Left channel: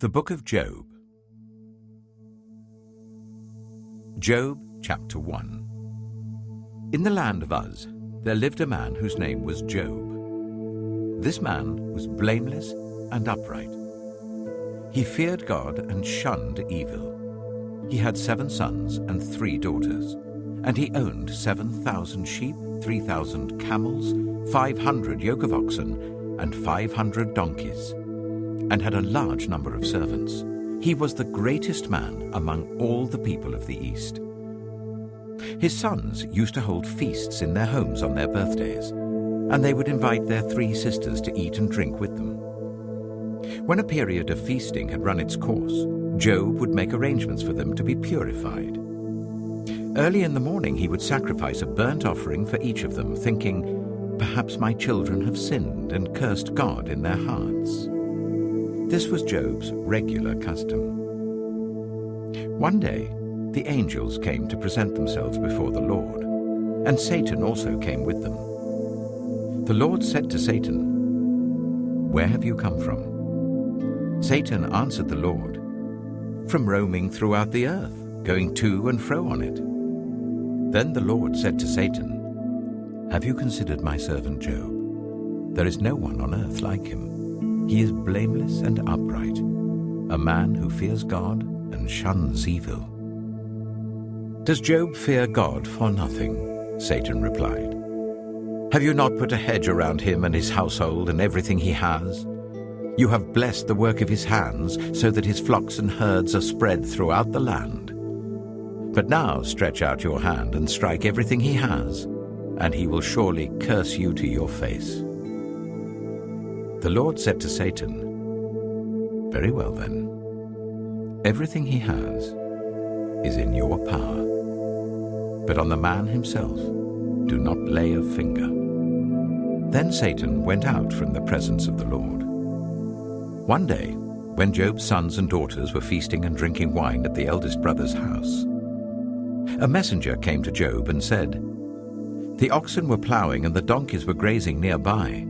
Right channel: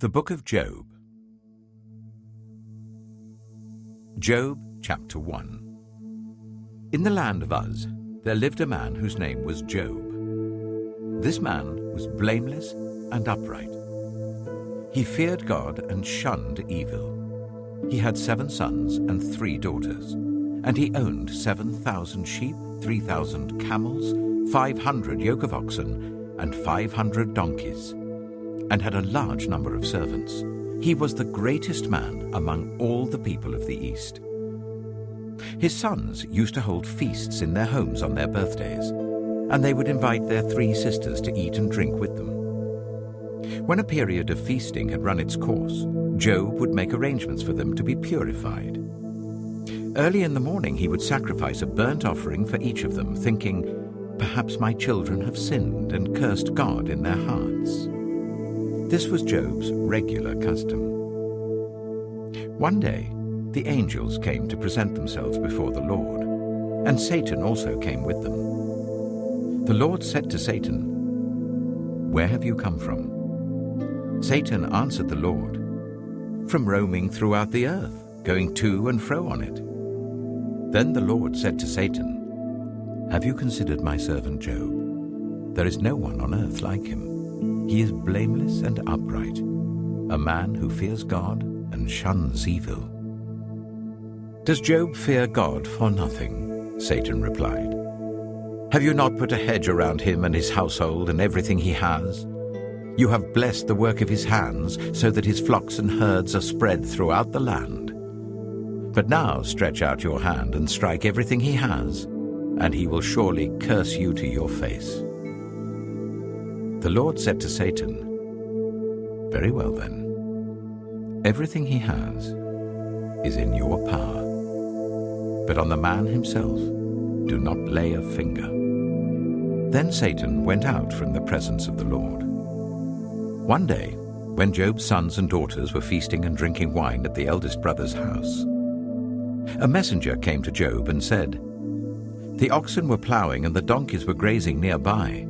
The Book of Job. Job, chapter 1. In the land of Uz, there lived a man whose name was Job. This man was blameless and upright. He feared God and shunned evil. He had 7 sons and 3 daughters, and he owned 7,000 sheep, 3,000 camels, 500 yoke of oxen, and 500 donkeys, and had a large number of servants. He was the greatest man among all the people of the East. His sons used to hold feasts in their homes on their birthdays, and they would invite their 3 sisters to eat and drink with them. When a period of feasting had run its course, Job would make arrangements for them to be purified. Early in the morning he would sacrifice a burnt offering for each of them, thinking, "Perhaps my children have sinned and cursed God in their hearts." This was Job's regular custom. One day, the angels came to present themselves before the Lord, and Satan also came with them. The Lord said to Satan, "Where have you come from?" Satan answered the Lord, "From roaming throughout the earth, going to and fro on it." Then the Lord said to Satan, "Have you considered my servant Job? There is no one on earth like him. He is blameless and upright, a man who fears God and shuns evil." "Does Job fear God for nothing?" Satan replied. "Have you not put a hedge around him and his household and everything he has? You have blessed the work of his hands, so that his flocks and herds are spread throughout the land. But now stretch out your hand and strike everything he has, and he will surely curse you to your face." The Lord said to Satan, "Very well then. Everything he has is in your power. But on the man himself, do not lay a finger." Then Satan went out from the presence of the Lord. One day, when Job's sons and daughters were feasting and drinking wine at the eldest brother's house, a messenger came to Job and said, "The oxen were plowing and the donkeys were grazing nearby,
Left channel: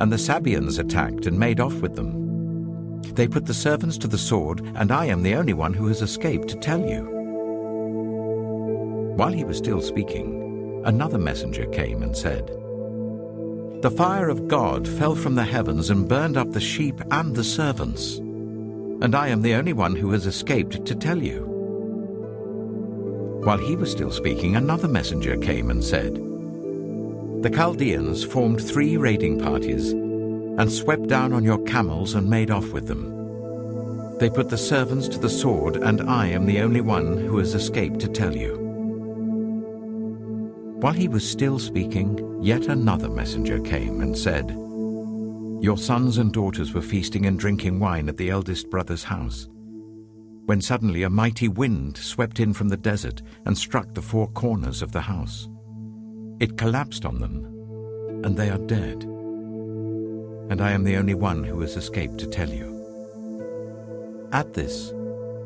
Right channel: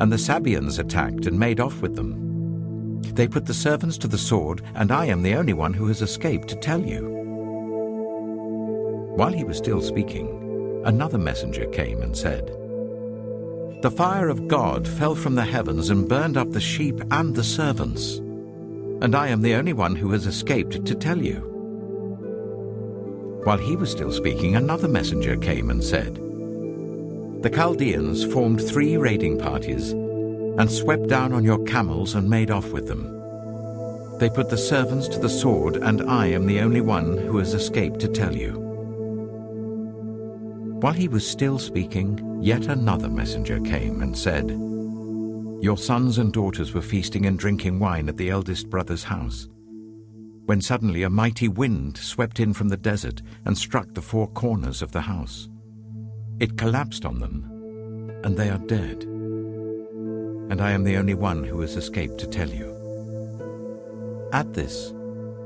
and the Sabeans attacked and made off with them. They put the servants to the sword, and I am the only one who has escaped to tell you." While he was still speaking, another messenger came and said, "The fire of God fell from the heavens and burned up the sheep and the servants, and I am the only one who has escaped to tell you." While he was still speaking, another messenger came and said, "The Chaldeans formed 3 raiding parties and swept down on your camels and made off with them. They put the servants to the sword, and I am the only one who has escaped to tell you." While he was still speaking, yet another messenger came and said, "Your sons and daughters were feasting and drinking wine at the eldest brother's house, when suddenly a mighty wind swept in from the desert and struck the 4 corners of the house. It collapsed on them, and they are dead. And I am the only one who has escaped to tell you." At this,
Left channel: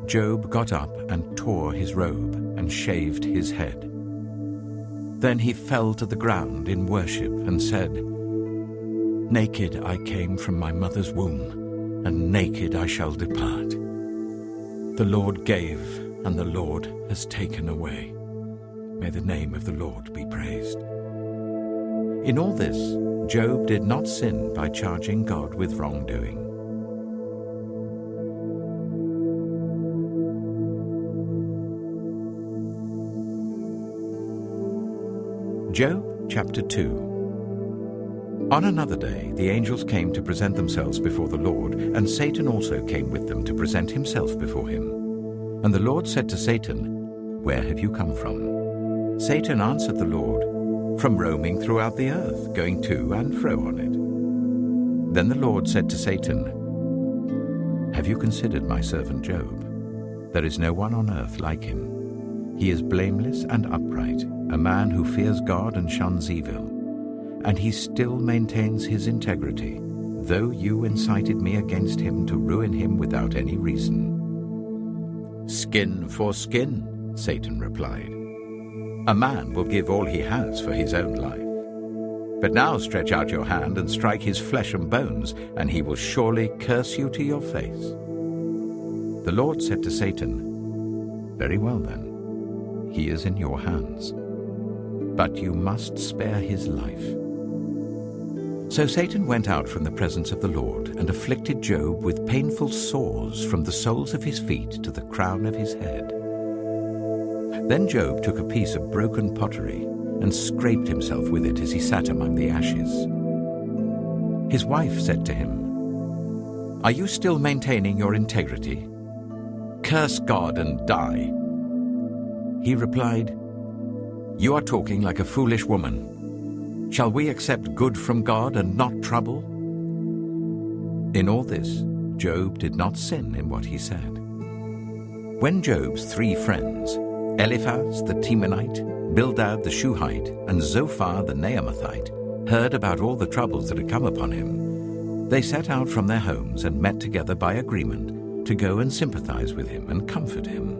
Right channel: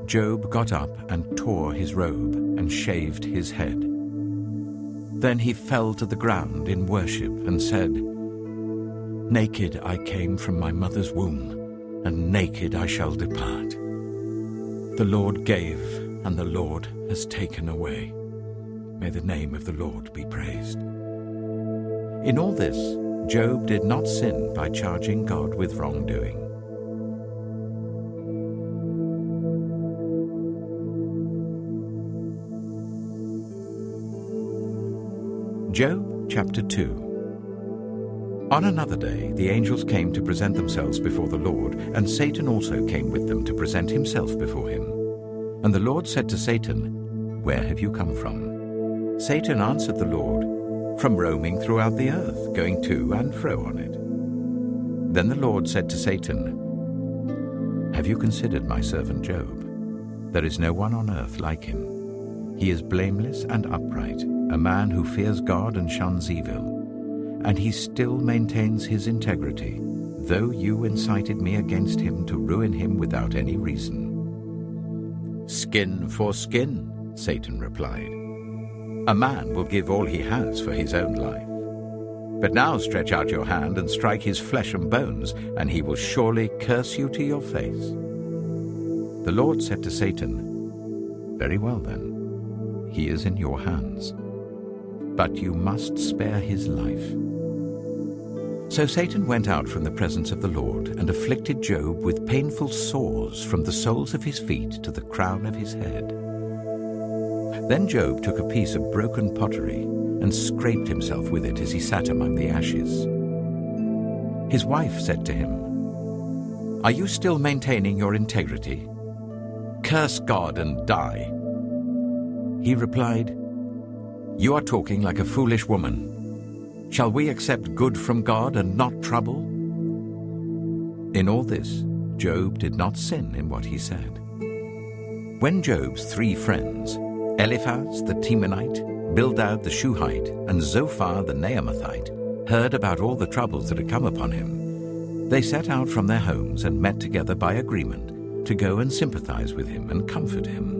Job got up and tore his robe and shaved his head. Then he fell to the ground in worship and said, "Naked I came from my mother's womb, and naked I shall depart. The Lord gave, and the Lord has taken away. May the name of the Lord be praised." In all this, Job did not sin by charging God with wrongdoing. Job chapter 2. On another day, the angels came to present themselves before the Lord, and Satan also came with them to present himself before him. And the Lord said to Satan, "Where have you come from?" Satan answered the Lord, "From roaming throughout the earth, going to and fro on it." Then the Lord said to Satan, "Have you considered my servant Job? There is no one on earth like him. He is blameless and upright, a man who fears God and shuns evil. And he still maintains his integrity, though you incited me against him to ruin him without any reason." "Skin for skin," Satan replied. "A man will give all he has for his own life. But now stretch out your hand and strike his flesh and bones, and he will surely curse you to your face." The Lord said to Satan, "Very well then, he is in your hands, but you must spare his life." So Satan went out from the presence of the Lord and afflicted Job with painful sores from the soles of his feet to the crown of his head. Then Job took a piece of broken pottery and scraped himself with it as he sat among the ashes. His wife said to him, "Are you still maintaining your integrity? Curse God and die." He replied, "You are talking like a foolish woman. Shall we accept good from God and not trouble?" In all this, Job did not sin in what he said. When Job's 3 friends, Eliphaz the Temanite, Bildad the Shuhite, and Zophar the Naamathite, heard about all the troubles that had come upon him, they set out from their homes and met together by agreement to go and sympathize with him and comfort him.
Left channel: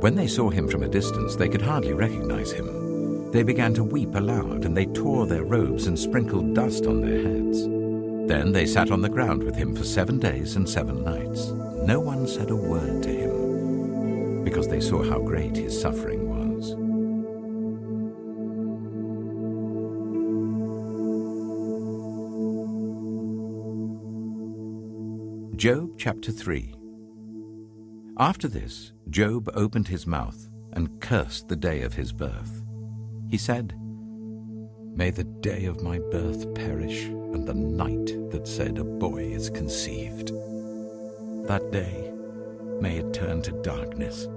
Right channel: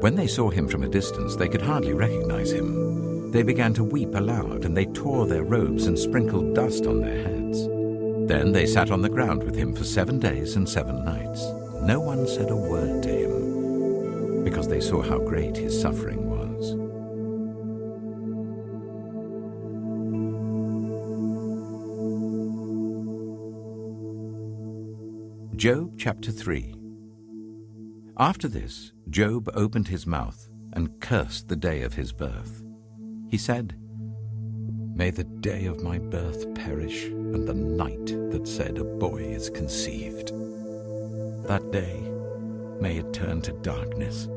When they saw him from a distance, they could hardly recognize him. They began to weep aloud, and they tore their robes and sprinkled dust on their heads. Then they sat on the ground with him for 7 days and 7 nights. No one said a word to him, because they saw how great his suffering was. Job chapter 3. After this, Job opened his mouth and cursed the day of his birth. He said, "May the day of my birth perish, and the night that said a boy is conceived. That day, may it turn to darkness.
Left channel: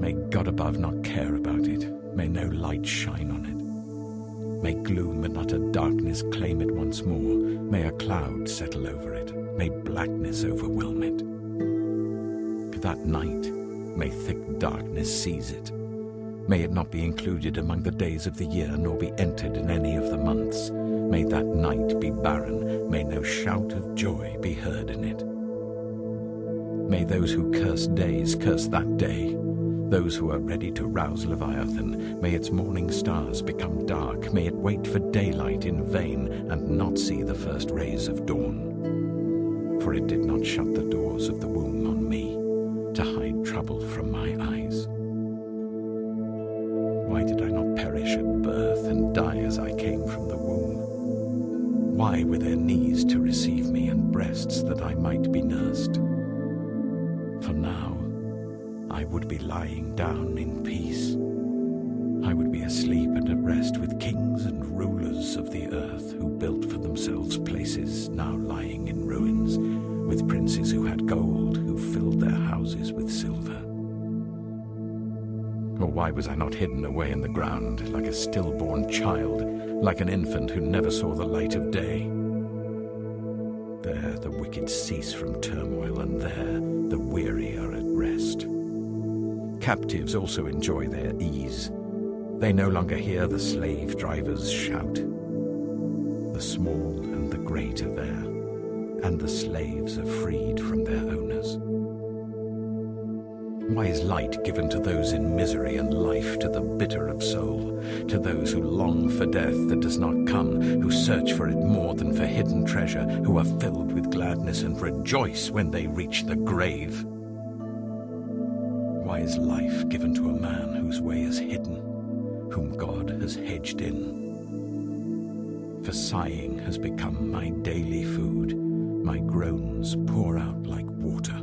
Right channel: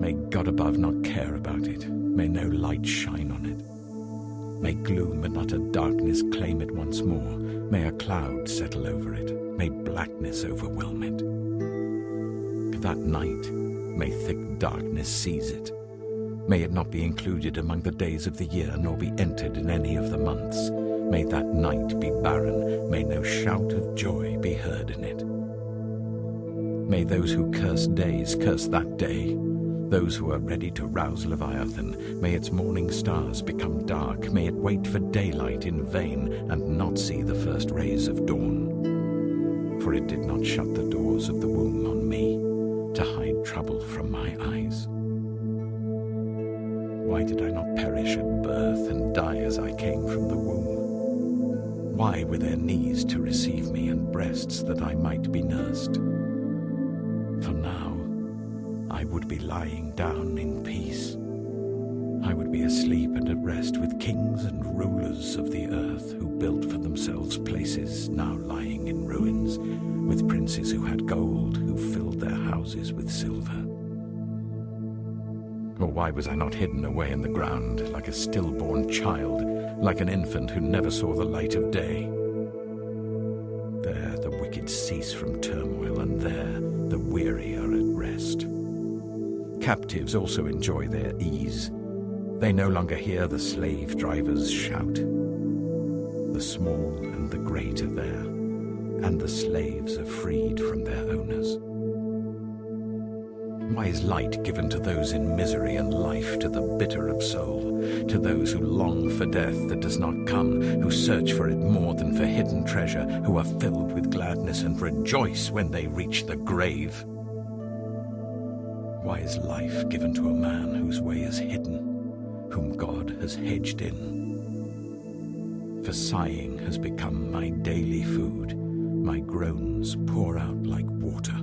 May God above not care about it. May no light shine on it. May gloom and utter darkness claim it once more. May a cloud settle over it. May blackness overwhelm it. That night, may thick darkness seize it. May it not be included among the days of the year, nor be entered in any of the months. May that night be barren. May no shout of joy be heard in it. May those who curse days curse that day. Those who are ready to rouse Leviathan, may its morning stars become dark. May it wait for daylight in vain and not see the first rays of dawn. For it did not shut the doors of the womb on me, to hide trouble from my eyes. Why did I not perish at birth and die as I came from the womb? Why were there knees to receive me and breasts that I might be nursed? For now I would be lying down in peace. I would be asleep and at rest with kings and rulers of the earth who built for themselves places now lying in ruins, with princes who had gold, who filled their houses with silver. Or why was I not hidden away in the ground like a stillborn child, like an infant who never saw the light of day? There the wicked cease from turmoil, and there the weary are at rest. Captives also enjoy their ease. They no longer hear the slave drivers shout. The small and the great are there, and the slaves are freed from their owners. Why is light given to those in misery and life to the bitter of soul, to those who long for death that does not come, who search for it more than for hidden treasure, who are filled with gladness and rejoice when they reach the grave? Why is life given to a man whose way is hidden, whom God has hedged in? For sighing has become my daily food, my groans pour out like water.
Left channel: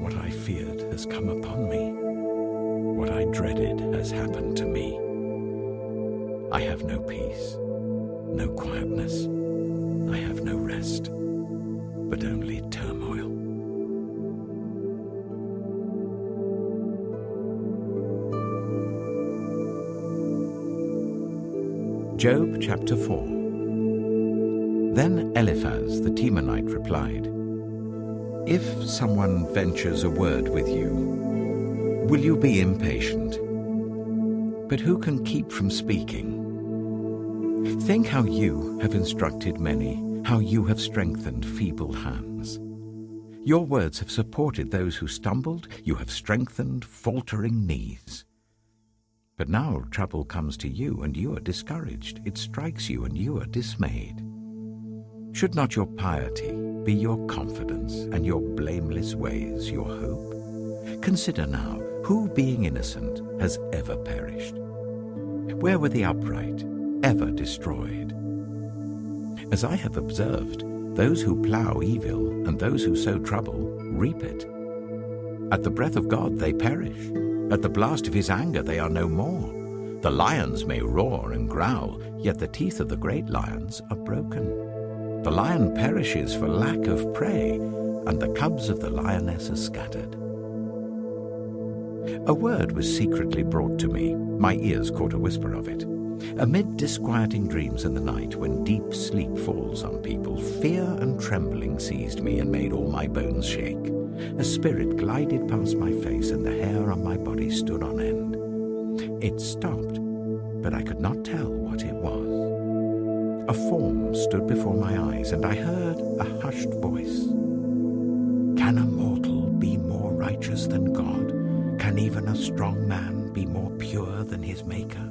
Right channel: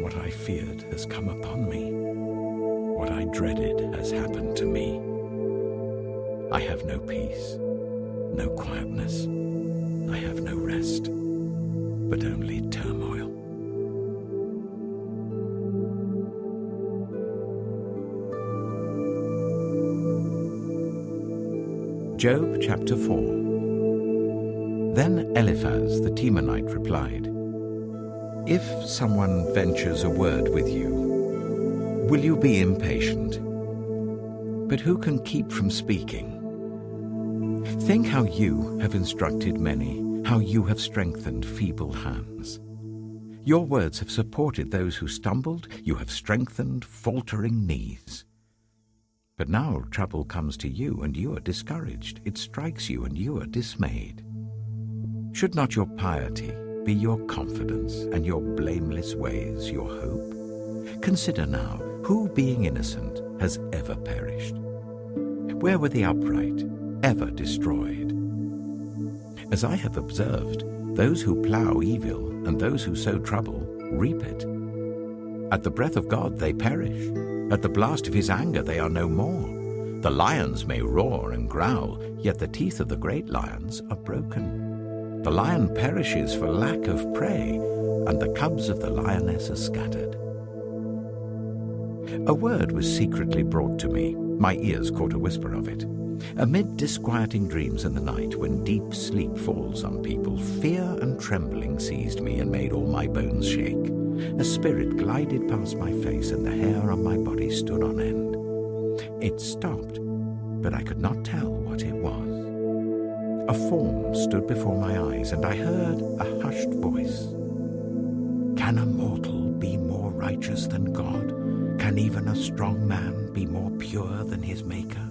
What I feared has come upon me. What I dreaded has happened to me. I have no peace, no quietness. I have no rest, but only turmoil. Job chapter 4. Then Eliphaz the Temanite replied, "If someone ventures a word with you, will you be impatient? But who can keep from speaking? Think how you have instructed many, how you have strengthened feeble hands. Your words have supported those who stumbled, you have strengthened faltering knees. But now trouble comes to you, and you are discouraged. It strikes you, and you are dismayed. Should not your piety be your confidence, and your blameless ways your hope? Consider now, who being innocent has ever perished? Where were the upright ever destroyed? As I have observed, those who plough evil and those who sow trouble reap it. At the breath of God they perish. At the blast of his anger they are no more. The lions may roar and growl, yet the teeth of the great lions are broken. The lion perishes for lack of prey, and the cubs of the lioness are scattered. A word was secretly brought to me. My ears caught a whisper of it. Amid disquieting dreams in the night, when deep sleep falls on people, fear and trembling seized me and made all my bones shake. A spirit glided past my face, and the hair on my body stood on end. It stopped, but I could not tell what it was. A form stood before my eyes, and I heard a hushed voice. Can a mortal be more righteous than God? Can even a strong man be more pure than his Maker?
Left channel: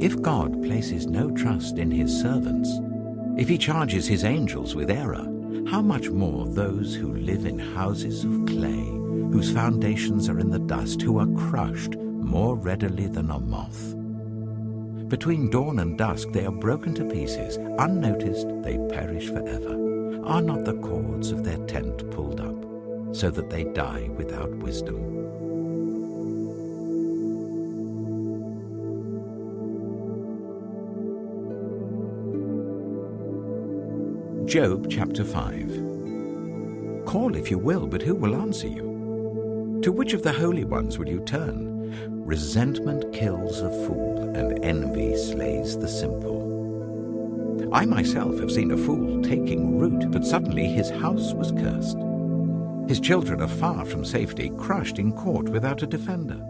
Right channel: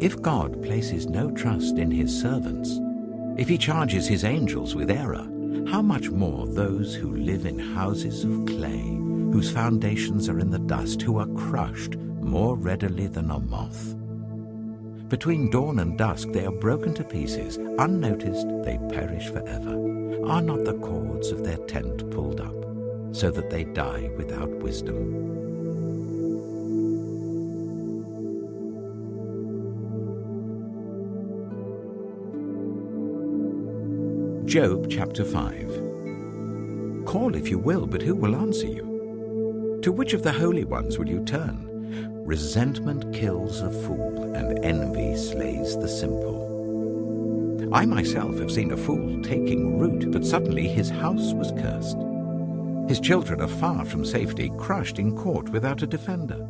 If God places no trust in his servants, if he charges his angels with error, how much more those who live in houses of clay, whose foundations are in the dust, who are crushed more readily than a moth. Between dawn and dusk they are broken to pieces. Unnoticed they perish forever. Are not the cords of their tent pulled up, so that they die without wisdom? Job chapter 5. Call if you will, but who will answer you? To which of the holy ones will you turn? Resentment kills a fool, and envy slays the simple. I myself have seen a fool taking root, but suddenly his house was cursed. His children are far from safety, crushed in court without a defender.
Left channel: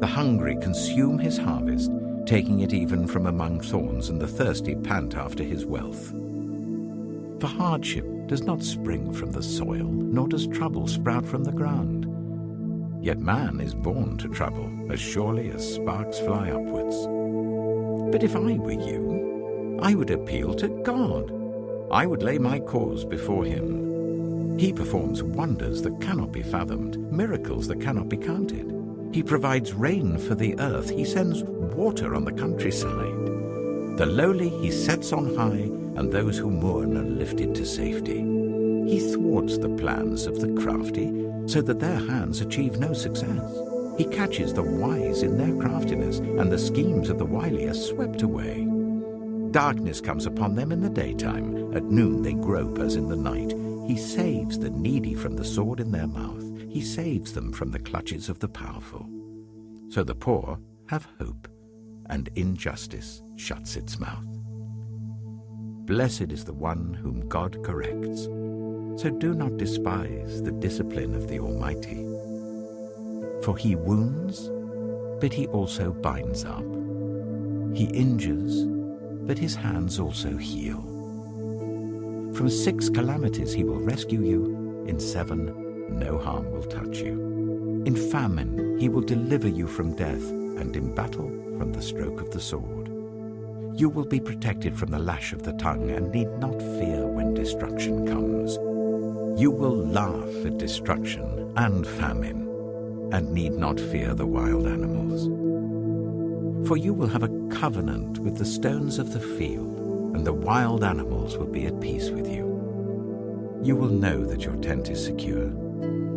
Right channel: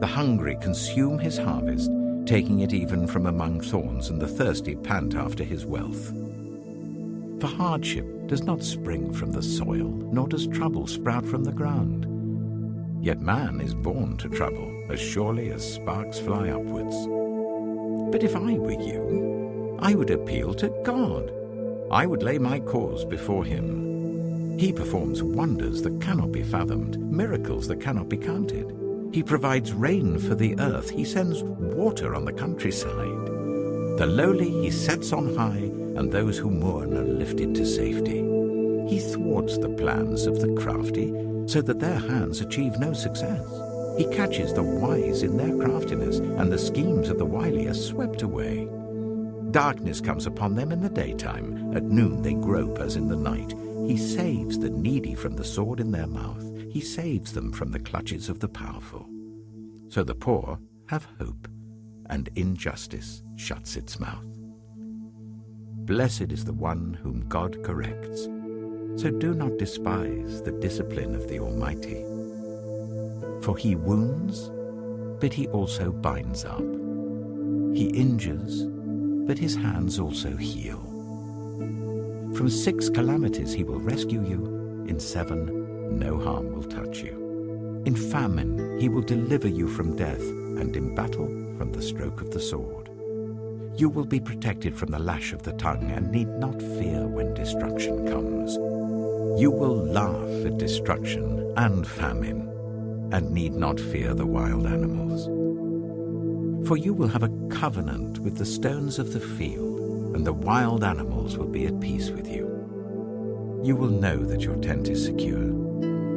The hungry consume his harvest, taking it even from among thorns, and the thirsty pant after his wealth. For hardship does not spring from the soil, nor does trouble sprout from the ground. Yet man is born to trouble, as surely as sparks fly upwards. But if I were you, I would appeal to God. I would lay my cause before him. He performs wonders that cannot be fathomed, miracles that cannot be counted. He provides rain for the earth. He sends water on the countryside. The lowly he sets on high, and those who mourn are lifted to safety. He thwarts the plans of the crafty, so that their hands achieve no success. He catches the wise in their craftiness, and the schemes of the wily are swept away. Darkness comes upon them in the daytime. At noon they grope as in the night. He saves the needy from the sword in their mouth. He saves them from the clutches of the powerful. So the poor have hope, and injustice shuts its mouth. Blessed is the one whom God corrects. So do not despise the discipline of the Almighty. For he wounds, but he also binds up. He injures, but his hands also heal. From 6 calamities he will rescue you. In 7, no harm will touch you. In famine he will deliver you from death, and in battle from the stroke of the sword. You will be protected from the lash of the tongue, and need not fear when destruction comes. You will laugh at destruction and famine, and need not fear the wild animals. For you will have a covenant with the stones of the field, and the wild animals will be at peace with you. You will know that your tent is secure.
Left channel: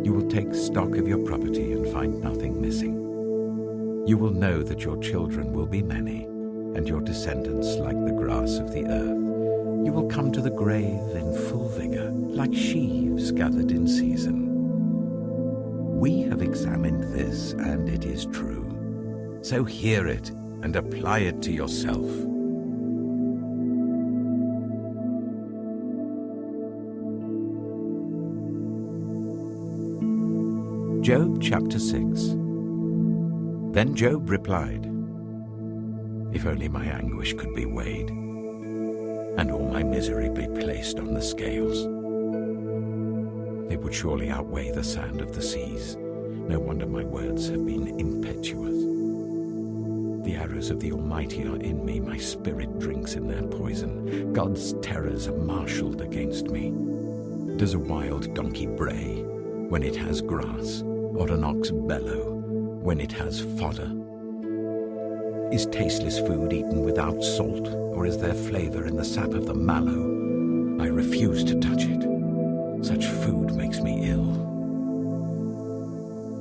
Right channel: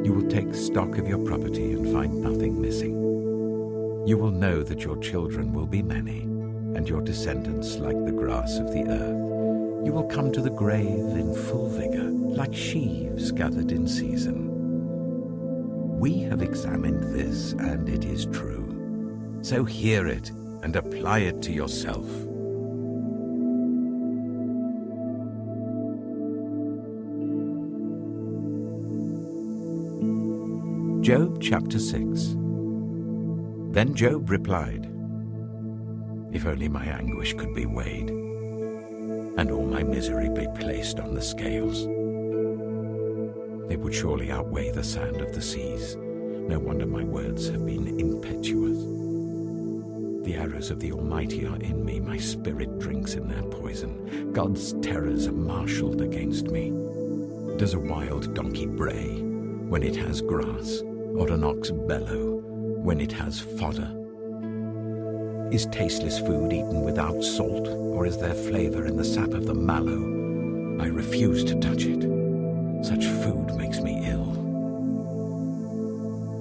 You will take stock of your property and find nothing missing. You will know that your children will be many, and your descendants like the grass of the earth. You will come to the grave in full vigor, like sheaves gathered in season. We have examined this, and it is true. So hear it and apply it to yourself. Job chapter 6. Then Job replied, If only my anguish could be weighed, and all my misery be placed on the scales. It would surely outweigh the sand of the seas. No wonder my words have been impetuous. The arrows of the Almighty are in me, my spirit drinks in their poison. God's terrors are marshaled against me. Does a wild donkey bray when it has grass, or an ox bellow when it has fodder? Is tasteless food eaten without salt, or is there flavor in the sap of the mallow? I refuse to touch it. Such food makes me ill.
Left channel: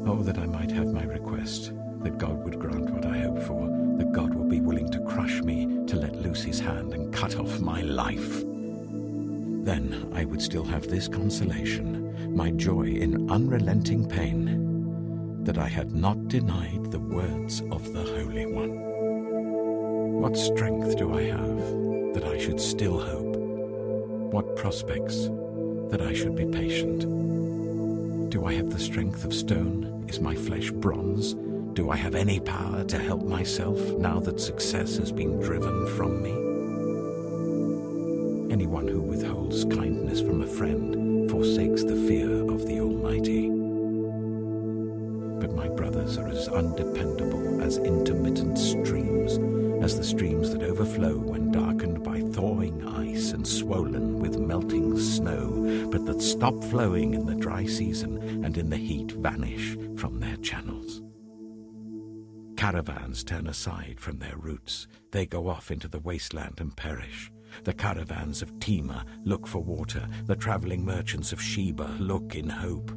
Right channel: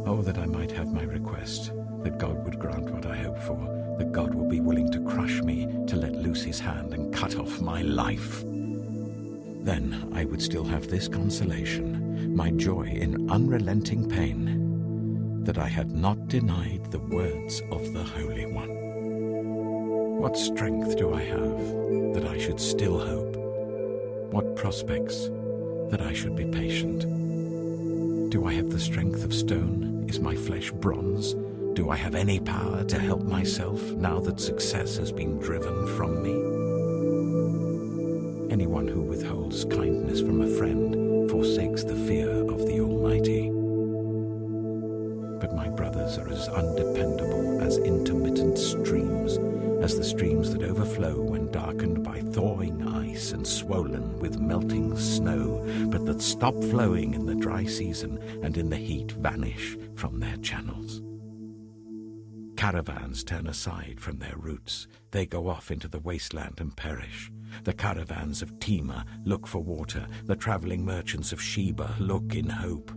Oh, that I might have my request, that God would grant what I hope for, that God will be willing to crush me, to let loose his hand and cut off my life. Then I would still have this consolation, my joy in unrelenting pain, that I had not denied the words of the Holy One. What strength do I have that I should still hope? What prospects that I should be patient? Do I have the strength of stone? Is my flesh bronze? Do I have any power to help myself now that success has been driven from me? Anyone who withholds kindness from a friend forsakes the fear of the Almighty. But my brothers are as undependable as intermittent streams, as the streams that overflow when darkened by thawing ice and swollen with melting snow, but that stop flowing in the dry season and in the heat vanish from their channels. Caravans turn aside from their routes. They go off into the wasteland and perish. The caravans of Tema look for water. The traveling merchants of Sheba look in hope.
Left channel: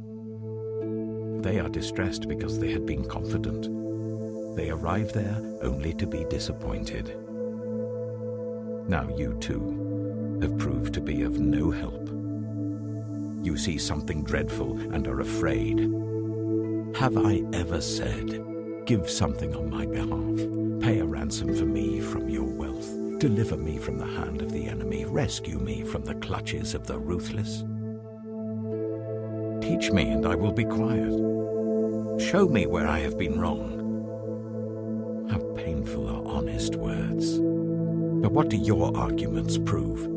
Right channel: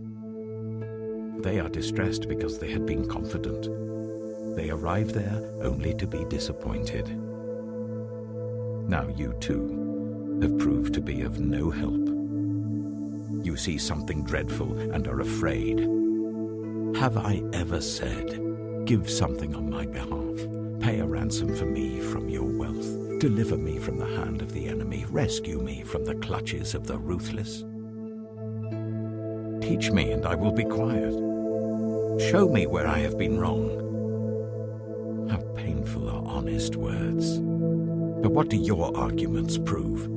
They are distressed because they had been confident. They arrive there only to be disappointed. Now you too have proved to be of no help. You see something dreadful and are afraid. Have I ever said, give something on my behalf, pay a ransom for me from your wealth, deliver me from the hand of the enemy, rescue me from the clutches of the ruthless? Teach me and I will be quiet. Show me where I have been wrong. How painful are honest words. But what do your arguments prove?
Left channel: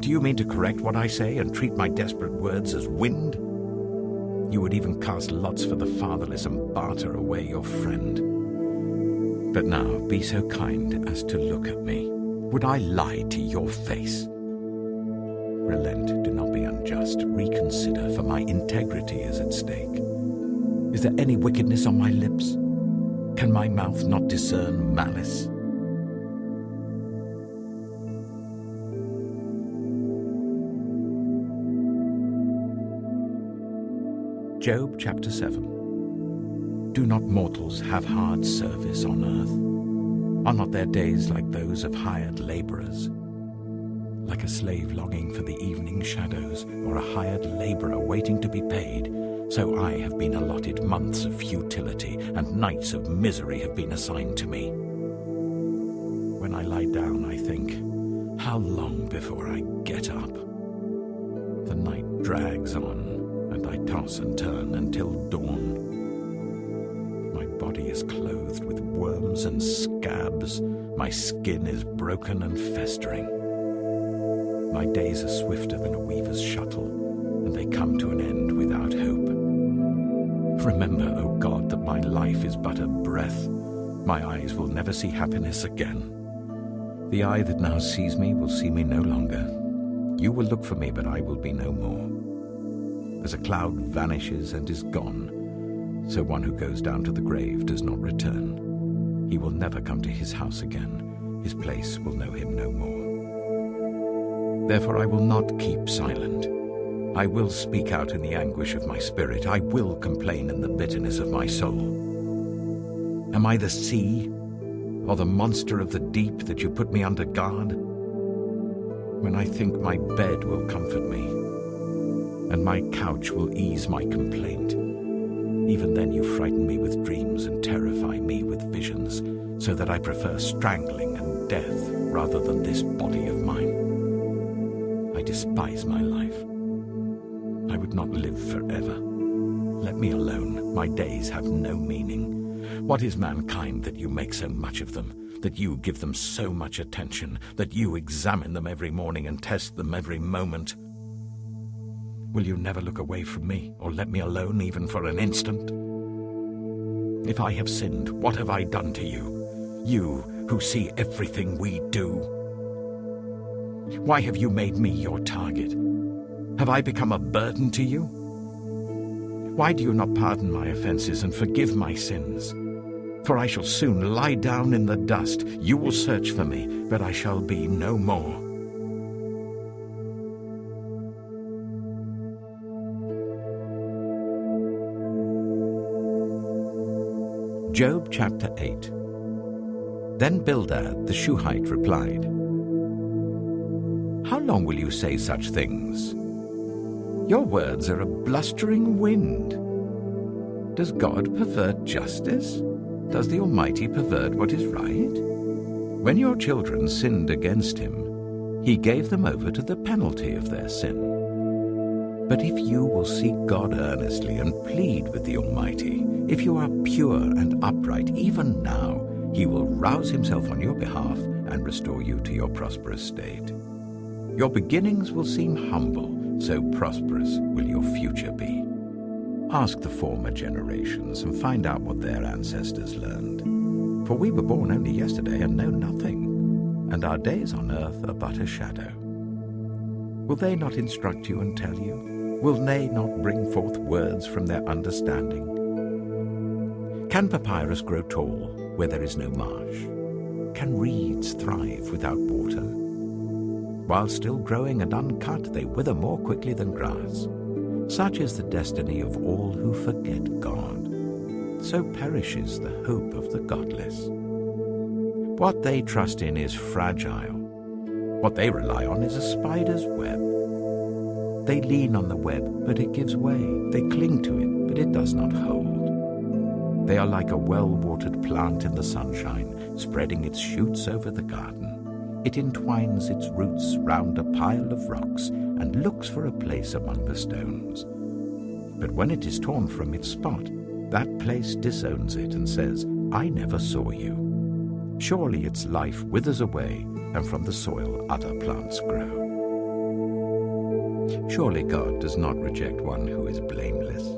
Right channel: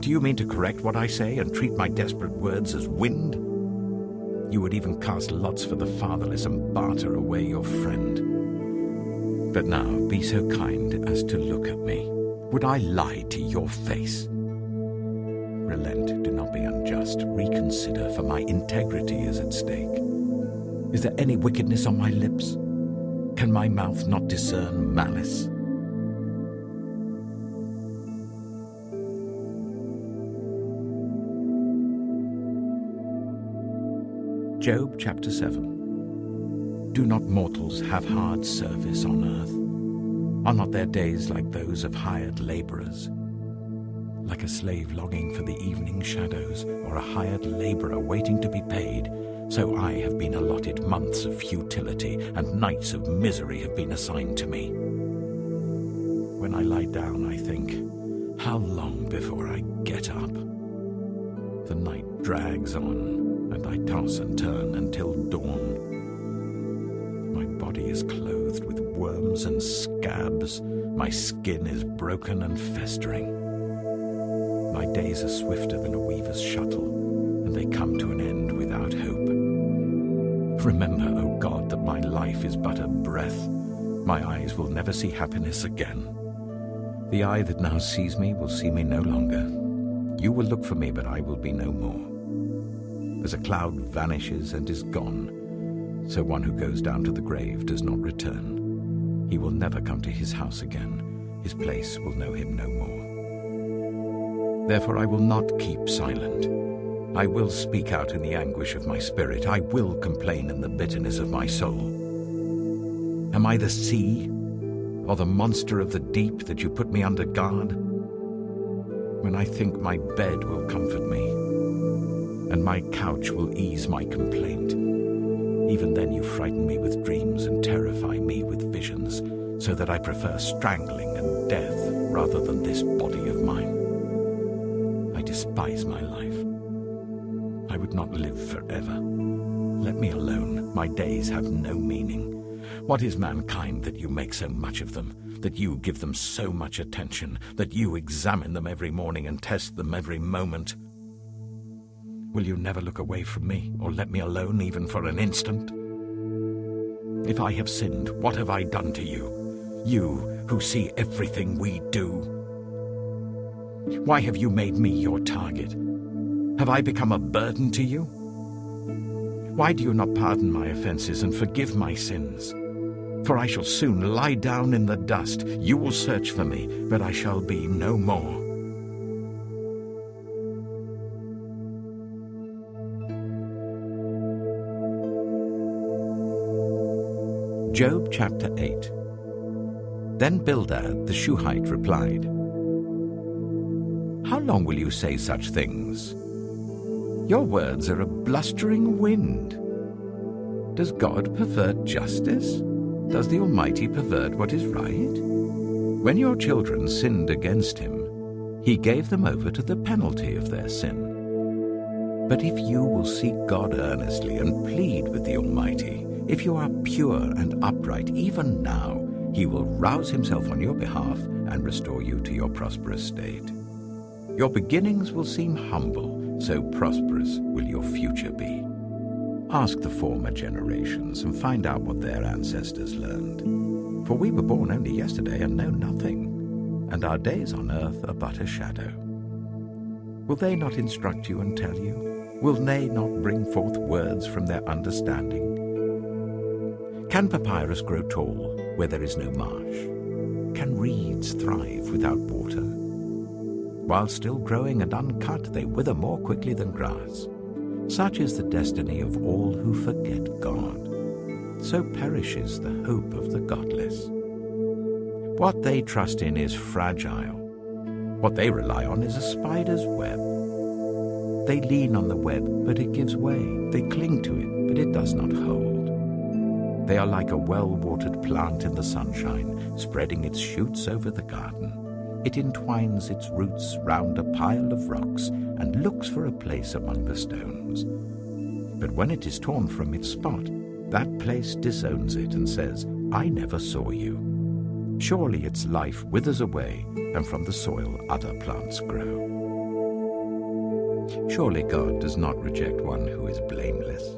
Do you mean to correct what I say and treat my desperate words as wind? You would even cast lots for the fatherless and barter away your friend. But now be so kind as to look at me. Would I lie to your face? Relent, do not be unjust. Reconsider, for my integrity is at stake. Is there any wickedness on my lips? Can my mouth not discern malice? Job chapter 7. Do not mortals have hard service on earth? Are not their days like those of hired laborers? Like a slave longing for the evening shadows, or a hired laborer waiting to be paid, so I have been allotted months of futility, and nights of misery have been assigned to me. When I lie down, I think, how long before I get up? The night drags on, and I toss and turn until dawn. My body is clothed with worms and scabs. My skin is broken and festering. My days are swifter than a weaver's shuttle, and they come to an end without hope. Remember, O God, that my life is but a breath. My eyes will never see happiness again. The eye that now sees me will see me no longer. You will look for me, but I will be no more. As a cloud vanishes and is gone, so one who goes down to the grave does not return. He will never come to his house again. His place will know him no more. Therefore I will not keep silent. I will speak out in the anguish of my spirit. I will complain in the bitterness of my soul. Am I the sea, or the monster of the deep, that you put me under guard? When I think my bed will comfort me, and my couch will ease my complaint, even then you frighten me with dreams and terrify me with visions, so that I prefer strangling and death rather than this body of mine. I despise my life. I would not live forever. Let me alone. My days have no meaning. What is mankind that you make so much of them, that you give them so much attention, that you examine them every morning and test them every moment? Will you never look away from me, or let me alone even for an instant? If I have sinned, what have I done to you? you who see everything we do? Why have you made me your target? Have I become a burden to you? Why do you not pardon my offenses and forgive my sins? For I shall soon lie down in the dust. You will search for me, but I shall be no more. Job chapter 8. Then Bildad the Shuhite replied, "How long will you say such things? Your words are a blustering wind. Does God pervert justice? Does the Almighty pervert what is right? When your children sinned against him, he gave them over to the penalty of their sin. But if you will seek God earnestly and plead with the Almighty, if you are pure and upright, even now, he will rouse himself on your behalf and restore you to your prosperous state. Your beginnings will seem humble, so prosperous will your future be. Ask the former generations and find out what their ancestors learned. For we were born only yesterday and know nothing, and our days on earth are but a shadow. Will they not instruct you and tell you? Will they not bring forth words from their understanding? Can papyrus grow tall where there is no marsh? Can reeds thrive without water? While still growing and uncut, they wither more quickly than grass. Such is the destiny of all who forget God. So perishes the hope of the godless. What they trust in is fragile. What they rely on is a spider's web. They lean on the web, but it gives way. They cling to it, but it does not hold. They are like a well-watered plant in the sunshine, spreading its shoots over the garden. It entwines its roots round a pile of rocks and looks for a place among the stones. But when it is torn from its spot, that place disowns it and says, "I never saw you." Surely its life withers away, and from the soil other plants grow. Surely God does not reject one who is blameless,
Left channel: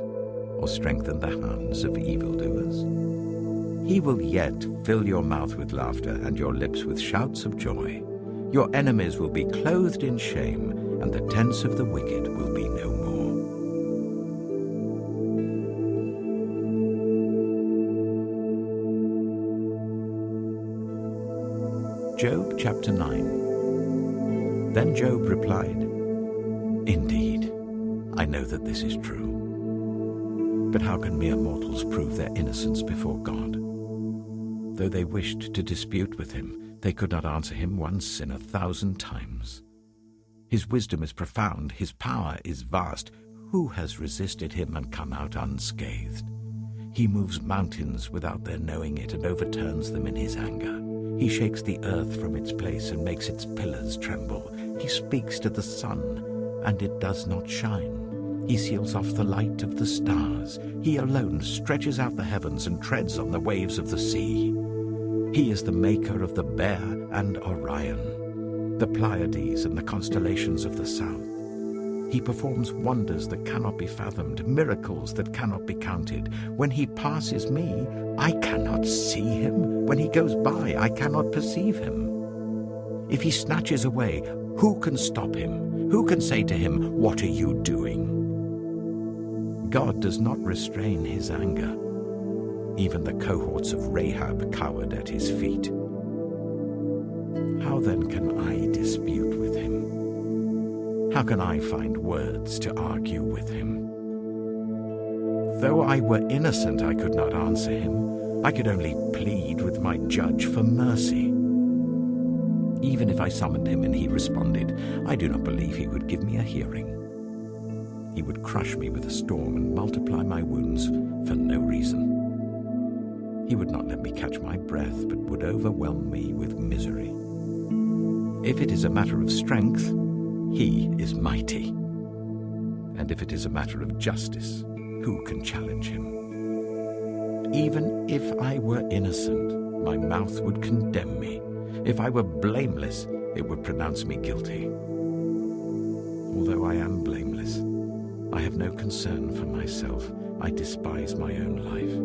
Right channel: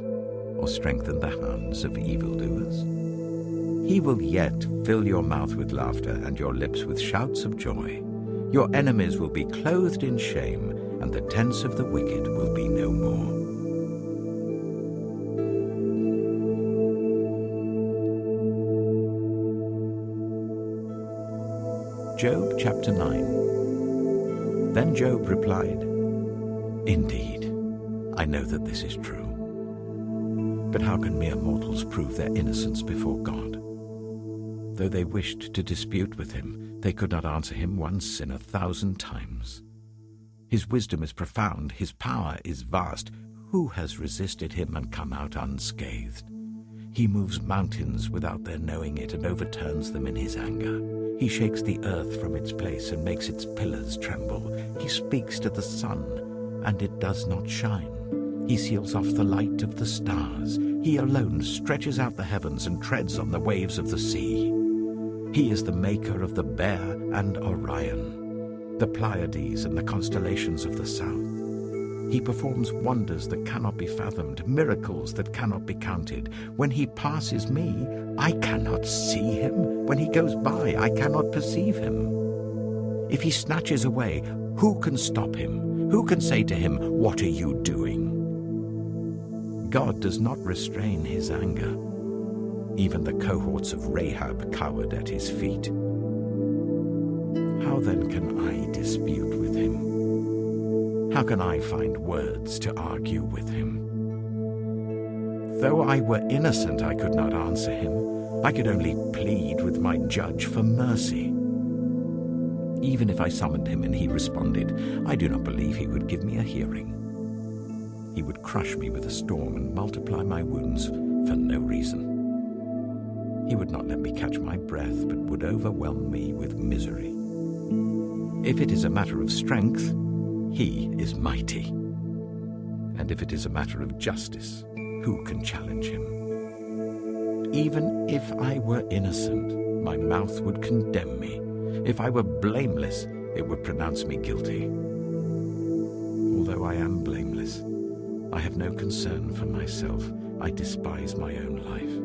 or strengthen the hands of evildoers. He will yet fill your mouth with laughter and your lips with shouts of joy. Your enemies will be clothed in shame, and the tents of the wicked will be no more. Job chapter 9. Then Job replied, "Indeed, I know that this is true. But how can mere mortals prove their innocence before God? Though they wished to dispute with him, they could not answer him once in 1,000 times. His wisdom is profound, his power is vast. Who has resisted him and come out unscathed? He moves mountains without their knowing it and overturns them in his anger. He shakes the earth from its place and makes its pillars tremble. He speaks to the sun, and it does not shine. He seals off the light of the stars. He alone stretches out the heavens and treads on the waves of the sea. He is the maker of the Bear and Orion, the Pleiades and the constellations of the south. He performs wonders that cannot be fathomed, miracles that cannot be counted. When he passes me, I cannot see him. When he goes by, I cannot perceive him. If he snatches away, who can stop him? Who can say to him, "What are you doing?" God does not restrain his anger. Even the cohorts of Rahab cowered at his feet. How then can I dispute with him? How can I find words to argue with him? Though I were innocent, I could not answer him. I could only plead with my judge for mercy. Even if I summoned him and he responded, I do not believe he would give me a hearing. He would crush me with a storm and multiply my wounds for no reason. He would not let me catch my breath, but would overwhelm me with misery. If it is a matter of strength, he is mighty. And if it is a matter of justice, who can challenge him? Even if I were innocent, my mouth would condemn me. If I were blameless, it would pronounce me guilty. Although I am blameless, I have no concern for myself. I despise my own life.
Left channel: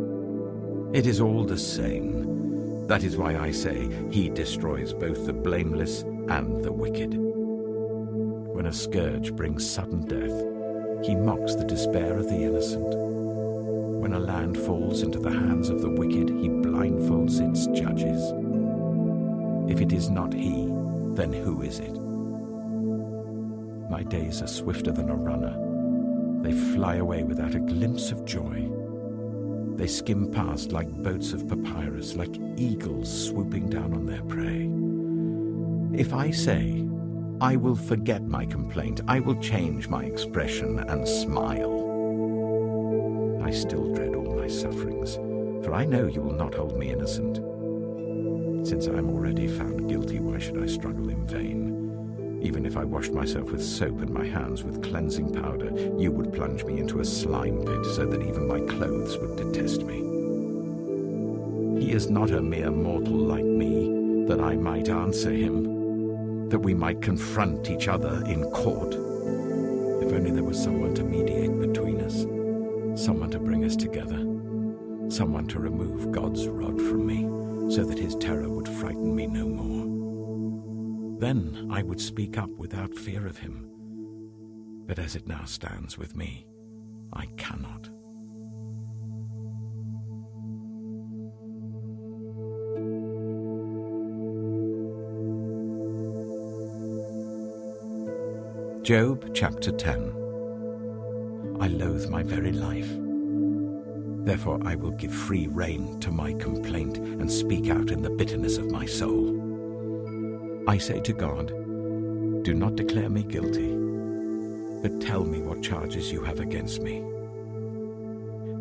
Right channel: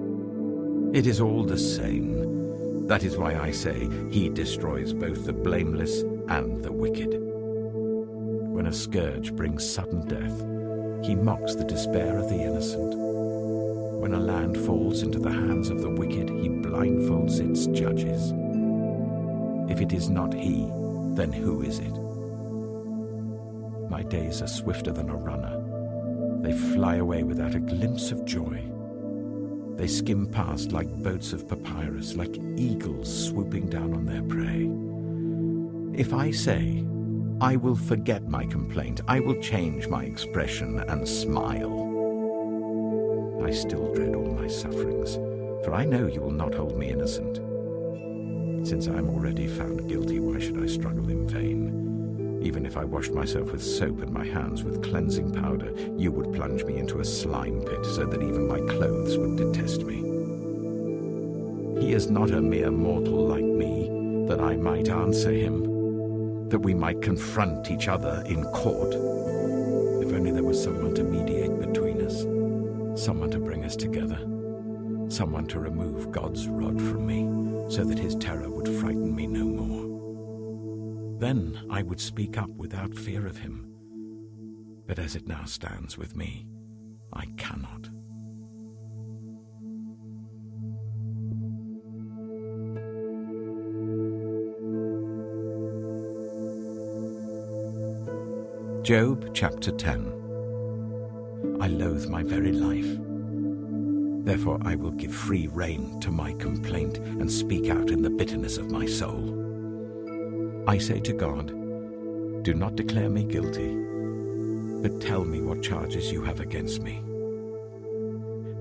It is all the same. That is why I say he destroys both the blameless and the wicked. When a scourge brings sudden death, he mocks the despair of the innocent. When a land falls into the hands of the wicked, he blindfolds its judges. If it is not he, then who is it? My days are swifter than a runner. They fly away without a glimpse of joy. They skim past like boats of papyrus, like eagles swooping down on their prey. If I say, I will forget my complaint, I will change my expression and smile, I still dread all my sufferings, for I know you will not hold me innocent. Since I am already found guilty, why should I struggle in vain? Even if I washed myself with soap and my hands with cleansing powder, you would plunge me into a slime pit so that even my clothes would detest me. He is not a mere mortal like me, that I might answer him, that we might confront each other in court. If only there was someone to mediate between us, someone to bring us together, someone to remove God's rod from me, so that his terror would frighten me no more. Then I would speak up without fear of him. But as it now stands with me, I cannot. Job chapter 10. I loathe my very life. Therefore I will give free rein to my complaint and speak out in the bitterness of my soul. I say to God, do not declare me guilty, but tell me what charges you have against me.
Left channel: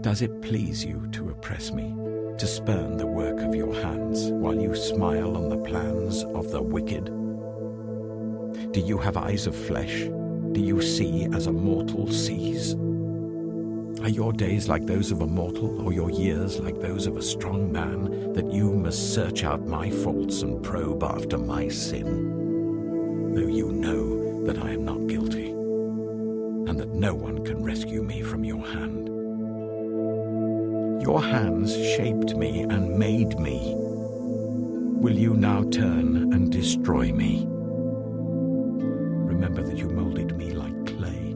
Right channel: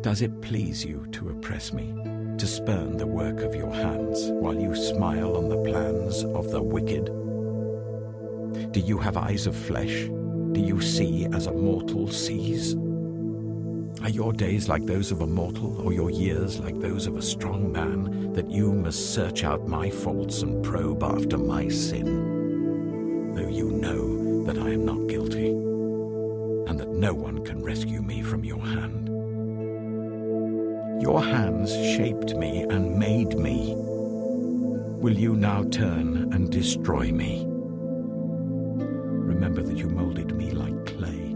Does it please you to oppress me, to spurn the work of your hands, while you smile on the plans of the wicked? Do you have eyes of flesh? Do you see as a mortal sees? Are your days like those of a mortal, or your years like those of a strong man, that you must search out my faults and probe after my sin? Though you know that I am not guilty, and that no one can rescue me from your hand. Your hands shaped me and made me. Will you now turn and destroy me? Remember that you molded me like clay.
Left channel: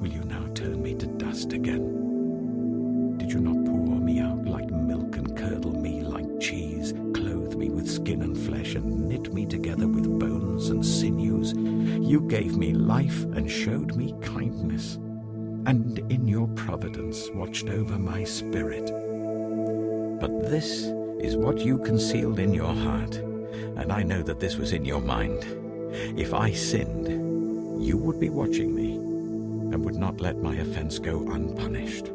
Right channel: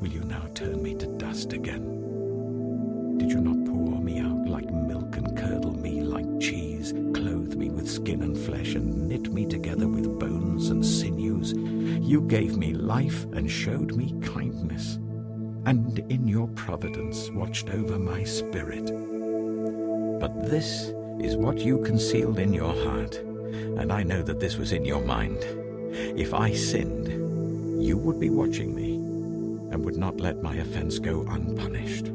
Will you now turn me to dust again? Did you not pour me out like milk and curdle me like cheese, clothe me with skin and flesh and knit me together with bones and sinews? You gave me life and showed me kindness, and in your providence watched over my spirit. But this is what you concealed in your heart, and I know that this was in your mind. If I sinned, you would be watching me, and would not let my offense go unpunished.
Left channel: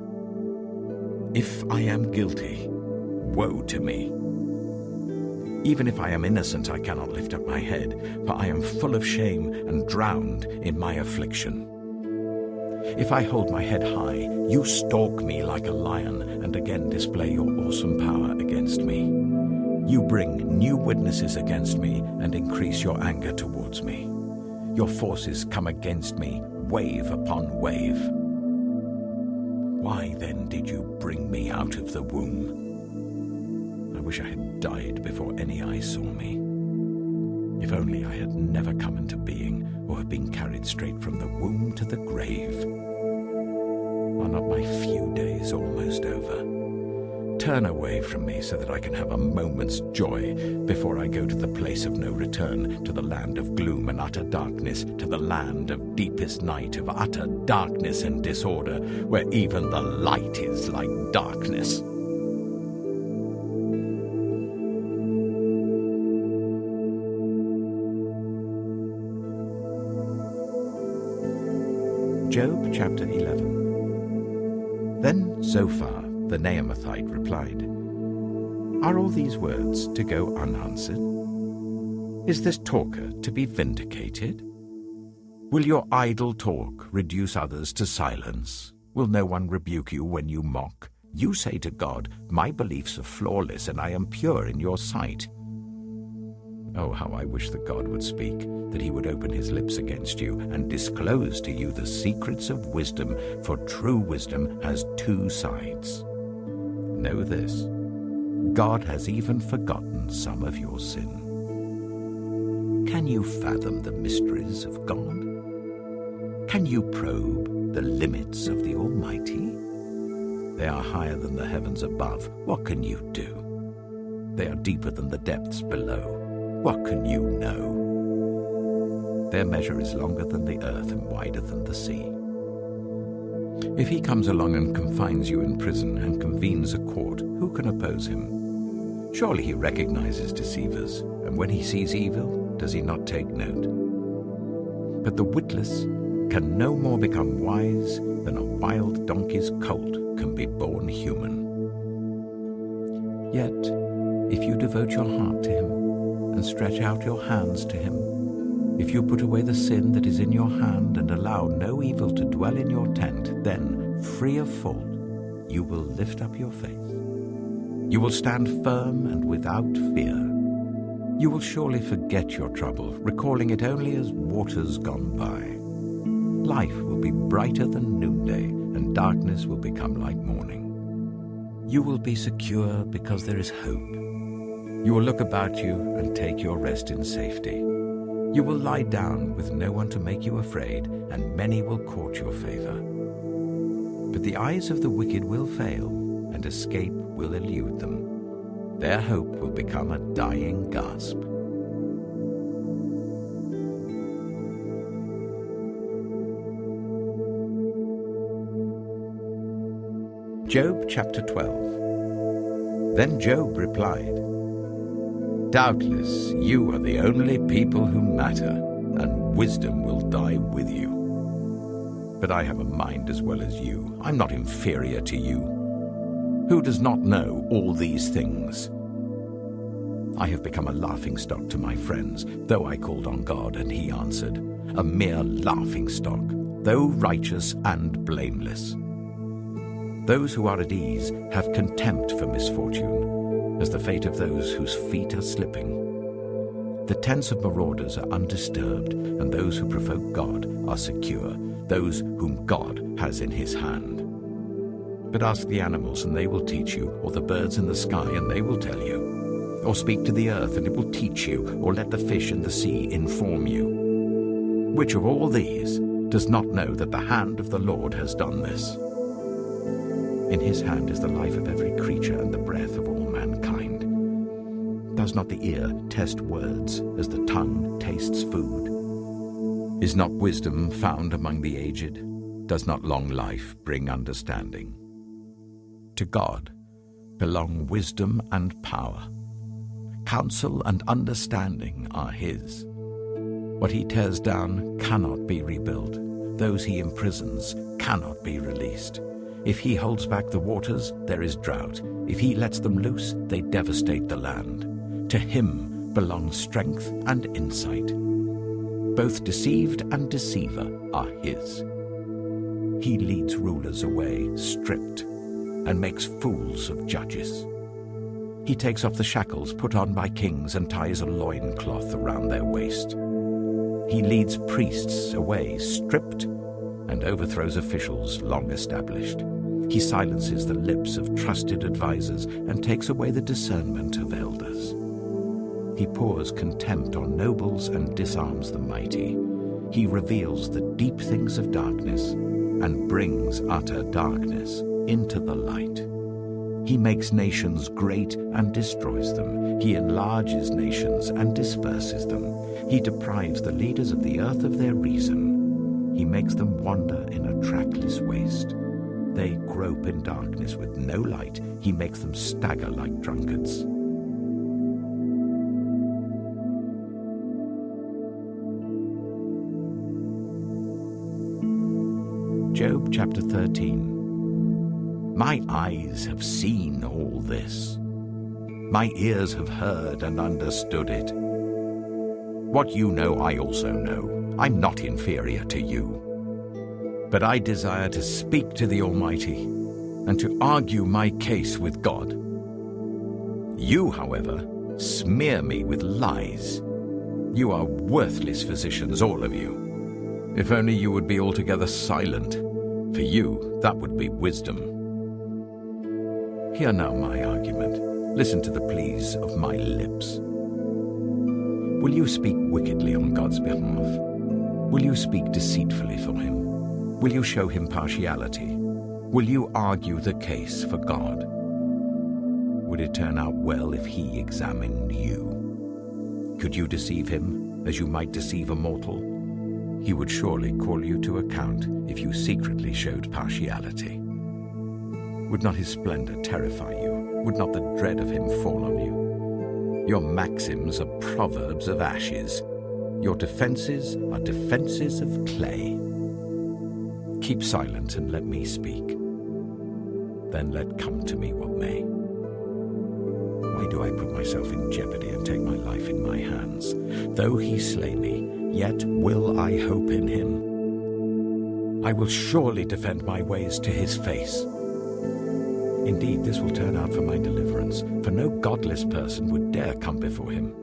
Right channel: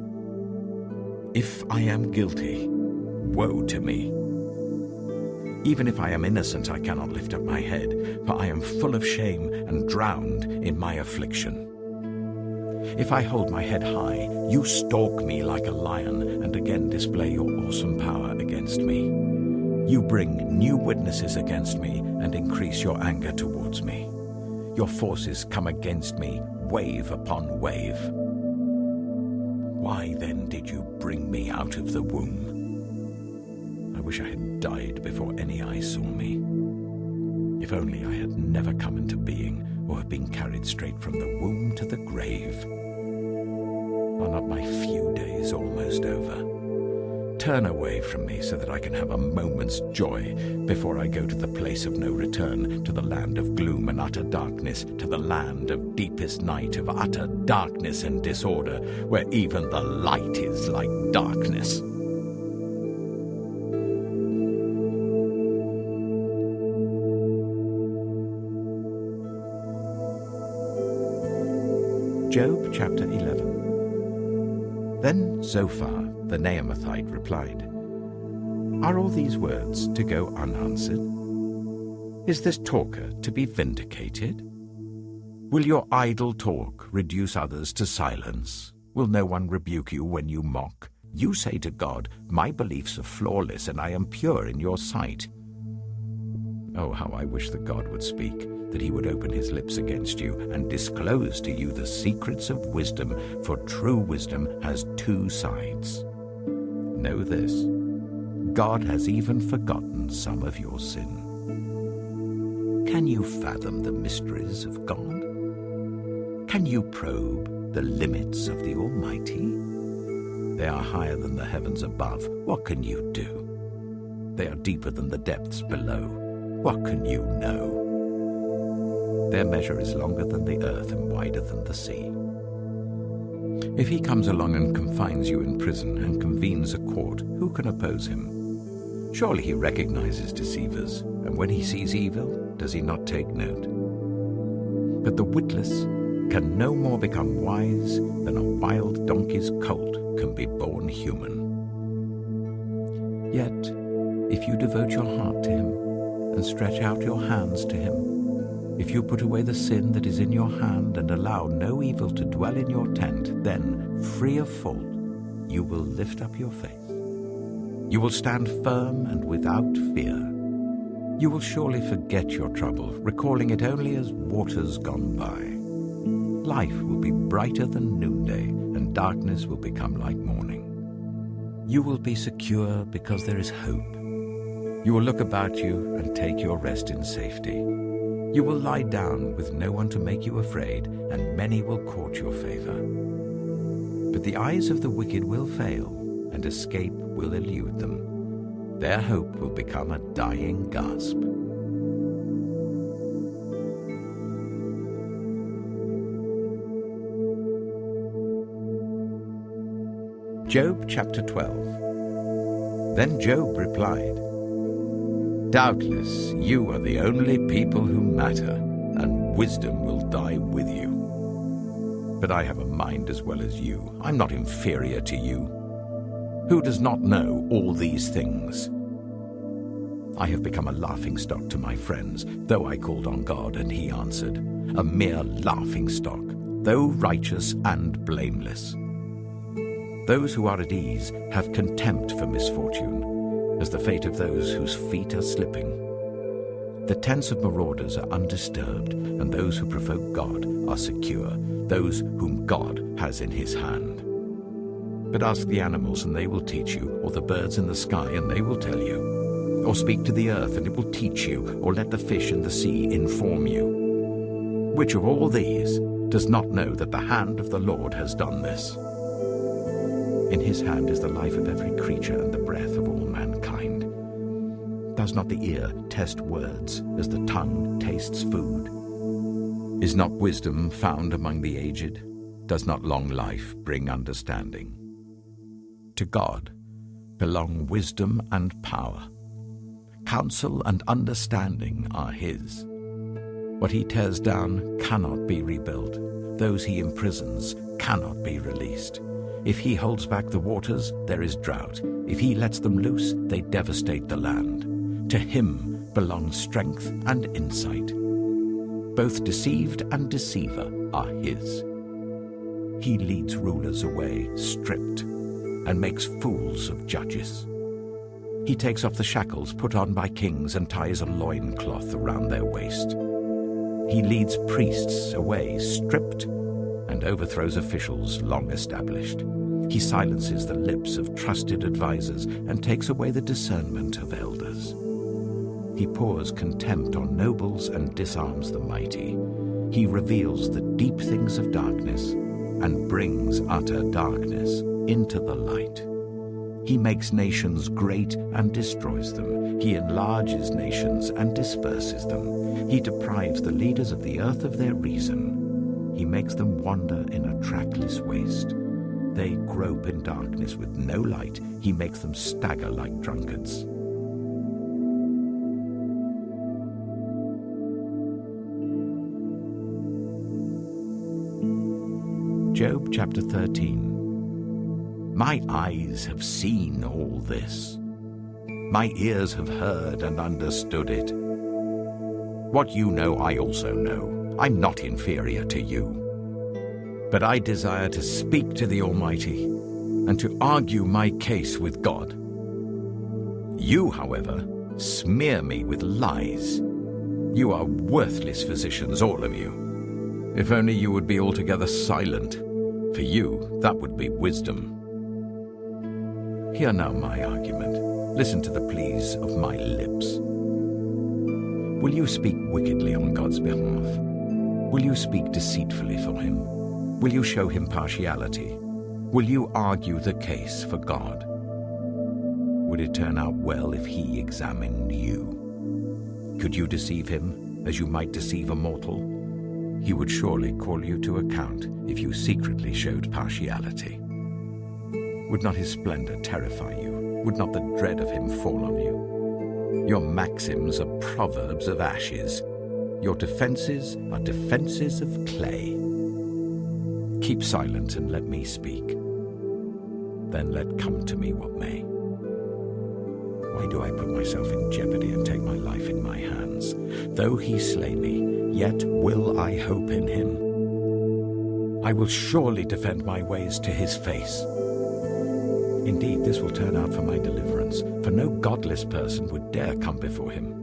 If I am guilty, woe to me. Even if I am innocent, I cannot lift up my head, for I am full of shame and drowned in my affliction. If I hold my head high, you stalk me like a lion, and again display your awesome power against me. You bring new witnesses against me, and increase your anger towards me. Your forces come against me, wave upon wave. Why then did you bring me out of the womb? I wish I had died before any eye saw me. If only I had never come into being, or had been carried straight from the womb to the grave. Are not my few days almost over? Turn away from me so that I can have a moment's joy before I go to the place of no return, to the land of gloom and utter darkness, to the land of deepest night, of utter darkness and disorder, where even the light is like darkness. Job chapter 11. Then Zophar the Naamathite replied, are all these words to go unanswered? Is this talker to be vindicated? Will your idle talk reduce others to silence? Will no one rebuke you when you mock? You say to God, my beliefs are flawless and I am pure in your sight. Oh, how I wish that God would speak, that he would open his lips against you and disclose to you the secrets of wisdom, for true wisdom has two sides. Know this, God has even forgotten some of your sin. Can you fathom the mysteries of God? Can you probe the limits of the Almighty? They are higher than the heavens above. What can you do? They are deeper than the depths below. What can you know? Their measure is longer than the earth and wider than the sea. If he comes along and confines you in prison and convenes a court, who can oppose him? Surely he recognizes deceivers, and when he sees evil, does he not take note? But the witless can no more become wise than a wild donkey's colt can be born human. Yet, if you devote your heart to him and stretch out your hands to him, if you put away the sin that is in your hand and allow no evil to dwell in your tent, then, free of fault, you will lift up your face. You will stand firm and without fear. You will surely forget your trouble, recalling it only as waters gone by. Life will be brighter than noonday, and darkness will become like morning. You will be secure because there is hope. You will look about you and take your rest in safety. You will lie down with no one to make you afraid, and many will court your favor. But the eyes of the wicked will fail, and escape will elude them. Their hope will become a dying gasp. Job chapter 12. Then Job replied, "Doubtless you are the only people who matter, and wisdom will die with you. But I have a mind as well as you. I'm not inferior to you. Who does not know all these things? I have become a laughingstock to my friends, though I called on God and he answered, a mere laughingstock, though righteous and blameless. Those who are at ease have contempt for misfortune, as the fate of those whose feet are slipping. The tents of marauders are undisturbed, and those who provoke God are secure, those whom God has in his hand. But ask the animals, and they will teach you, or the birds in the sky, and they will tell you. Or speak to the earth, and it will teach you, or let the fish in the sea inform you. Which of all these does not know that the hand of the Lord has done this? In his hand is the life of every creature and the breath of all mankind. Does not the ear test words as the tongue tastes food? Is not wisdom found among the aged? Does not long life bring understanding? To God belong wisdom and power. Counsel and understanding are his. What he tears down cannot be rebuilt. Those he imprisons cannot be released. If he holds back the waters, there is drought. If he lets them loose, they devastate the land. To him belong strength and insight. Both deceived and deceiver are his. He leads rulers away, stripped, and makes fools of judges. He takes off the shackles put on by kings and ties a loincloth around their waist. He leads priests away, stripped, and overthrows officials long established. He silences the lips of trusted advisers and takes away the discernment of elders. He pours contempt on nobles and disarms the mighty. He reveals the deep things of darkness and brings utter darkness into the light. He makes nations great and destroys them. He enlarges nations and disperses them. He deprives the leaders of the earth of their reason. He makes them wander in a trackless waste. They grope in darkness with no light. He makes them stagger like drunkards. Job chapter 13. My eyes have seen all this. My ears have heard and understood it. What you know, I also know. I'm not inferior to you. But I desire to speak to the Almighty and to argue my case with God. You, however, smear me with lies. You are worthless physicians, all of you. If only you would be altogether silent. For you, that would be wisdom. Hear now my argument. Listen to the pleas of my lips. Will you speak wickedly on God's behalf? Will you speak deceitfully for him? Will you show him partiality? Will you argue the case for God? Would it turn out well if he examined you? Could you deceive him as you might deceive a mortal? He would surely call you to account if you secretly showed partiality. Would not his splendor terrify you? Would not the dread of him fall on you? Your maxims are proverbs of ashes. Your defenses are defenses of clay. Keep silent and let me speak. Then let come to me what may. Why do I put myself in jeopardy and take my life in my hands? Though he slay me, yet will I hope in him. I will surely defend my ways to his face. Indeed, this will turn out for my deliverance, for no godless person would dare come before him.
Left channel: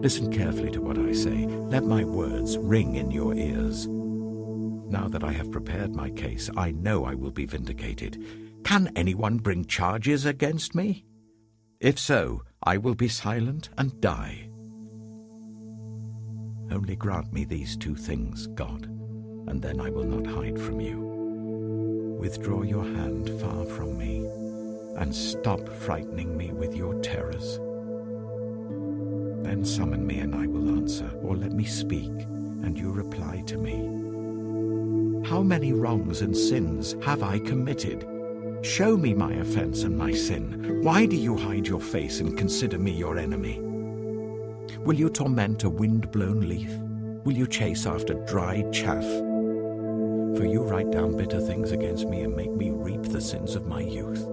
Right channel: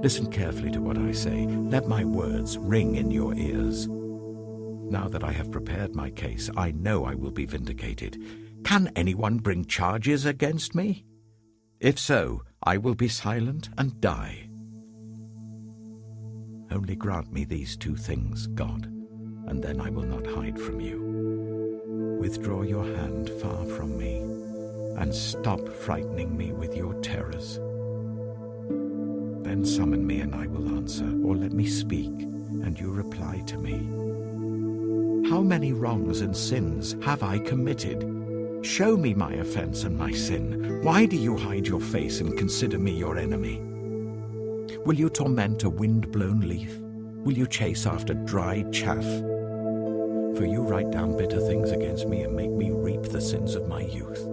Listen carefully to what I say. Let my words ring in your ears. Now that I have prepared my case, I know I will be vindicated. Can anyone bring charges against me? If so, I will be silent and die. Only grant me these two things, God, and then I will not hide from you. Withdraw your hand far from me, and stop frightening me with your terrors. Then summon me and I will answer, or let me speak, and you reply to me. How many wrongs and sins have I committed? Show me my offense and my sin. Why do you hide your face and consider me your enemy? Will you torment a wind-blown leaf? Will you chase after dry chaff? For you write down bitter things against me and make me reap the sins of my youth.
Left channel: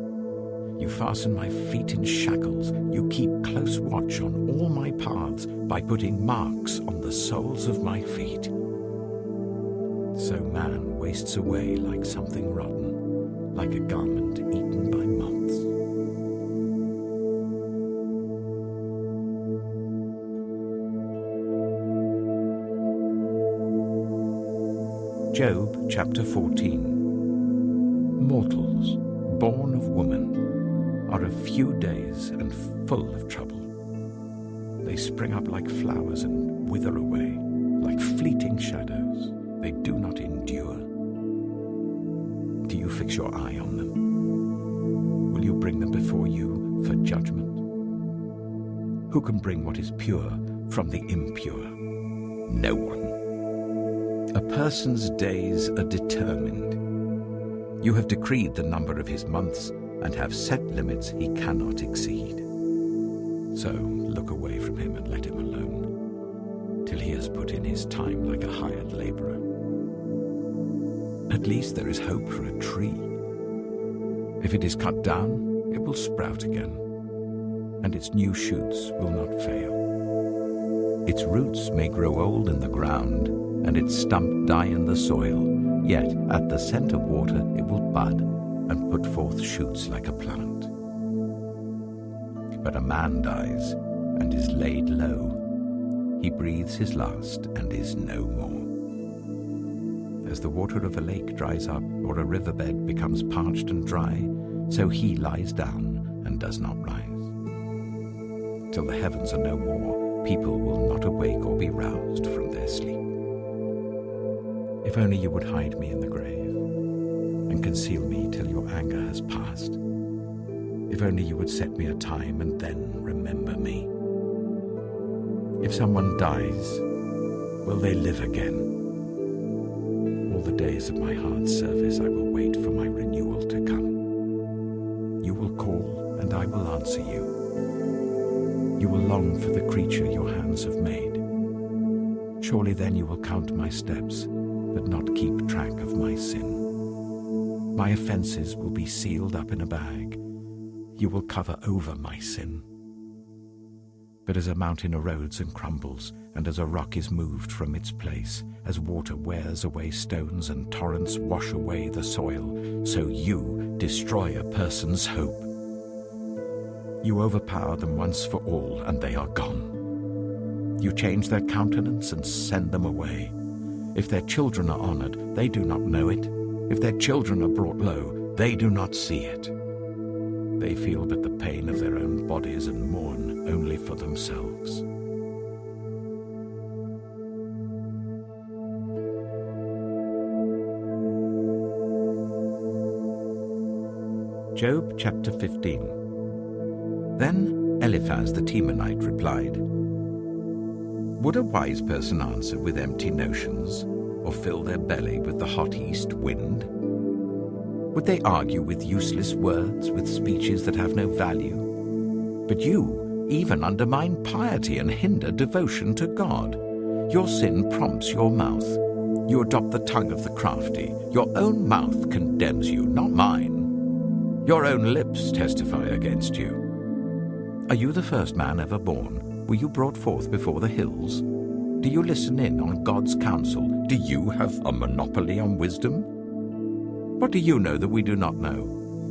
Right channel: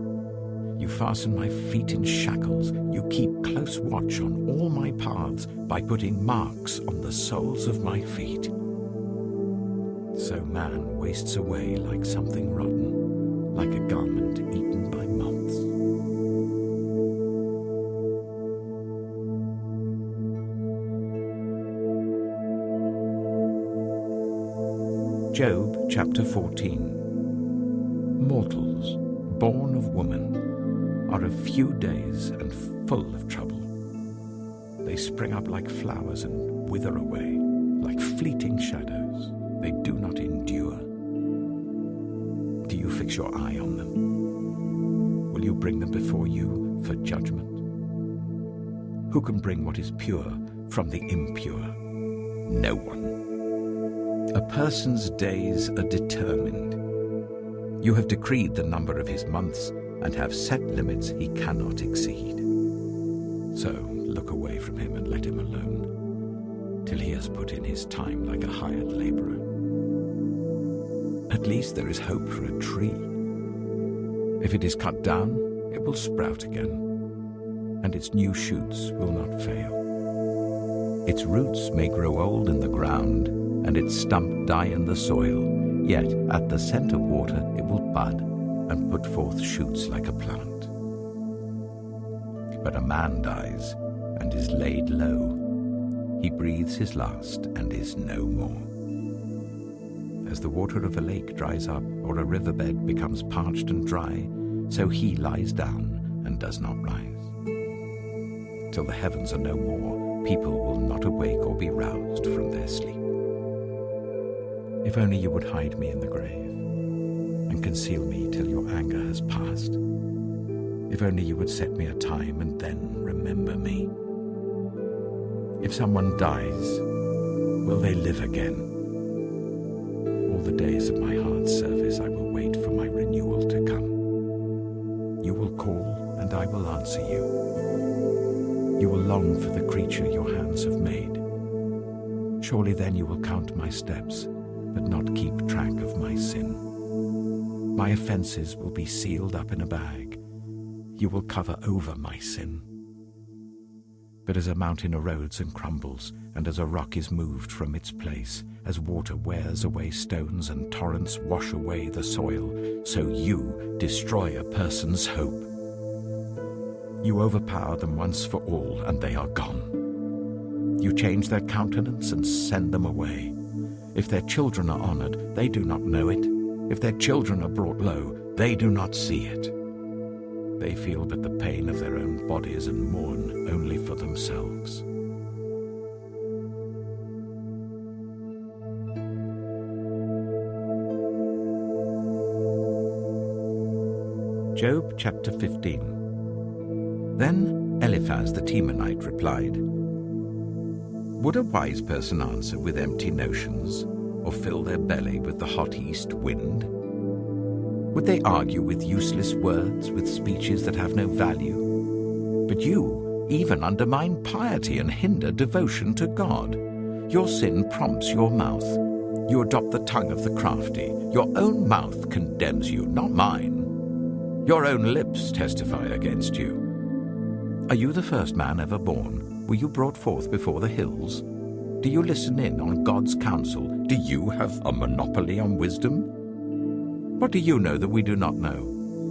You fasten my feet in shackles. You keep close watch on all my paths by putting marks on the soles of my feet. So man wastes away like something rotten, like a garment eaten by moths. Job chapter 14. Mortals, born of woman, are of few days and full of trouble. They spring up like flowers and wither away, like fleeting shadows. They do not endure. Do you fix your eye on them? Will you bring them before you for judgment? Who can bring what is pure from the impure? No one. A person's days are determined. You have decreed the number of his months and have set limits he cannot exceed. So look away from him and let him alone, till he has put in his time like a hired laborer. At least there is hope for a tree. If it is cut down, it will sprout again, and its new shoots will not fail. Its roots may grow old in the ground, and its stump die in the soil, yet at the scent of water it will bud and put forth shoots like a plant. But a man dies and is laid low. He breathes his last and is no more. As the water of a lake dries up, or a riverbed becomes parched and dry, so he lies down and does not rise. Till the heavens are no more, people will not awake or be roused from their sleep. If only you would hide me in the grave, and conceal me till your anger has passed. If only you would set me a time and then remember me. If someone dies, will they live again? All the days of my hard service I will wait for my renewal to come. You will call and I will answer you. You will long for the creature your hands have made. Surely then you will count my steps, but not keep track of my sin. My offenses will be sealed up in a bag. You will cover over my sin. But as a mountain erodes and crumbles, and as a rock is moved from its place, as water wears away stones and torrents wash away the soil, so you destroy a person's hope. You overpower them once for all, and they are gone. You change their countenance and send them away. If their children are honored, they do not know it. If their children are brought low, they do not see it. They feel but the pain of their own bodies and mourn only for themselves. Job chapter 15. Then Eliphaz the Temanite replied, "Would a wise person answer with empty notions, or fill their belly with the hot east wind? Would they argue with useless words, with speeches that have no value? But you even undermine piety and hinder devotion to God. Your sin prompts your mouth. You adopt the tongue of the crafty. Your own mouth condemns you, not mine. Your own lips testify against you. Are you the first man ever born? Were you brought forth before the hills? Do you listen in on God's counsel? Do you have a monopoly on wisdom? What do you know that we do not know?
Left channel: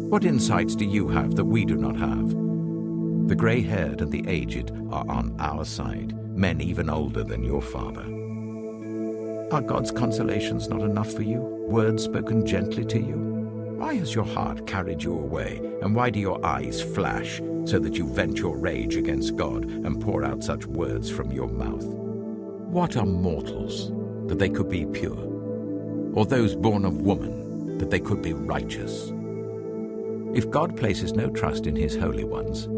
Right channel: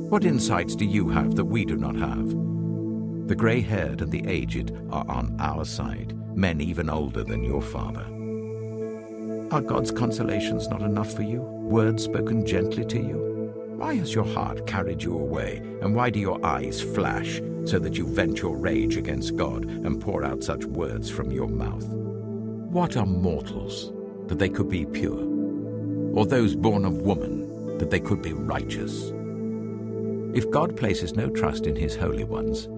What insights do you have that we do not have? The grey-haired and the aged are on our side, men even older than your father. Are God's consolations not enough for you, words spoken gently to you? Why has your heart carried you away, and why do your eyes flash, so that you vent your rage against God and pour out such words from your mouth? What are mortals, that they could be pure? Or those born of woman, that they could be righteous? If God places no trust in his holy ones,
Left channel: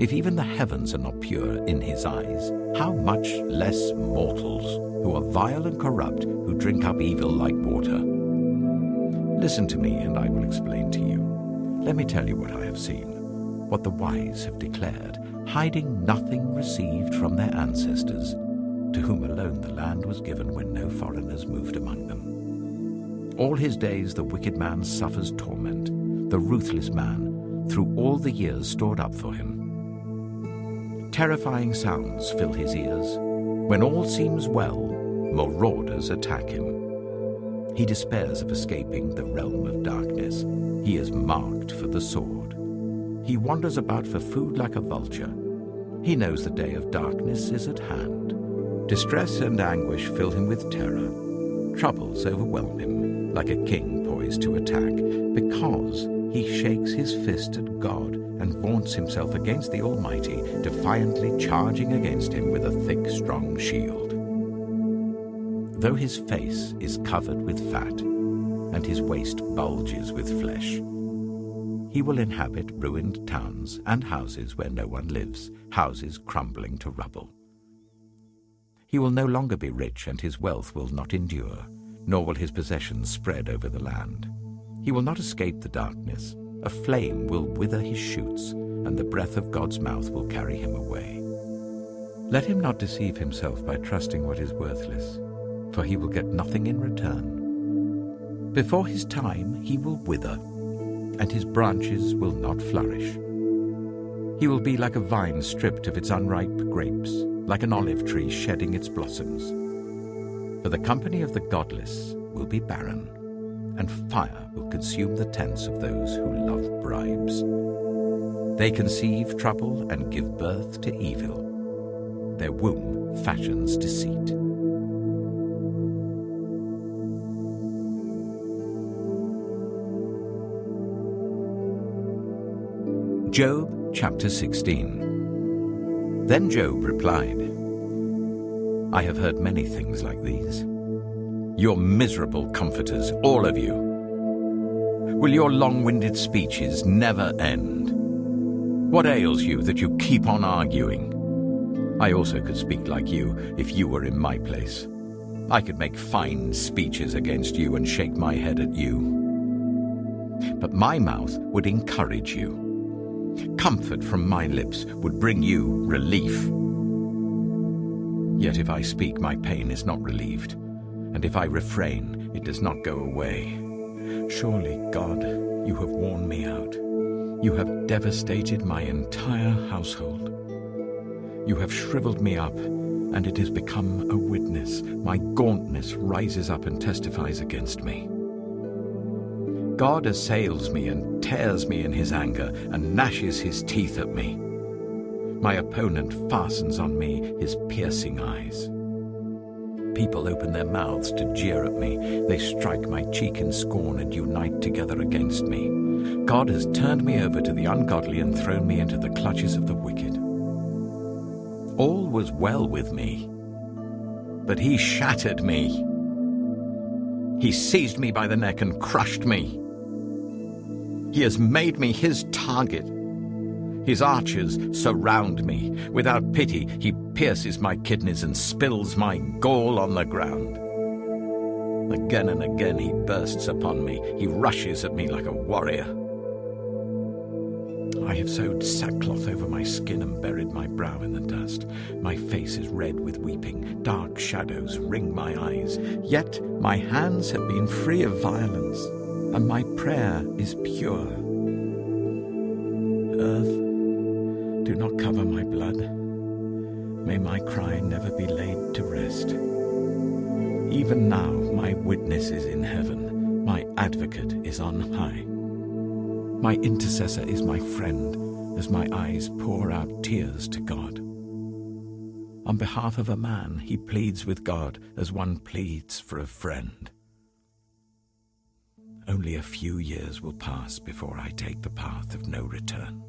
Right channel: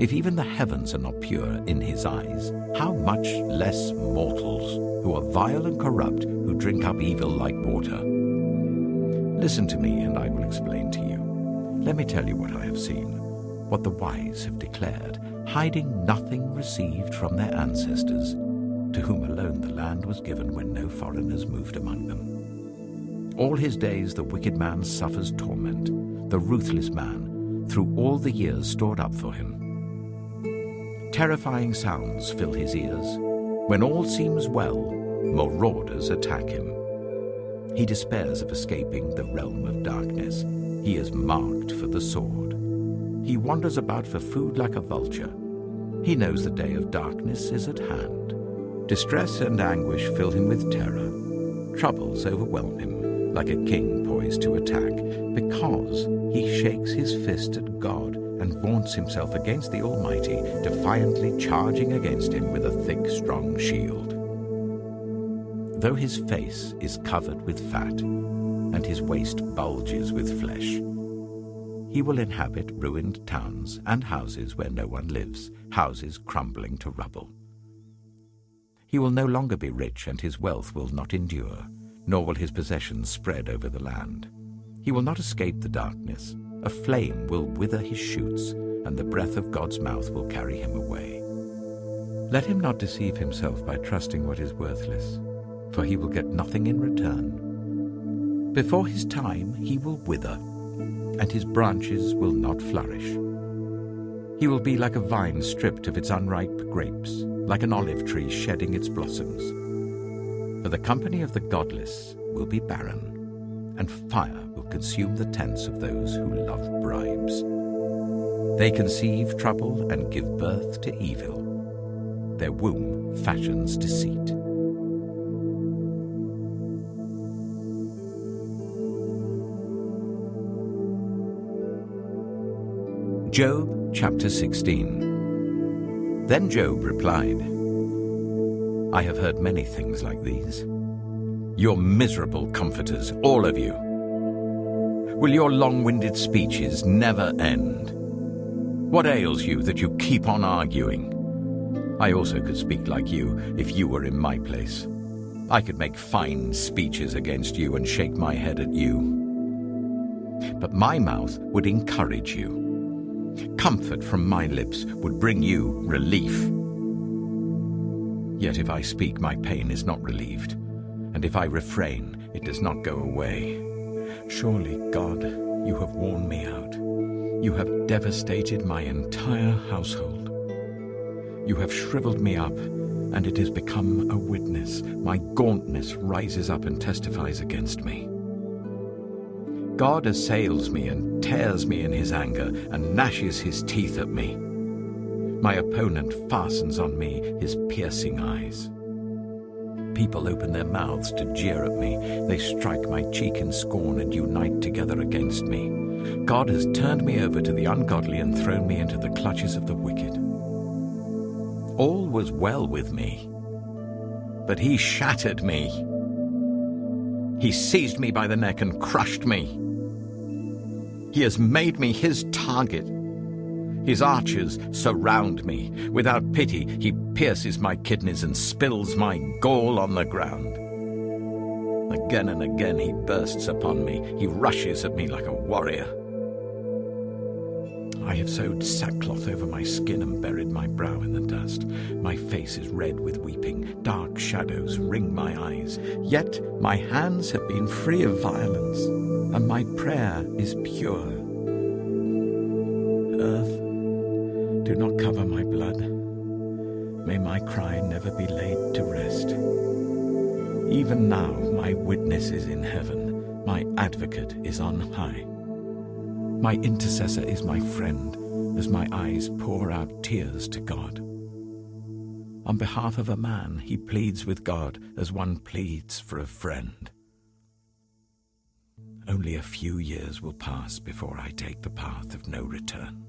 if even the heavens are not pure in his eyes, how much less mortals, who are vile and corrupt, who drink up evil like water? Listen to me, and I will explain to you. Let me tell you what I have seen, what the wise have declared, hiding nothing received from their ancestors, to whom alone the land was given when no foreigners moved among them. All his days the wicked man suffers torment, the ruthless man, through all the years stored up for him. Terrifying sounds fill his ears. When all seems well, marauders attack him. He despairs of escaping the realm of darkness. He is marked for the sword. He wanders about for food like a vulture. He knows the day of darkness is at hand. Distress and anguish fill him with terror. Troubles overwhelm him, like a king poised to attack, because he shakes his fist at God and vaunts himself against the Almighty, defiantly charging against him with a thick, strong shield. Though his face is covered with fat, and his waist bulges with flesh, he will inhabit ruined towns and houses where no one lives, houses crumbling to rubble. He will no longer be rich, and his wealth will not endure, nor will his possessions spread over the land. He will not escape the darkness. A flame will wither his shoots, and the breath of God's mouth will carry him away. Let him not deceive himself by trusting what is worthless, for he will get nothing in return. Before his time he will wither, and his branches will not flourish. He will be like a vine stripped of its unripe grapes, like an olive tree shedding its blossoms. For the company of the godless will be barren, and fire will consume the tents of those who love bribes. They conceive trouble and give birth to evil. Their womb fashions deceit. Job chapter 16. Then Job replied, I have heard many things like these. You're miserable comforters, all of you. Will your long-winded speeches never end? What ails you that you keep on arguing? I also could speak like you if you were in my place. I could make fine speeches against you and shake my head at you. But my mouth would encourage you. Comfort from my lips would bring you relief. Yet if I speak, my pain is not relieved, and if I refrain, it does not go away. Surely, God, you have worn me out. You have devastated my entire household. You have shriveled me up, and it has become a witness. My gauntness rises up and testifies against me. God assails me and tears me in his anger and gnashes his teeth at me. My opponent fastens on me his piercing eyes. People open their mouths to jeer at me. They strike my cheek in scorn and unite together against me. God has turned me over to the ungodly and thrown me into the clutches of the wicked. All was well with me, but he shattered me. He seized me by the neck and crushed me. He has made me his target. His archers surround me. Without pity, he pierces my kidneys and spills my gall on the ground. Again and again he bursts upon me. He rushes at me like a warrior. I have sewed sackcloth over my skin and buried my brow in the dust. My face is red with weeping. Dark shadows ring my eyes. Yet my hands have been free of violence, and my prayer is pure. Earth, do not cover my blood. May my cry never be laid to rest. Even now my witness is in heaven. My advocate is on high. My intercessor is my friend, as my eyes pour out tears to God. On behalf of a man, he pleads with God as one pleads for a friend. Only a few years will pass before I take the path of no return.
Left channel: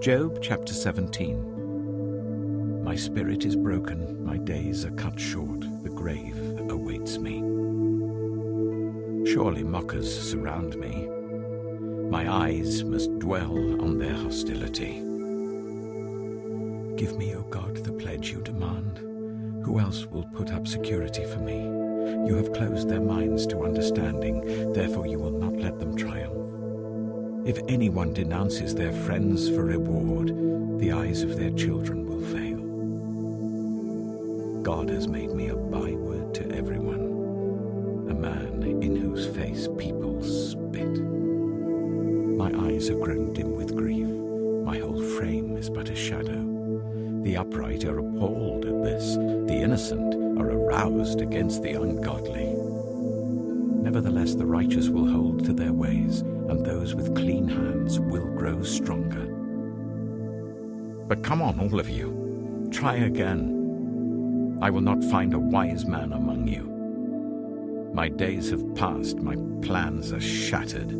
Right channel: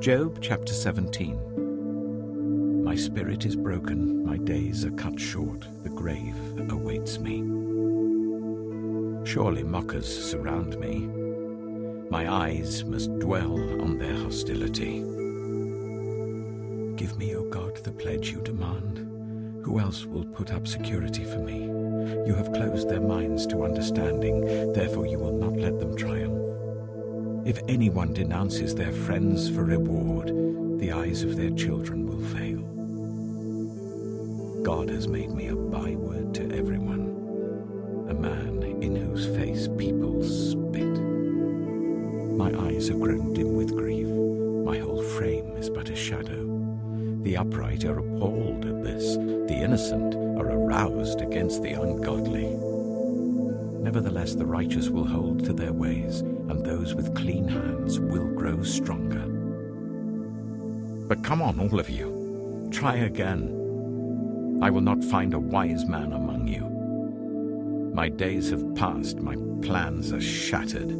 Job chapter 17. My spirit is broken, my days are cut short, the grave awaits me. Surely mockers surround me. My eyes must dwell on their hostility. Give me, O God, the pledge you demand. Who else will put up security for me? You have closed their minds to understanding, therefore you will not let them triumph. If anyone denounces their friends for reward, the eyes of their children will fail. God has made me a byword to everyone, a man in whose face people spit. My eyes have grown dim with grief. My whole frame is but a shadow. The upright are appalled at this. The innocent are aroused against the ungodly. Nevertheless, the righteous will hold to their ways, and those with clean hands will grow stronger. But come on, all of you. Try again. I will not find a wise man among you. My days have passed, my plans are shattered.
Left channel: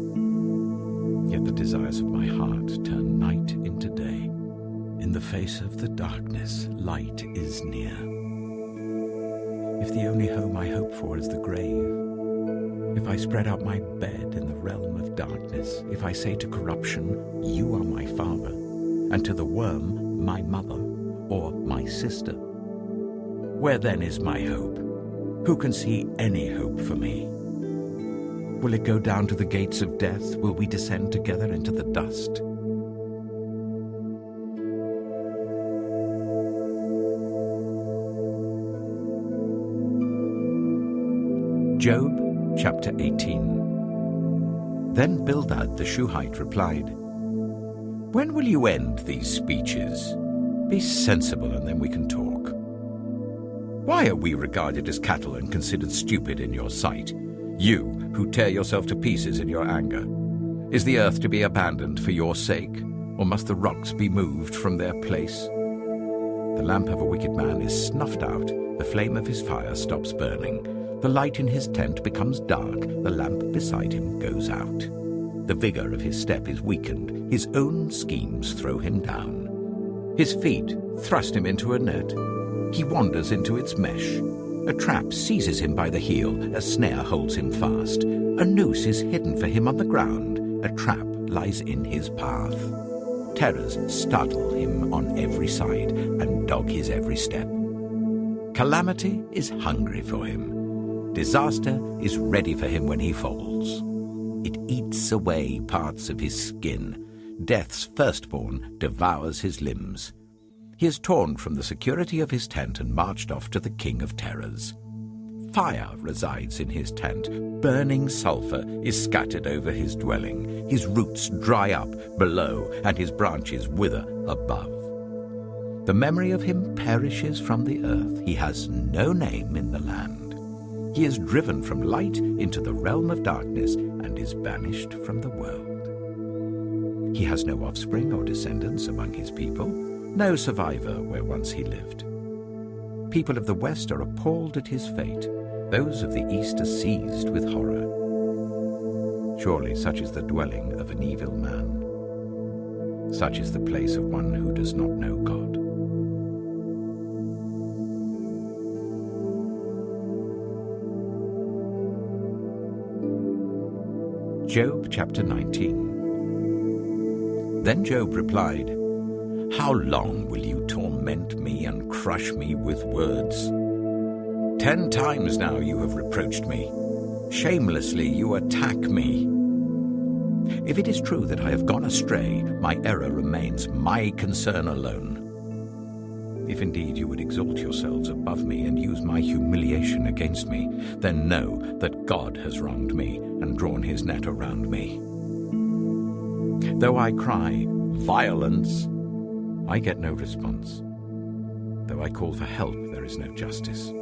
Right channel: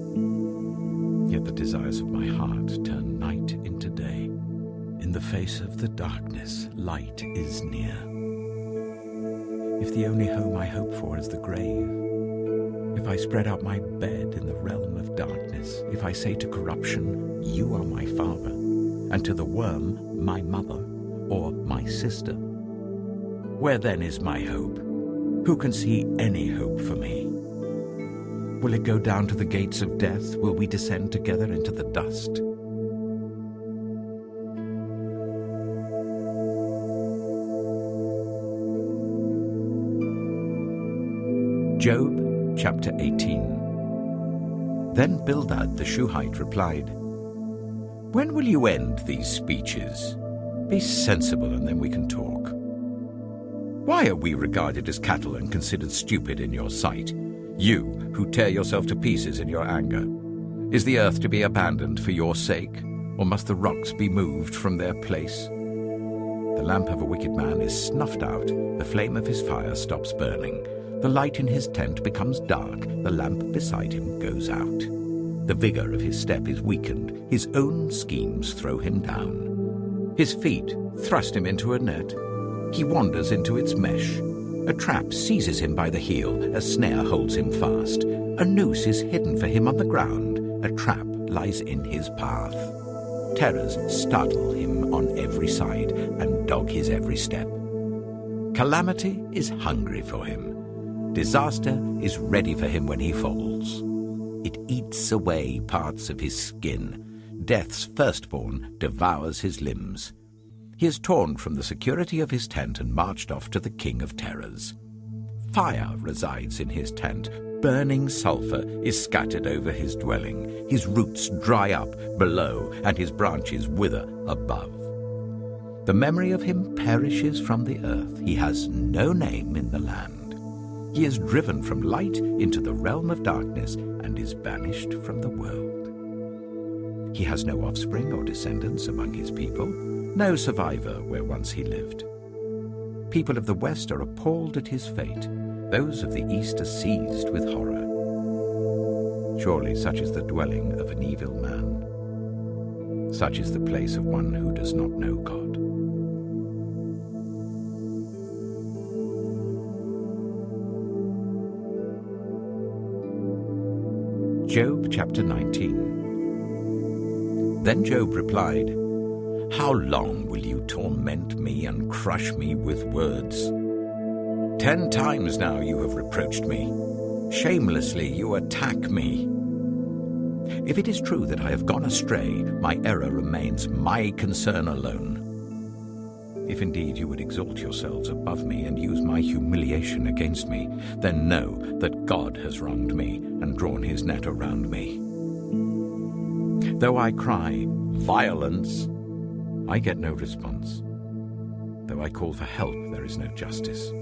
Yet the desires of my heart turn night into day. In the face of the darkness, light is near. If the only home I hope for is the grave, if I spread out my bed in the realm of darkness, if I say to corruption, you are my father, and to the worm, my mother, or my sister, where then is my hope? Who can see any hope for me? Will it go down to the gates of death? Will we descend together into the dust? Job chapter 18. Then Bildad the Shuhite replied, When will you end these speeches? Be sensible, and then we can talk. Why are we regarded as cattle and considered stupid in your sight, you who tear yourself to pieces in your anger? Is the earth to be abandoned for your sake, or must the rocks be moved from their place? The lamp of a wicked man is snuffed out, the flame of his fire stops burning. The light in his tent becomes dark, the lamp beside him goes out. The vigor of his step is weakened, his own schemes throw him down. His feet thrust him into a net. He wanders into its mesh. A trap seizes him by the heel, a snare holds him fast. A noose is hidden for him on the ground, a trap lies in his path. Terrors startle him on every side and dog his every step. Calamity is hungry for him. Disaster is ready for him when he falls. It eats away parts of his skin. Death's firstborn devours his limbs. He is torn from the security of his tent and marched off to the king of terrors. Fire resides in his tent. Burning sulfur is scattered over his dwelling. His roots dry up below, and his branches wither above. The memory of him perishes from the earth. He has no name in the land. He is driven from light into the realm of darkness and is banished from the world. He has no offspring or descendants among his people, no survivor where once he lived. people of the West are appalled at his fate. Those of the East are seized with horror. Surely such is the dwelling of an evil man. Such is the place of one who does not know God. Job chapter 19. Then Job replied, "How long will you torment me and crush me with words? 10 times now you have reproached me. Shamelessly you attack me. If it is true that I have gone astray, my error remains my concern alone. If indeed you would exalt yourselves above me and use my humiliation against me, then know that God has wronged me and drawn his net around me. Though I cry, 'Violence,' I get no response. Though I call for help, there is no justice.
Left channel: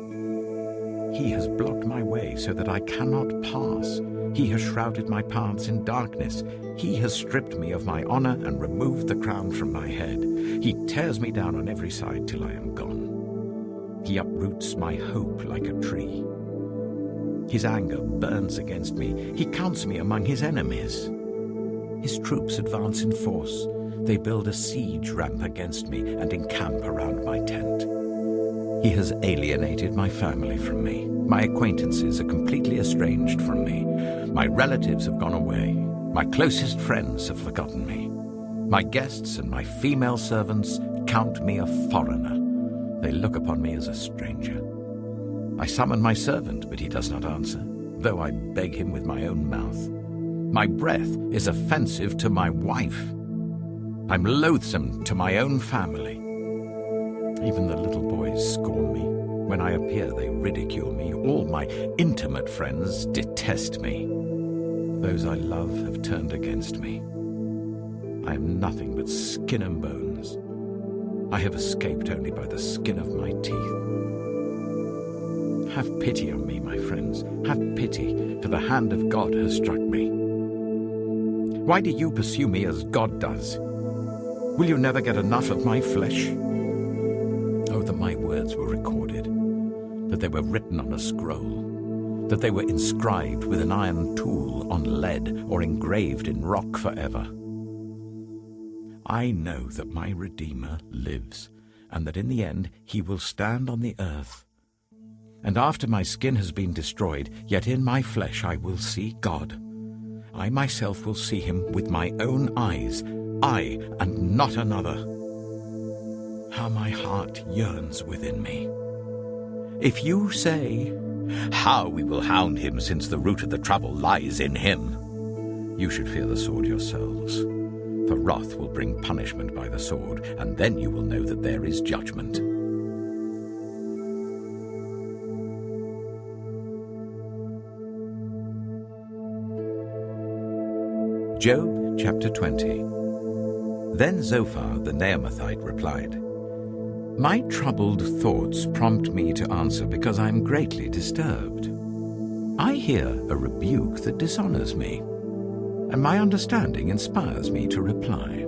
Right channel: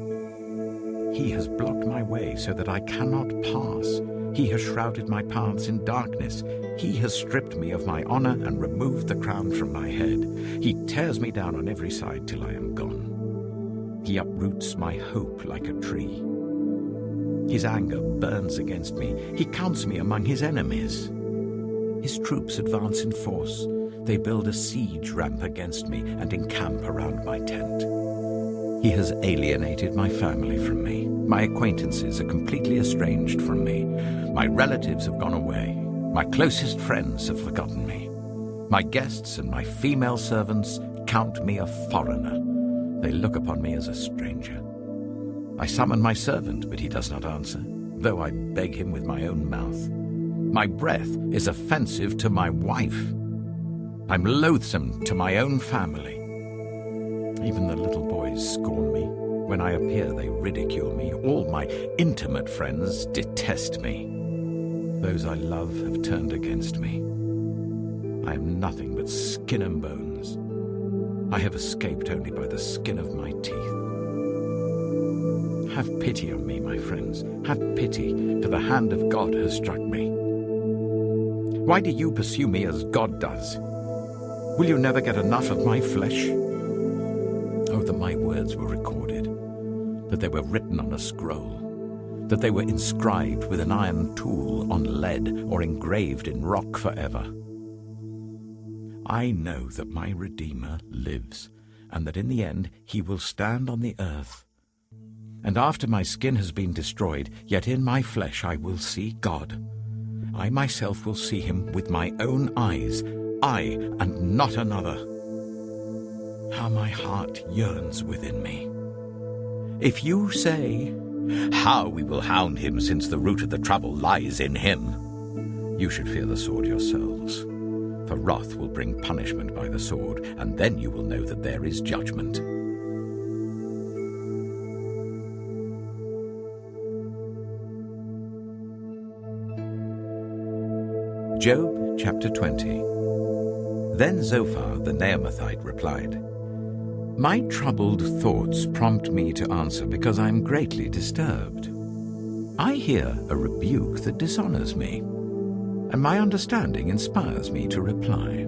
He has blocked my way so that I cannot pass. He has shrouded my paths in darkness. He has stripped me of my honor and removed the crown from my head. He tears me down on every side till I am gone. He uproots my hope like a tree. His anger burns against me. He counts me among his enemies. His troops advance in force. They build a siege ramp against me and encamp around my tent. He has alienated my family from me. My acquaintances are completely estranged from me. My relatives have gone away. My closest friends have forgotten me. My guests and my female servants count me a foreigner. They look upon me as a stranger. I summon my servant, but he does not answer, though I beg him with my own mouth. My breath is offensive to my wife. I'm loathsome to my own family. Even the little boys scorn me. When I appear, they ridicule me. All my intimate friends detest me. Those I love have turned against me. I am nothing but skin and bones. I have escaped only by the skin of my teeth. Have pity on me, my friends. Have pity, for the hand of God has struck me. Why do you pursue me as God does? Will you never get enough of my flesh? Oh, that my words were recorded, that they were written on a scroll, that they were inscribed with an iron tool on lead or engraved in rock forever. I know that my Redeemer lives, and that in the end he will stand on the earth. And after my skin has been destroyed, yet in my flesh I will see God. I myself will see him with my own eyes, I and not another. How my heart yearns within me. If you say, "How we will hound him, since the root of the trouble lies in him," you should fear the sword yourselves. For wrath will bring punishment by the sword, and then you will know that there is judgment. Job chapter 20. Then Zophar the Naamathite replied, "My troubled thoughts prompt me to answer because I am greatly disturbed. I hear a rebuke that dishonors me, and my understanding inspires me to reply.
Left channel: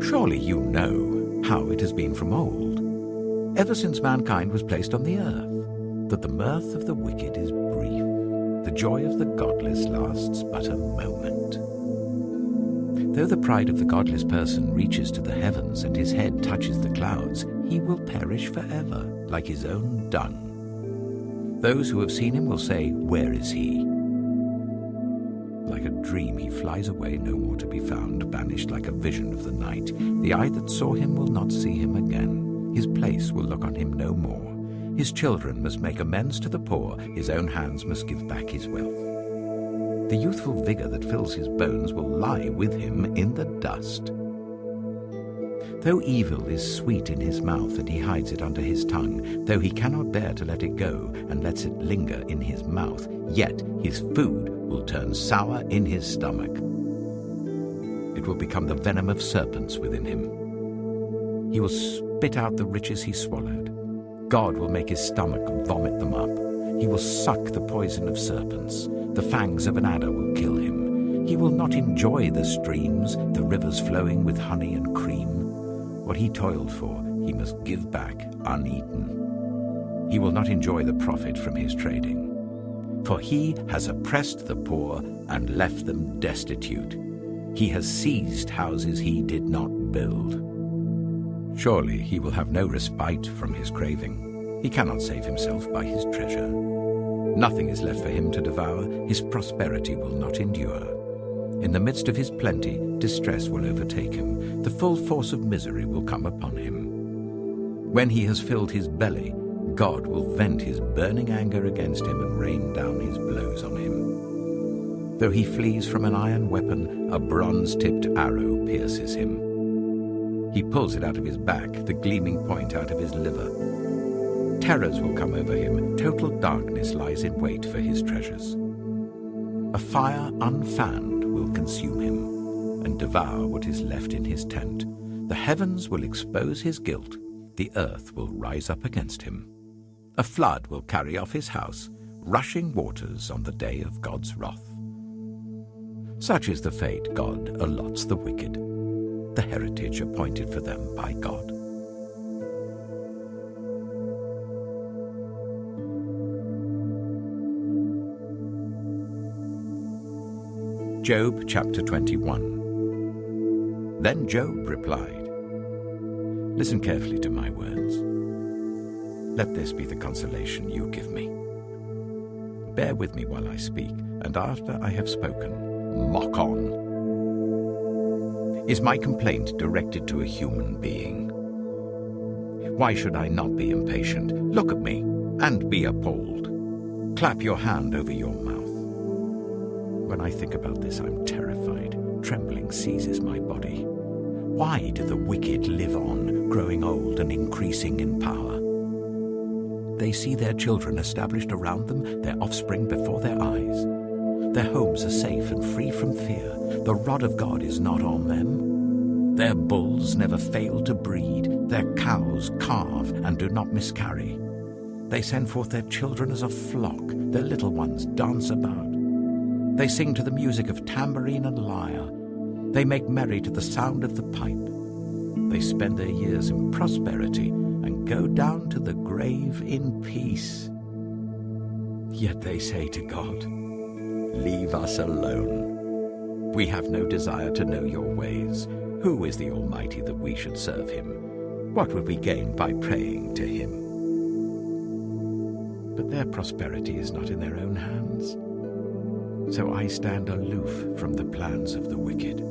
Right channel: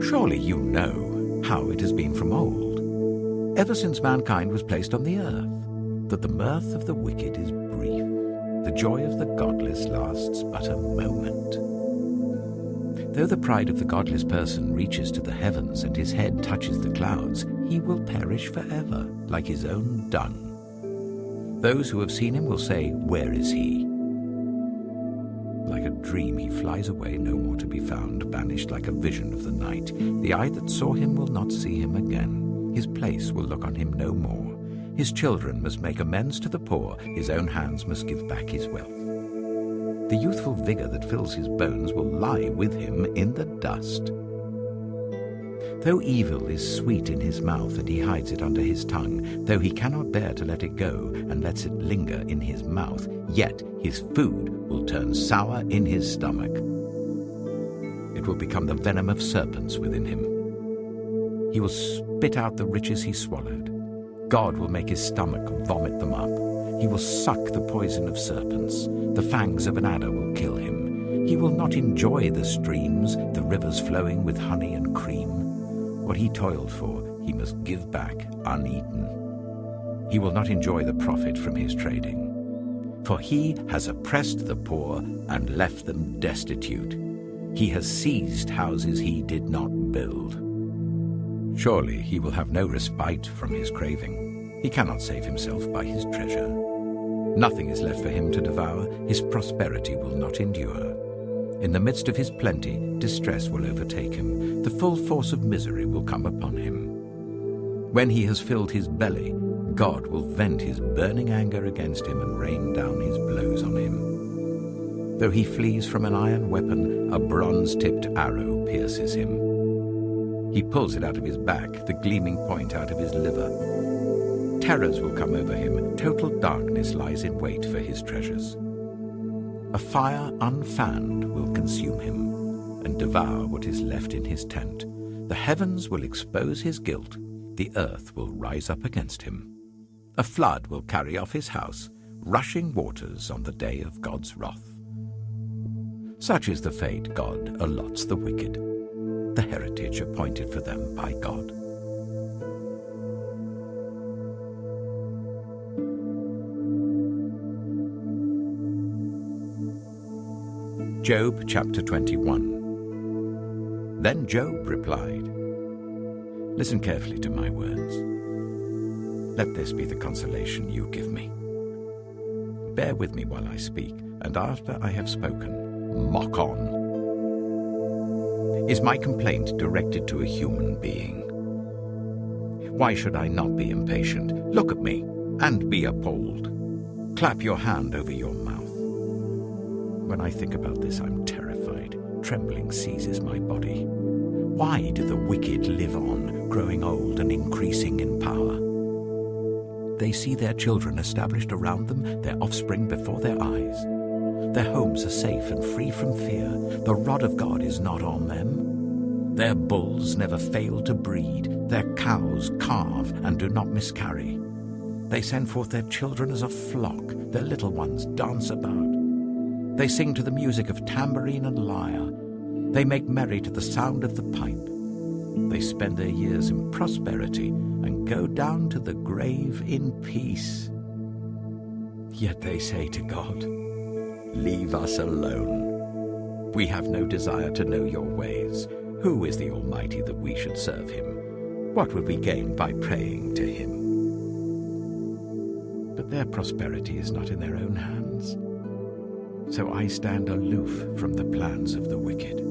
Surely you know how it has been from old, ever since mankind was placed on the earth, that the mirth of the wicked is brief, the joy of the godless lasts but a moment. Though the pride of the godless person reaches to the heavens and his head touches the clouds, he will perish forever, like his own dung. Those who have seen him will say, 'Where is he?' Like a dream he flies away, no more to be found, banished like a vision of the night. The eye that saw him will not see him again. His place will look on him no more. His children must make amends to the poor. His own hands must give back his wealth. The youthful vigor that fills his bones will lie with him in the dust. Though evil is sweet in his mouth and he hides it under his tongue, though he cannot bear to let it go and lets it linger in his mouth, yet his food will turn sour in his stomach. It will become the venom of serpents within him. He will spit out the riches he swallowed. God will make his stomach vomit them up. He will suck the poison of serpents. The fangs of an adder will kill him. He will not enjoy the streams, the rivers flowing with honey and cream. What he toiled for, he he must give back uneaten. He will not enjoy the profit from his trading. For he has oppressed the poor and left them destitute. He has seized houses he did not build. Surely he will have no respite from his craving. He cannot save himself by his treasure. Nothing is left for him to devour. His prosperity will not endure. In the midst of his plenty, distress will overtake him. The full force of misery will come upon him. When he has filled his belly, God will vent his burning anger against him and rain down his blows on him. Though he flees from an iron weapon, a bronze-tipped arrow pierces him. He pulls it out of his back, the gleaming point out of his liver. Terrors will come over him. Total darkness lies in wait for his treasures. A fire unfanned will consume him and devour what is left in his tent. The heavens will expose his guilt. The earth will rise up against him. A flood will carry off his house, rushing waters on the day of God's wrath. Such is the fate God allots the wicked, the heritage appointed for them by God. Job chapter 21. Then Job replied, "Listen carefully to my words. Let this be the consolation you give me. Bear with me while I speak, and after I have spoken, mock on. Is my complaint directed to a human being? Why should I not be impatient? Look at me and be appalled. Clap your hand over your mouth. When I think about this, I'm terrified. Trembling seizes my body. Why do the wicked live on, growing old and increasing in power? They see their children established around them, their offspring before their eyes. Their homes are safe and free from fear. The rod of God is not on them. Their bulls never fail to breed. Their cows calve and do not miscarry. They send forth their children as a flock. Their little ones dance about. They sing to the music of tambourine and lyre. They make merry to the sound of the pipe. They spend their years in prosperity and go down to the grave in peace. Yet they say to God, 'Leave us alone. We have no desire to know your ways. Who is the Almighty that we should serve him? What would we gain by praying to him?' But their prosperity is not in their own hands. So I stand aloof from the plans of the wicked.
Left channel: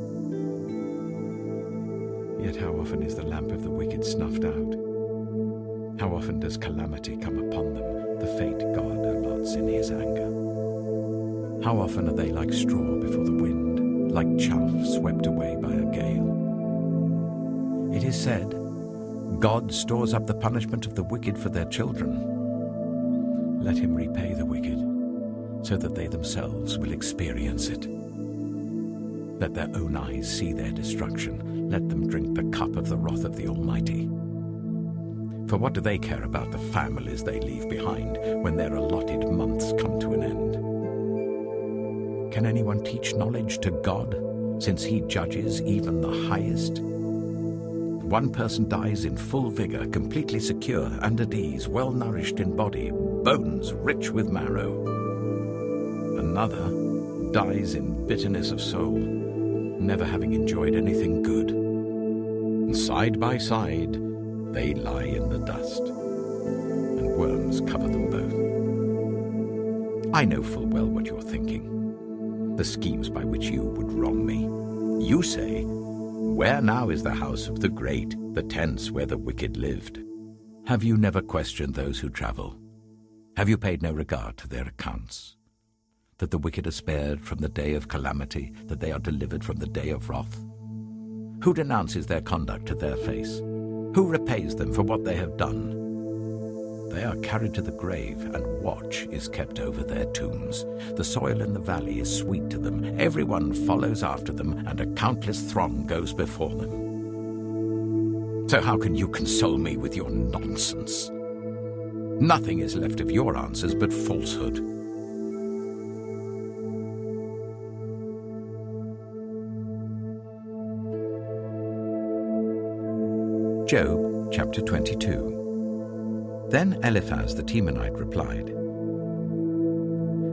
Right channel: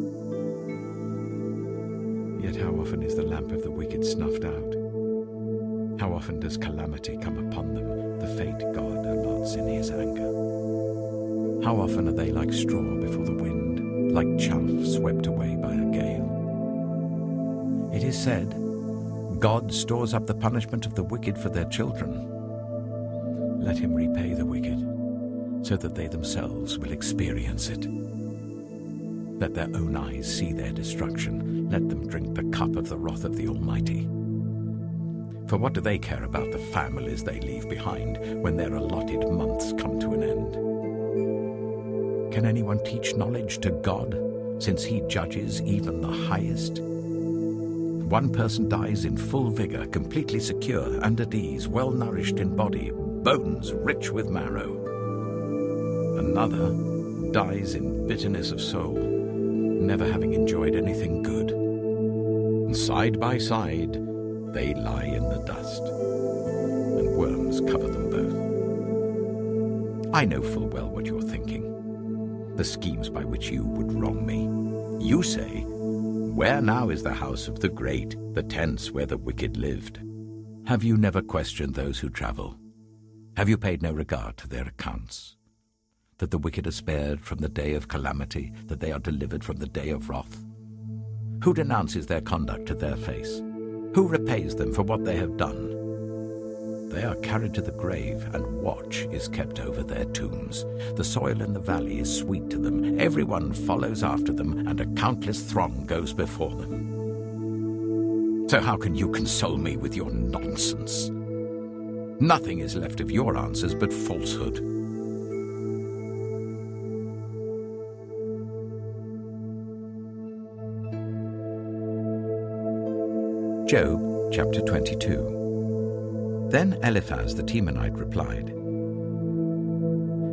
Yet how often is the lamp of the wicked snuffed out? How often does calamity come upon them, the fate God allots in his anger? How often are they like straw before the wind, like chaff swept away by a gale? It is said, 'God stores up the punishment of the wicked for their children.' Let him repay the wicked, so that they themselves will experience it. Let their own eyes see their destruction. Let them drink the cup of the wrath of the Almighty. For what do they care about the families they leave behind when their allotted months come to an end? Can anyone teach knowledge to God, since he judges even the highest? One person dies in full vigor, completely secure and at ease, well nourished in body, bones rich with marrow. Another dies in bitterness of soul, never having enjoyed anything good. Side by side, they lie in the dust, and worms cover them both. I know full well what you're thinking, the schemes by which you would wrong me. You say, 'Where now is the house of the great, the tents where the wicked lived?' Have you never questioned those who travel? Have you paid no regard to their accounts? That the wicked are spared from the day of calamity, that they are delivered from the day of wrath? Who denounces their conduct to their face? Who repays them for what they have done? They are carried to the grave, and watch is kept over their tombs. The soil in the valley is sweet to them. Everyone follows after them, and a countless throng goes before them. So how can you console me with your nonsense? Nothing is left of your answers but falsehood. Job chapter 22. Then Eliphaz the Temanite replied,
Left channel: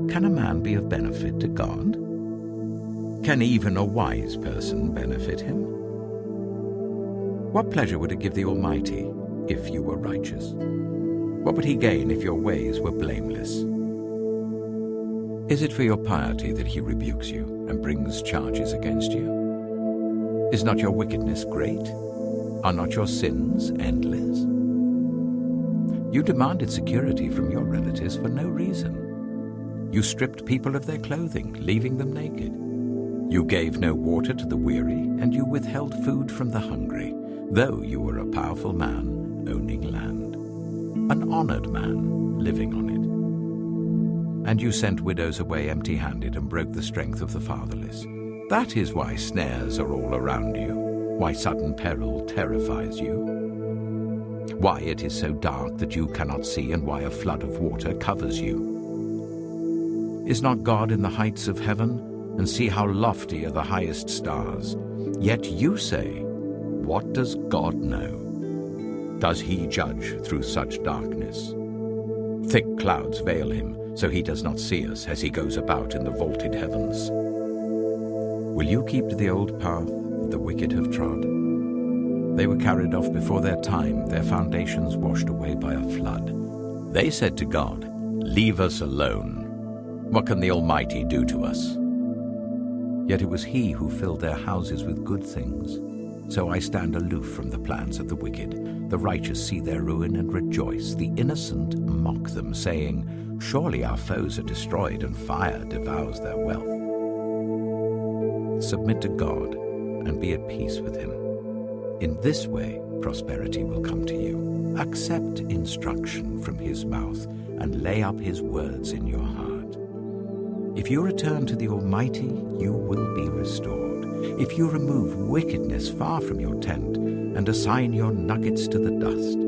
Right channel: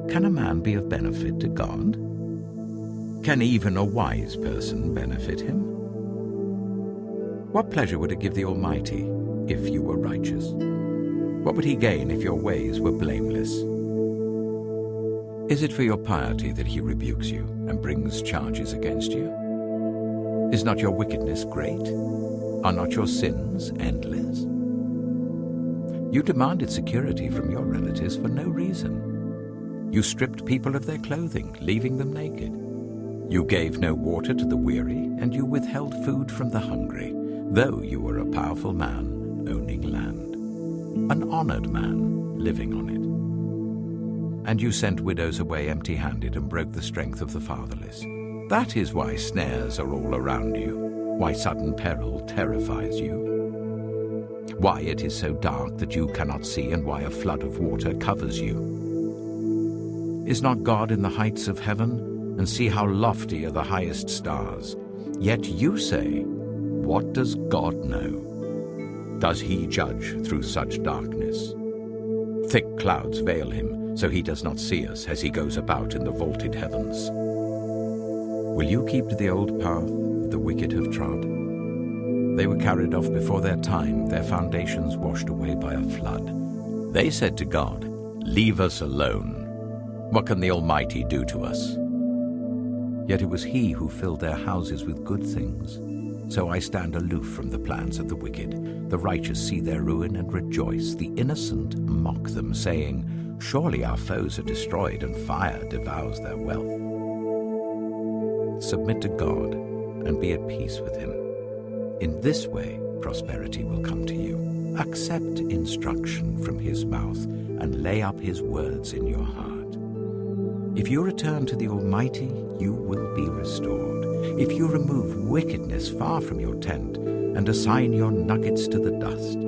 "Can a man be of benefit to God? Can even a wise person benefit him? What pleasure would it give the Almighty if you were righteous? What would he gain if your ways were blameless? Is it for your piety that he rebukes you and brings charges against you? Is not your wickedness great? Are not your sins endless? You demanded security from your relatives for no reason. You stripped people of their clothing, leaving them naked. You gave no water to the weary, and you withheld food from the hungry, though you were a powerful man owning land, an honored man living on it. And you sent widows away empty-handed and broke the strength of the fatherless. That is why snares are all around you, why sudden peril terrifies you, why it is so dark that you cannot see, and why a flood of water covers you. Is not God in the heights of heaven? And see how lofty are the highest stars. Yet you say, what does God know? Does he judge through such darkness? Thick clouds veil him, so he does not see us as he goes about in the vaulted heavens. Will you keep to the old path that the wicked have trod? They were carried off before their time, their foundations washed away by a flood. They said to God, leave us alone. What can the Almighty do to us? Yet it was he who filled their houses with good things. So I stand aloof from the plans of the wicked. The righteous see their ruin and rejoice. The innocent mock them, saying, surely our foes are destroyed, and fire devours their wealth. Submit to God and be at peace with him. In this way prosperity will come to you. Accept instruction from his mouth and lay up his words in your heart. If you return to the Almighty, you will be restored. If you remove wickedness far from your tent and assign your nuggets to the dust,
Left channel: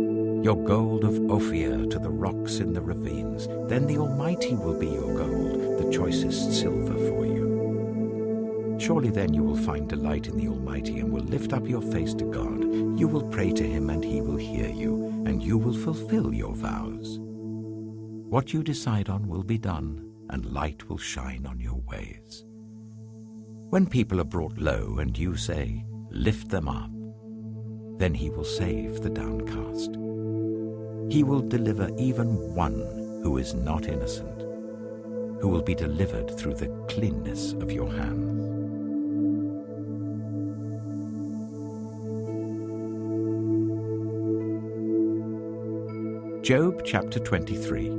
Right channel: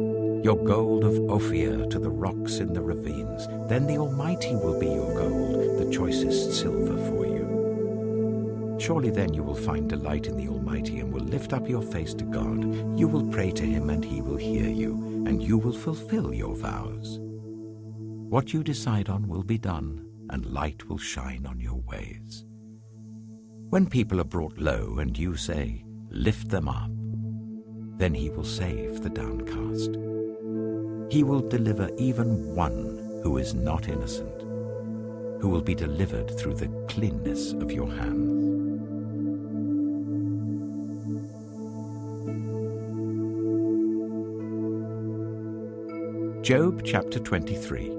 your gold of Ophir to the rocks in the ravines, then the Almighty will be your gold, the choicest silver for you. Surely then you will find delight in the Almighty and will lift up your face to God. You will pray to him and he will hear you, and you will fulfill your vows. What you decide on will be done, and light will shine on your ways. When people are brought low and you say, lift them up, then he will save the downcast. He will deliver even one who is not innocent, who will be delivered through the cleanness of your hands. Job chapter 23.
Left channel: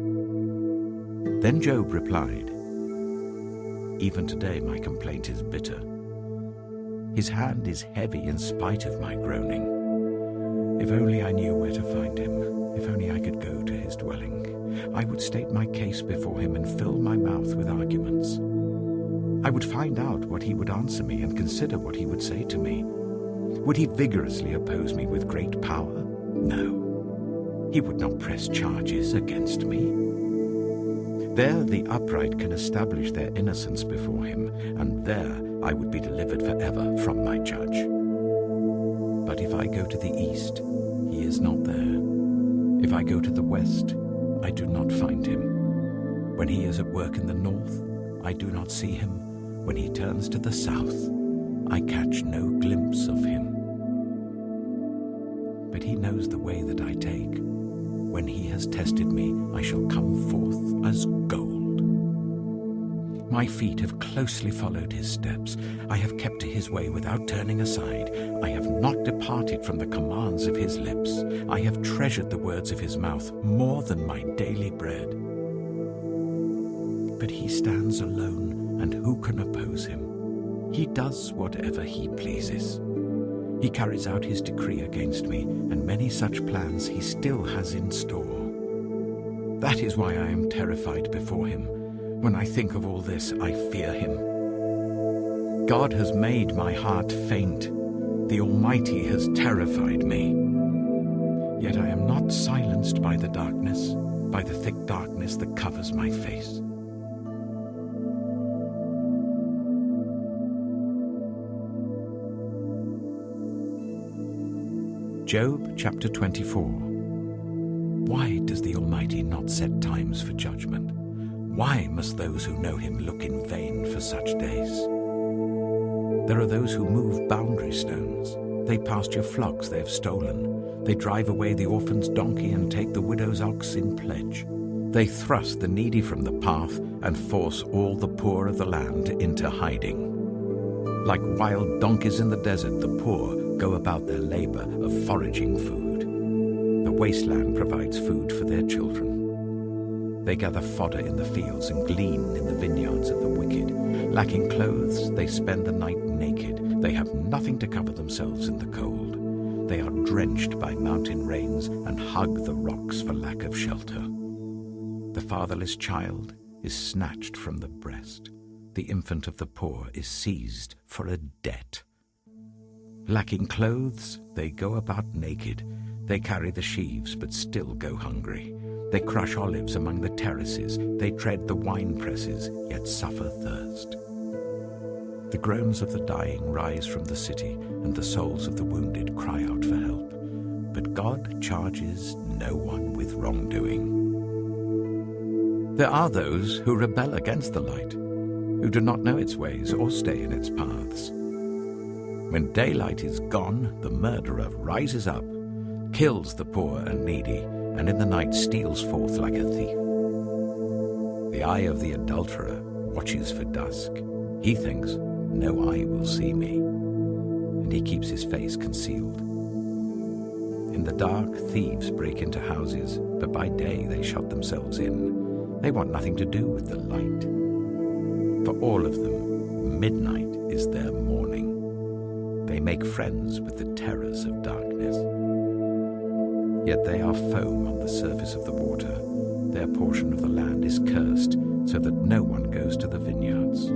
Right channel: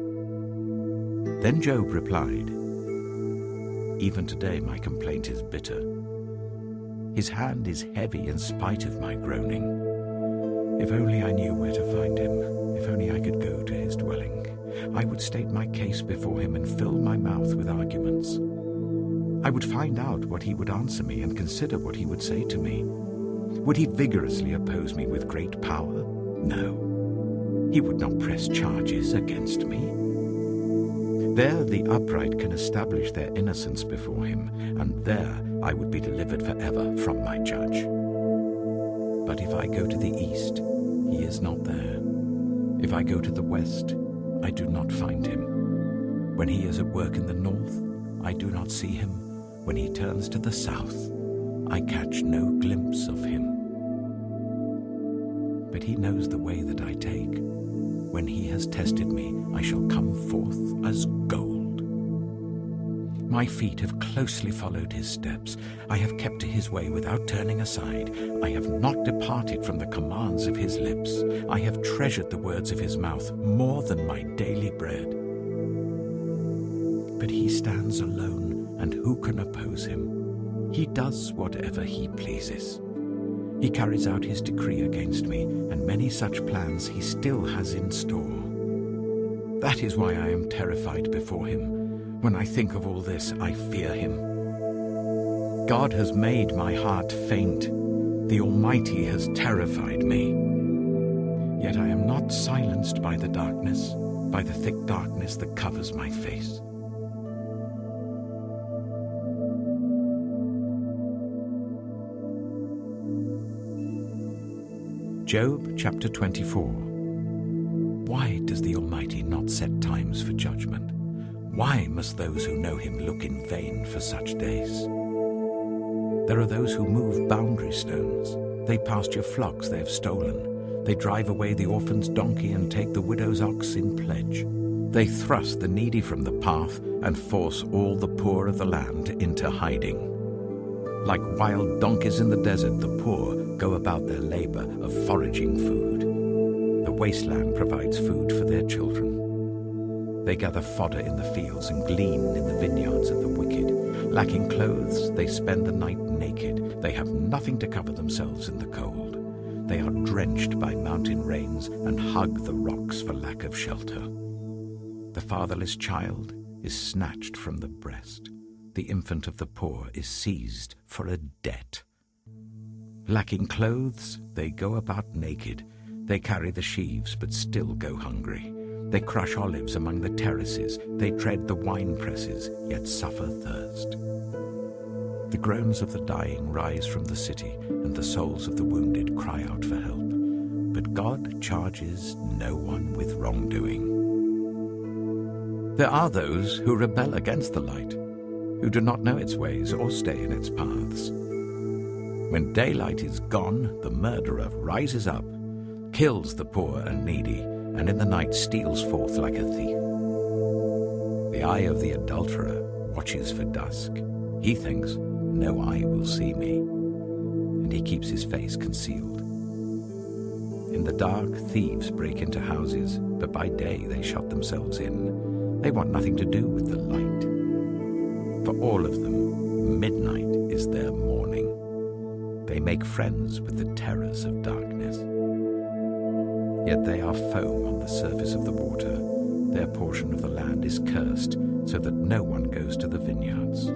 Then Job replied, even today my complaint is bitter. His hand is heavy in spite of my groaning. If only I knew where to find him, if only I could go to his dwelling, I would state my case before him and fill my mouth with arguments. I would find out what he would answer me and consider what he would say to me. Would he vigorously oppose me with great power? No, he would not press charges against me. There the upright can establish their innocence before him, and there I would be delivered forever from my judge. But if I go to the east, he is not there. If I go to the west, I do not find him. When he is at work in the north, I do not see him. When he turns to the south, I catch no glimpse of him. But he knows the way that I take. When he has tested me, I shall come forth as gold. My feet have closely followed his steps. I have kept to his way without turning aside. I have not departed from the commands of his lips. I have treasured the words of his mouth more than my daily bread. But he stands alone, and who can oppose him? He does whatever he pleases. He carries out his decree against me, and many such plans he still has in store. That is why I am terrified before him. When I think of all this, I fear him. God has made my heart faint. The Almighty has terrified me. Yet I am not silenced by the darkness, by the thick darkness that covers my face. Job chapter 24. Why does the Almighty not set times for judgment? Why must those who know him look in vain for such days? There are those who move boundary stones. They pasture flocks they have stolen. They drive away the orphan's donkey and take the widow's ox in pledge. They thrust the needy from the path and force all the poor of the land into hiding. Like wild donkeys in the desert, the poor go about their labor of foraging food. The wasteland provides food for their children. They gather fodder in the fields and glean in the vineyards of the wicked. Lacking clothes, they spend the night naked. They have nothing to cover themselves in the cold. They are drenched by mountain rains and hug the rocks for lack of shelter. The fatherless child is snatched from the breast. The infant of the poor is seized for a debt. Lacking clothes, they go about naked. They carry the sheaves but still go hungry. They crush olives among the terraces. They tread the wine presses, yet suffer thirst. The groans of the dying rise from the city, and the souls of the wounded cry out for help. But God charges no one with wrongdoing. There are those who rebel against the light, who do not know its ways or stay in its paths. When daylight is gone, the murderer rises up, kills the poor and needy, and in the night steals forth like a thief. The eye of the adulterer watches for dusk. He thinks, no eye will see me, and he keeps his face concealed. In the dark, thieves break into houses, but by day they shut themselves in. They want nothing to do with the light. For all of them, midnight is their morning. They make friends with the terrors of darkness. Yet they are foam on the surface of the water. Their portion of the land is cursed, so that no one goes to the vineyards.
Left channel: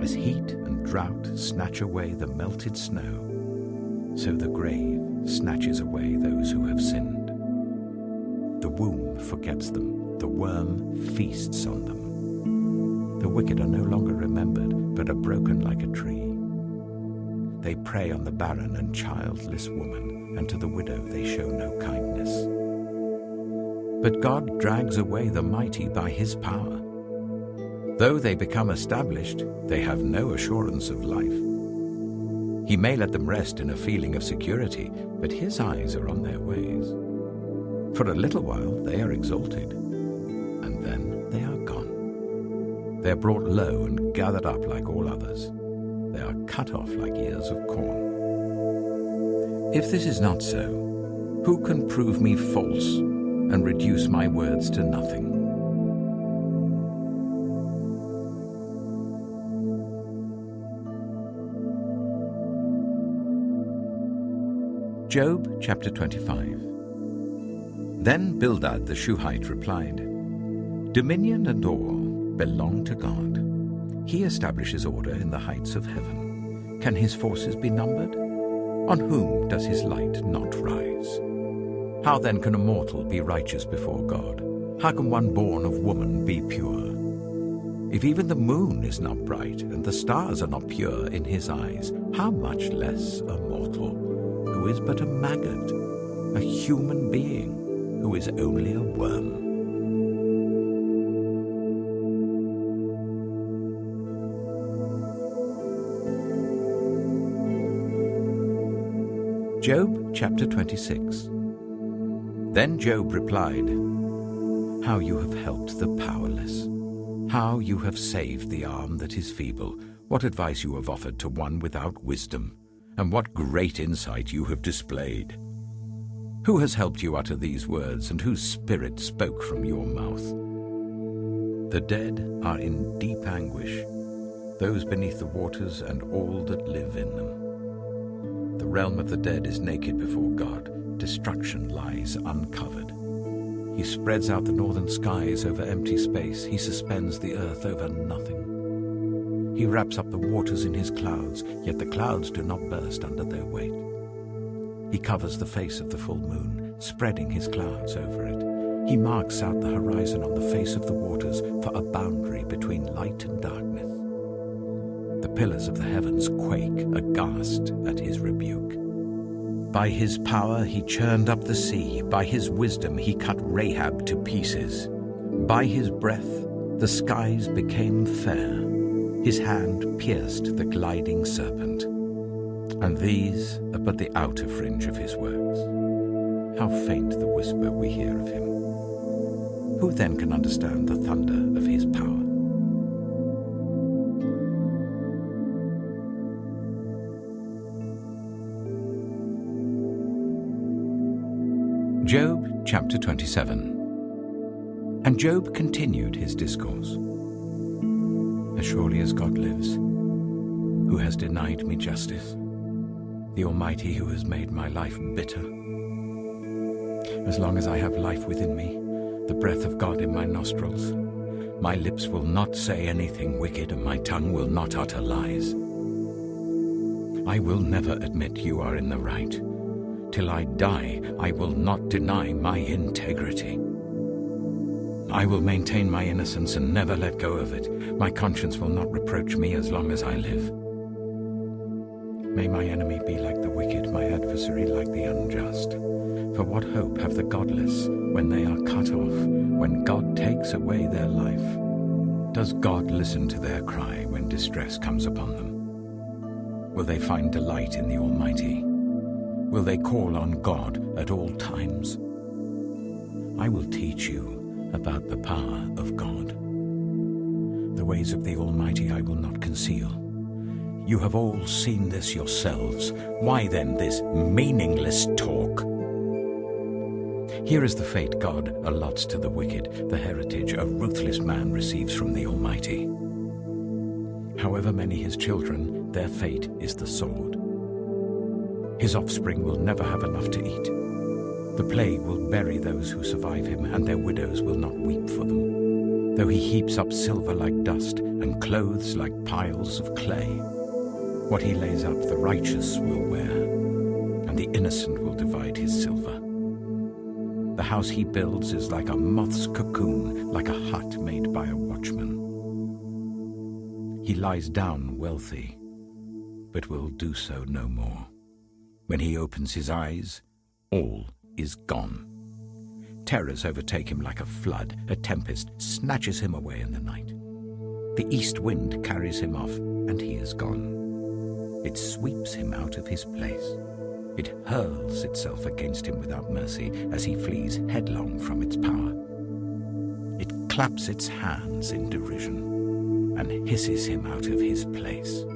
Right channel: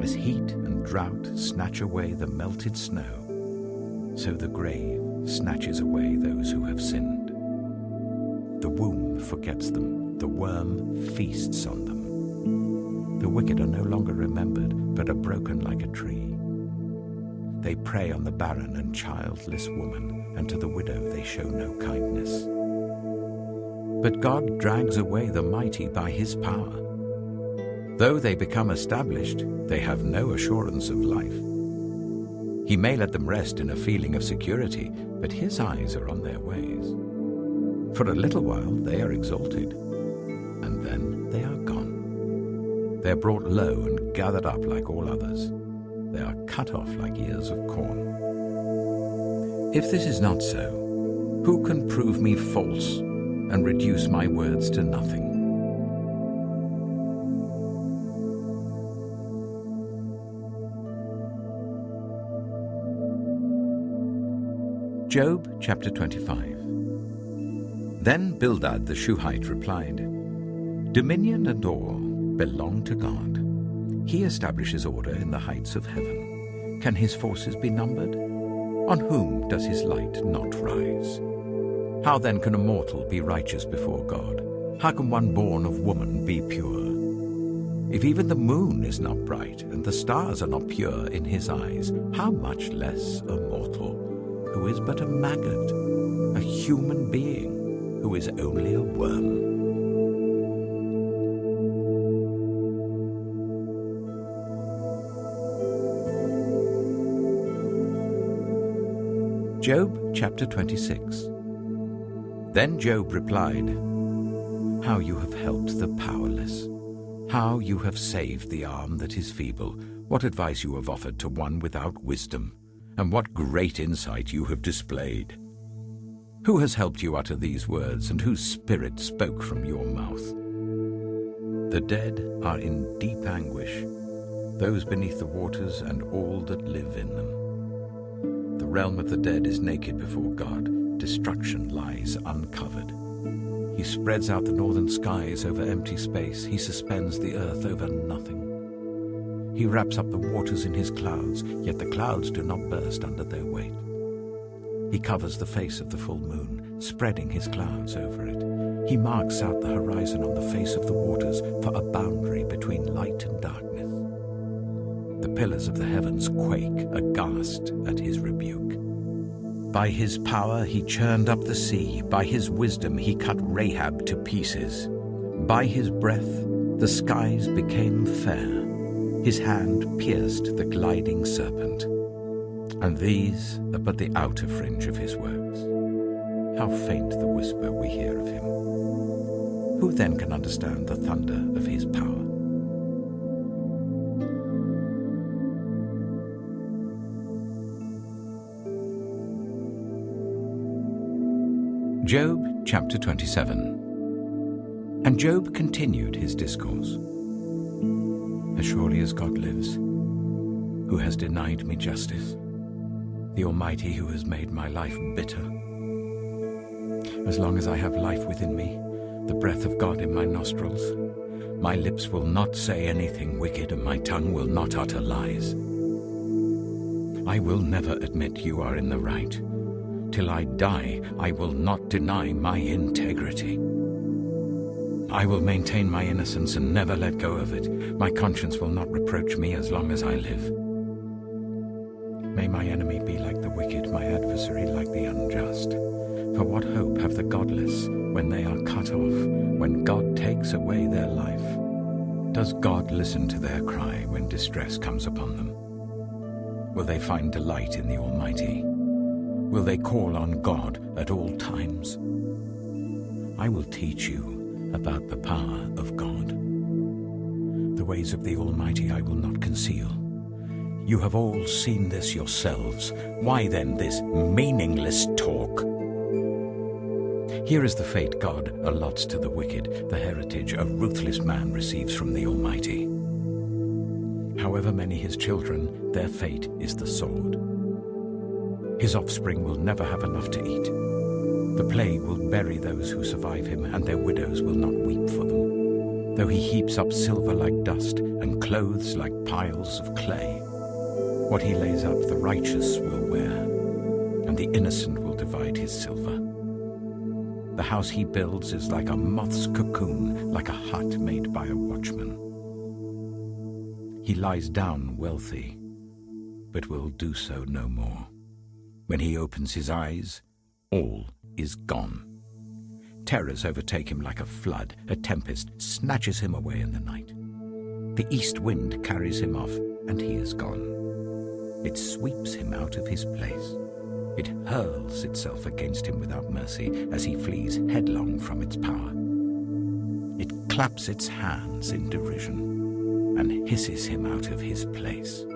As heat and drought snatch away the melted snow, so the grave snatches away those who have sinned. The womb forgets them. The worm feasts on them. The wicked are no longer remembered, but are broken like a tree. They prey on the barren and childless woman, and to the widow they show no kindness. But God drags away the mighty by his power. Though they become established, they have no assurance of life. He may let them rest in a feeling of security, but his eyes are on their ways. For a little while they are exalted, and then they are gone. They are brought low and gathered up like all others. They are cut off like ears of corn. If this is not so, who can prove me false and reduce my words to nothing? Job chapter 25. Then Bildad the Shuhite replied, Dominion and awe belong to God. He establishes order in the heights of heaven. Can his forces be numbered? On whom does his light not rise? How then can a mortal be righteous before God? How can one born of woman be pure? If even the moon is not bright and the stars are not pure in his eyes, how much less a mortal, who is but a maggot, a human being, who is only a worm. Job chapter 26. Then Job replied, How you have helped the powerless, how you have saved the arm that is feeble, what advice you have offered to one without wisdom, and what great insight you have displayed. Who has helped you utter these words, and whose spirit spoke from your mouth? The dead are in deep anguish, those beneath the waters and all that live in them. The realm of the dead is naked before God. Destruction lies uncovered. He spreads out the northern skies over empty space. He suspends the earth over nothing. He wraps up the waters in his clouds, yet the clouds do not burst under their weight. He covers the face of the full moon, spreading his clouds over it. He marks out the horizon on the face of the waters for a boundary between light and darkness. The pillars of the heavens quake aghast at his rebuke. By his power he churned up the sea. By his wisdom he cut Rahab to pieces. By his breath the skies became fair. His hand pierced the gliding serpent. And these are but the outer fringe of his works. How faint the whisper we hear of him. Who then can understand the thunder of his power? Job chapter 27. And Job continued his discourse. As surely as God lives, who has denied me justice, the Almighty who has made my life bitter. As long as I have life within me, the breath of God in my nostrils, my lips will not say anything wicked, and my tongue will not utter lies. I will never admit you are in the right. Till I die, I will not deny my integrity. I will maintain my innocence and never let go of it. My conscience will not reproach me as long as I live. May my enemy be like the wicked, my adversary like the unjust. For what hope have the godless when they are cut off, when God takes away their life? Does God listen to their cry when distress comes upon them? Will they find delight in the Almighty? Will they call on God at all times? I will teach you about the power of God. The ways of the Almighty I will not conceal. You have all seen this yourselves. Why then this meaningless talk? Here is the fate God allots to the wicked, the heritage a ruthless man receives from the Almighty. However many his children, their fate is the sword. His offspring will never have enough to eat. The plague will bury those who survive him, and their widows will not weep for them. Though he heaps up silver like dust, and clothes like piles of clay, what he lays up the righteous will wear, and the innocent will divide his silver. The house he builds is like a moth's cocoon, like a hut made by a watchman. He lies down wealthy, but will do so no more. When he opens his eyes, all is gone. Terrors overtake him like a flood. A tempest snatches him away in the night. The east wind carries him off, and he is gone. It sweeps him out of his place. It hurls itself against him without mercy as he flees headlong from its power. It claps its hands in derision and hisses him out of his place.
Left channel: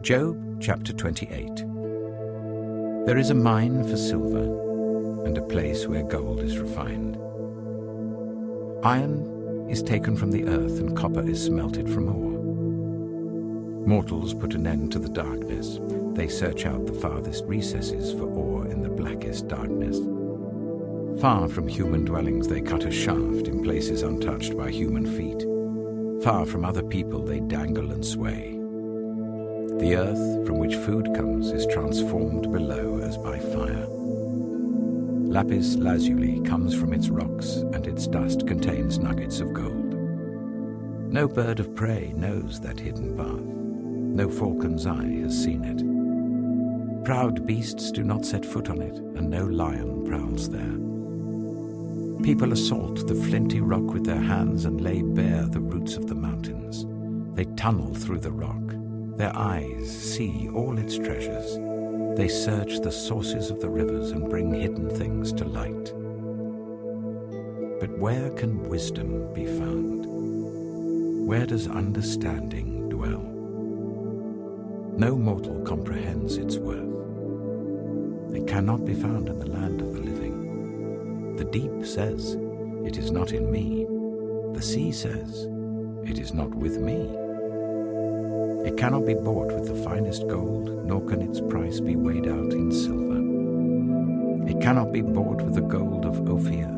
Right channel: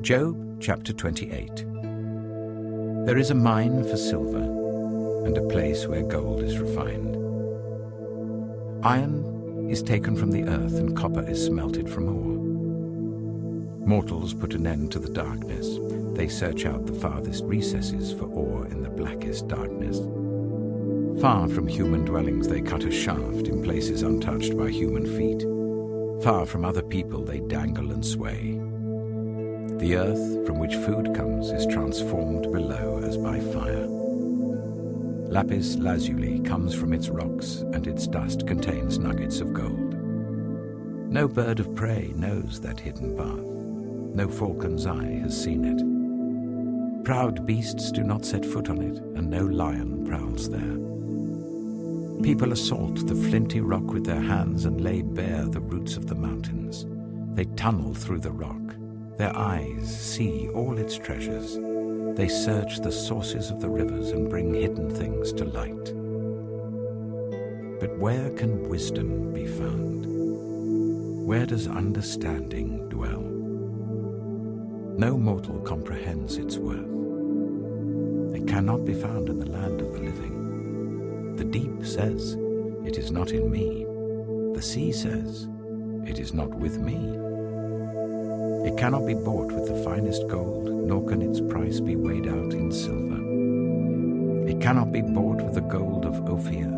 Job chapter 28. There is a mine for silver, and a place where gold is refined. Iron is taken from the earth, and copper is smelted from ore. Mortals put an end to the darkness. They search out the farthest recesses for ore in the blackest darkness. Far from human dwellings they cut a shaft in places untouched by human feet. Far from other people they dangle and sway. The earth from which food comes is transformed below as by fire. Lapis lazuli comes from its rocks, and its dust contains nuggets of gold. No bird of prey knows that hidden path. No falcon's eye has seen it. Proud beasts do not set foot on it, and no lion prowls there. People assault the flinty rock with their hands and lay bare the roots of the mountains. They tunnel through the rock. Their eyes see all its treasures. They search the sources of the rivers and bring hidden things to light. But where can wisdom be found? Where does understanding dwell? No mortal comprehends its worth. It cannot be found in the land of the living. The deep says, "It is not in me." The sea says, "It is not with me." It cannot be bought with the finest gold, nor can its price be weighed out in silver. It cannot be bought with the gold of Ophir,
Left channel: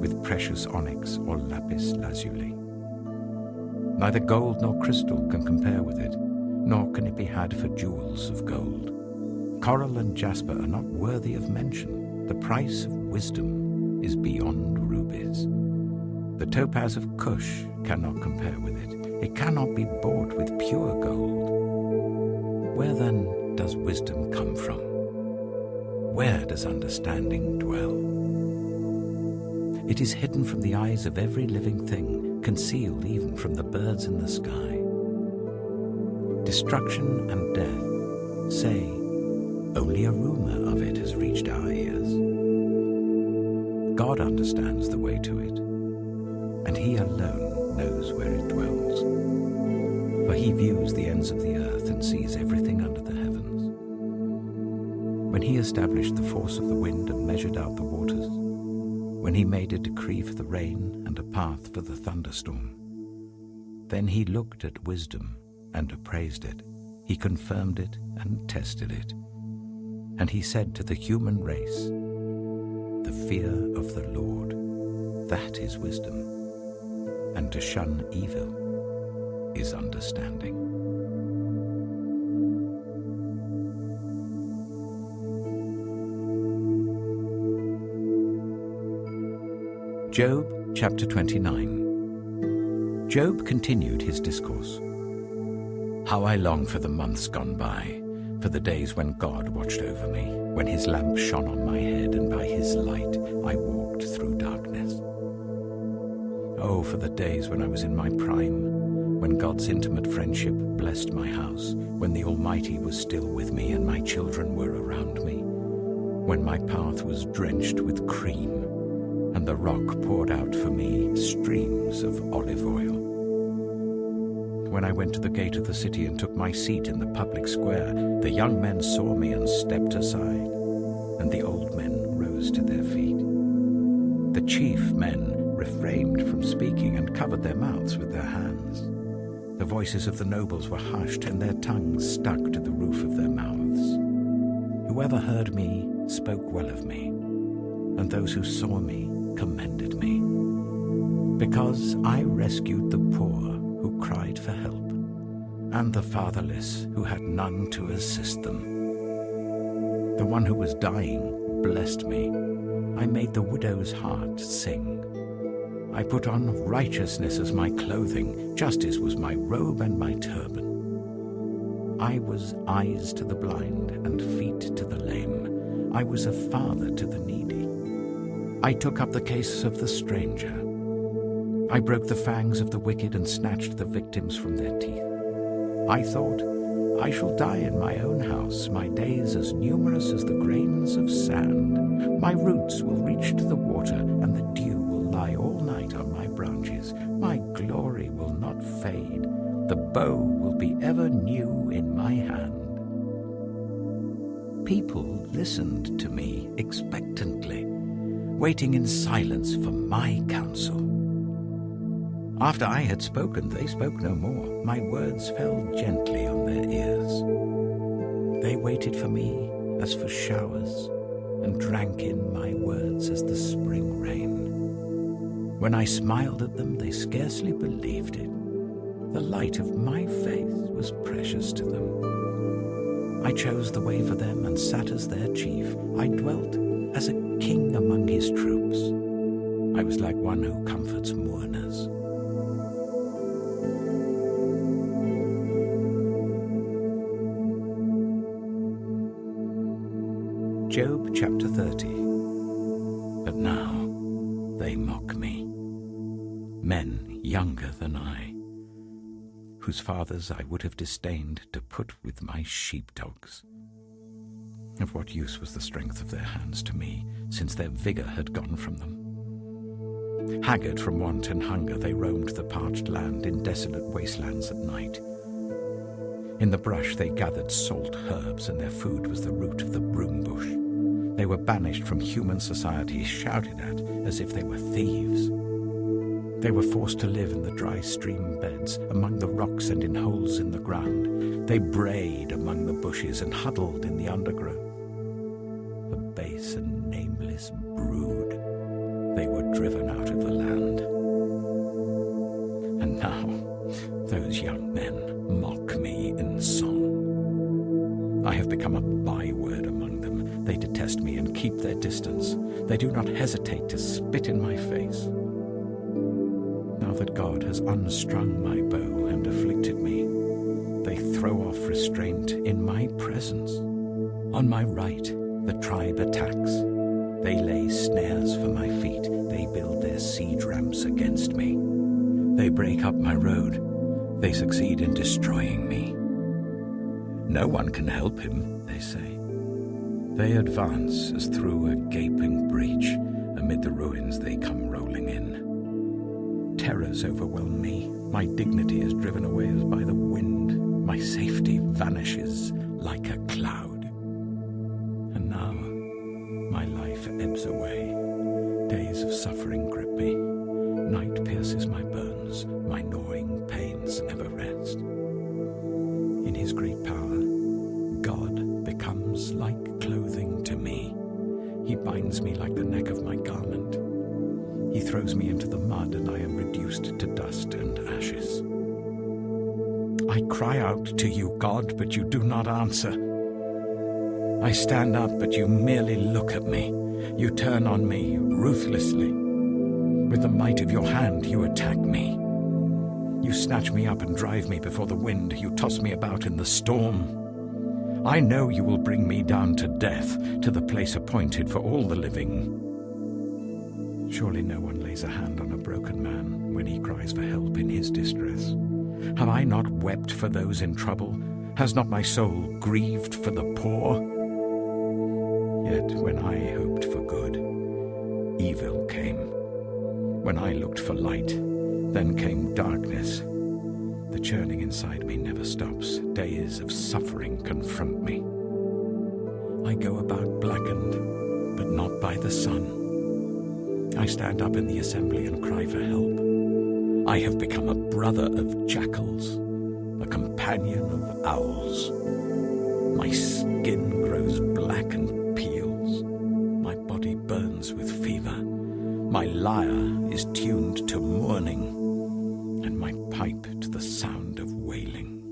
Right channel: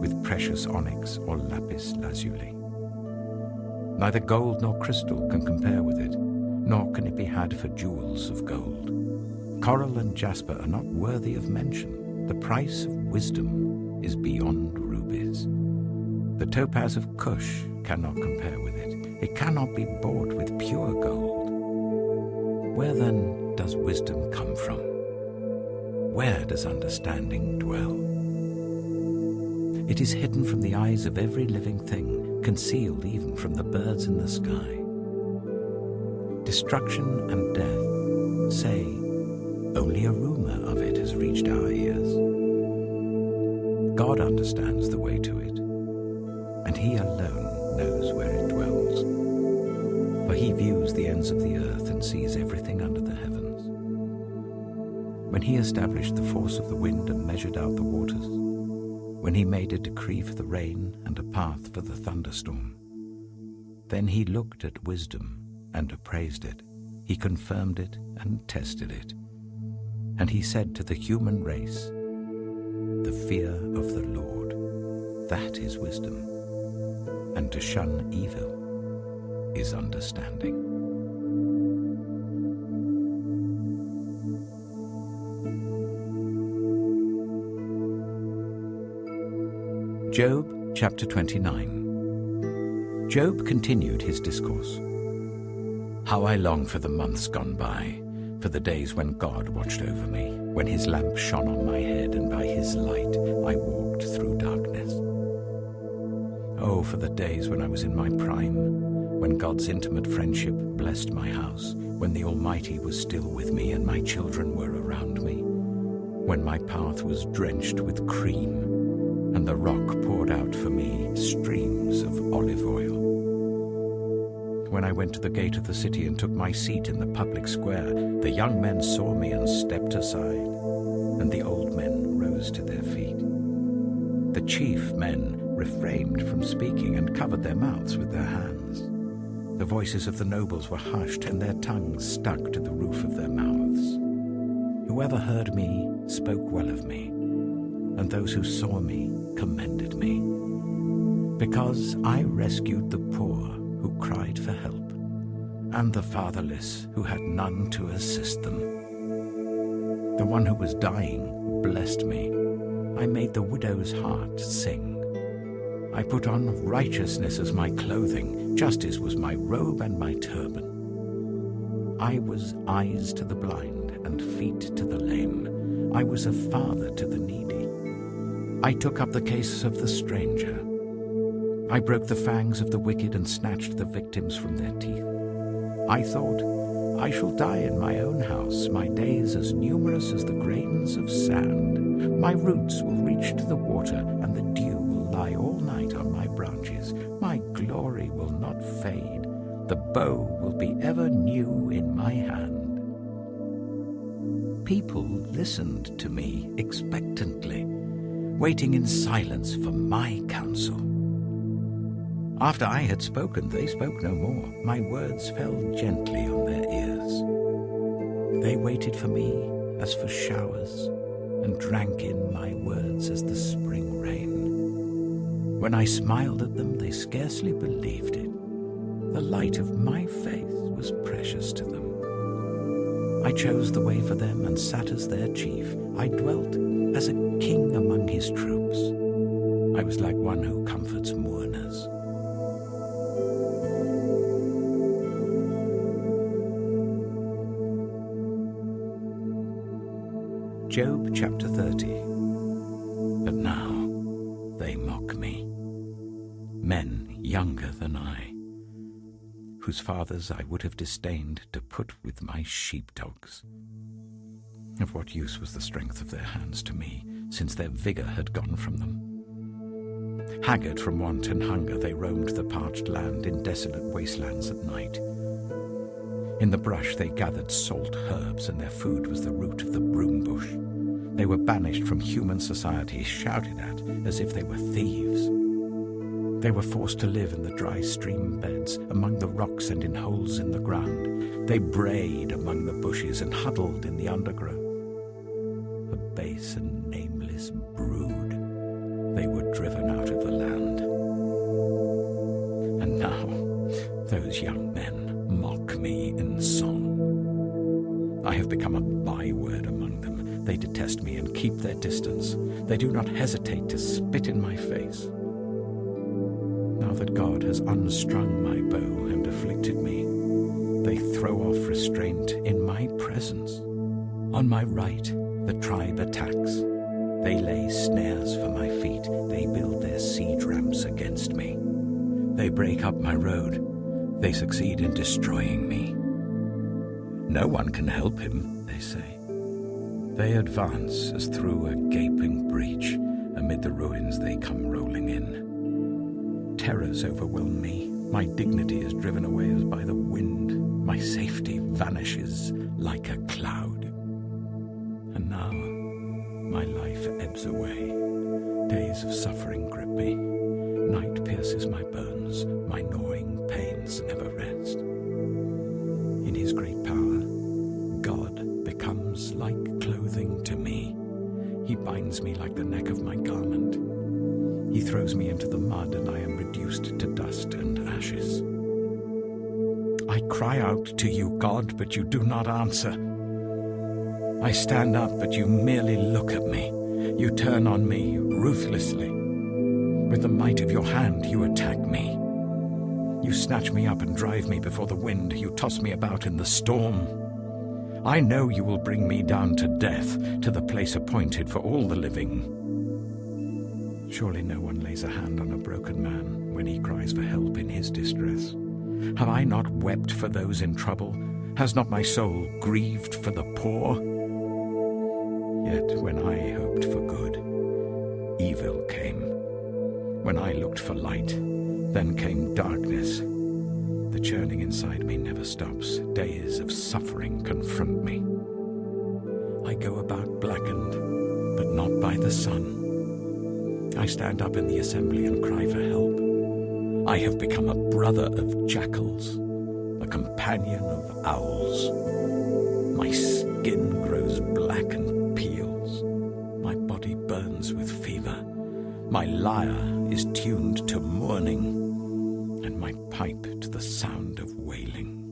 with precious onyx or lapis lazuli. Neither gold nor crystal can compare with it, nor can it be had for jewels of gold. Coral and jasper are not worthy of mention. The price of wisdom is beyond rubies. The topaz of Cush cannot compare with it. It cannot be bought with pure gold. Where then does wisdom come from? Where does understanding dwell? It is hidden from the eyes of every living thing, concealed even from the birds in the sky. Destruction and death say, only a rumor of it has reached our ears. God understands the way to it, and he alone knows where it dwells. For he views the ends of the earth and sees everything under the heavens. When he established the force of the wind and measured out the waters, when he made a decree for the rain and a path for the thunderstorm, then he looked at wisdom and appraised it. He confirmed it and tested it. And he said to the human race, the fear of the Lord, that is wisdom, and to shun evil is understanding. Job chapter 29. Job continued his discourse. How I long for the months gone by, for the days when God watched over me, when his lamp shone on my head, and by his light I walked through darkness. Oh, for the days when I was in my prime, when God's intimate friendship blessed my house, when the Almighty was still with me and my children were around me, when my path was drenched with cream, and the rock poured out for me streams of olive oil. When I went to the gate of the city and took my seat in the public square, the young men saw me and stepped aside, and the old men rose to their feet. The chief men refrained from speaking and covered their mouths with their hands. The voices of the nobles were hushed, and their tongues stuck to the roof of their mouths. Whoever heard me spoke well of me, and those who saw me commended me, because I rescued the poor who cried for help, and the fatherless who had none to assist them. The one who was dying blessed me. I made the widow's heart sing. I put on righteousness as my clothing, justice was my robe and my turban. I was eyes to the blind and feet to the lame. I was a father to the needy. I took up the case of the stranger. I broke the fangs of the wicked and snatched the victims from their teeth. I thought, I shall die in my own house, my days as numerous as the grains of sand. My roots will reach to the water, and the dew will lie all night on my branches. My glory will not fade. The bow will be ever new in my hand. People listened to me expectantly, waiting in silence for my counsel. After I had spoken, they spoke no more. My words fell gently on their ears. They waited for me as for showers, and drank in my words as the spring rain. When I smiled at them, they scarcely believed it. The light of my faith was precious to them. I chose the way for them and sat as their chief. I dwelt as a king among his troops. I was like one who comforts mourners. Job chapter 30. But now they mock me, men younger than I, whose fathers I would have disdained to put with my sheepdogs. Of what use was the strength of their hands to me, since their vigor had gone from them? Haggard from want and hunger, they roamed the parched land in desolate wastelands at night. In the brush they gathered salt herbs, and their food was the root of the broom bush. They were banished from human society, shouted at as if they were thieves. They were forced to live in the dry stream beds, among the rocks and in holes in the ground. They brayed among the bushes and huddled in the undergrowth. A base and nameless brood, they were driven out of the land. And now those young men mock me in song. I have become a byword among them. They detest me and keep their distance. They do not hesitate to spit in my face. Now that God has unstrung my bow and afflicted me. They throw off restraint in my presence. On my right, the tribe attacks. They lay snares for my feet. They build their siege ramps against me. They break up my road. They succeed in destroying me. No one can help him, they say. They advance as through a gaping breach. Amid the ruins they come rolling in. Terrors overwhelm me. My dignity is driven away as by the wind. My safety vanishes like a cloud. And now my life ebbs away. Days of suffering grip me. Night pierces my bones. My gnawing pains never rest. In his great power, God becomes like clothing to me. He binds me like the neck of my garment. He throws me into the mud, and I am reduced to dust and ashes. I cry out to you, God, but you do not answer. I stand up, but you merely look at me. You turn on me ruthlessly. With the might of your hand, you attack me. You snatch me up and drive me before the wind. You toss me about in the storm. I know you will bring me down to death, to the place appointed for all the living. Surely no one lays a hand on a broken man when he cries for help in his distress. Have I not wept for those in trouble? Has not my soul grieved for the poor? Yet when I hoped for good, evil came. When I looked for light, then came darkness. The churning inside me never stops. Days of suffering confront me. I go about blackened, but not by the sun. I stand up in the assembly and cry for help. I have become a brother of jackals, a companion of owls. My skin grows black and peels. My body burns with fever. My lyre is tuned to mourning, and my pipe to the sound of wailing.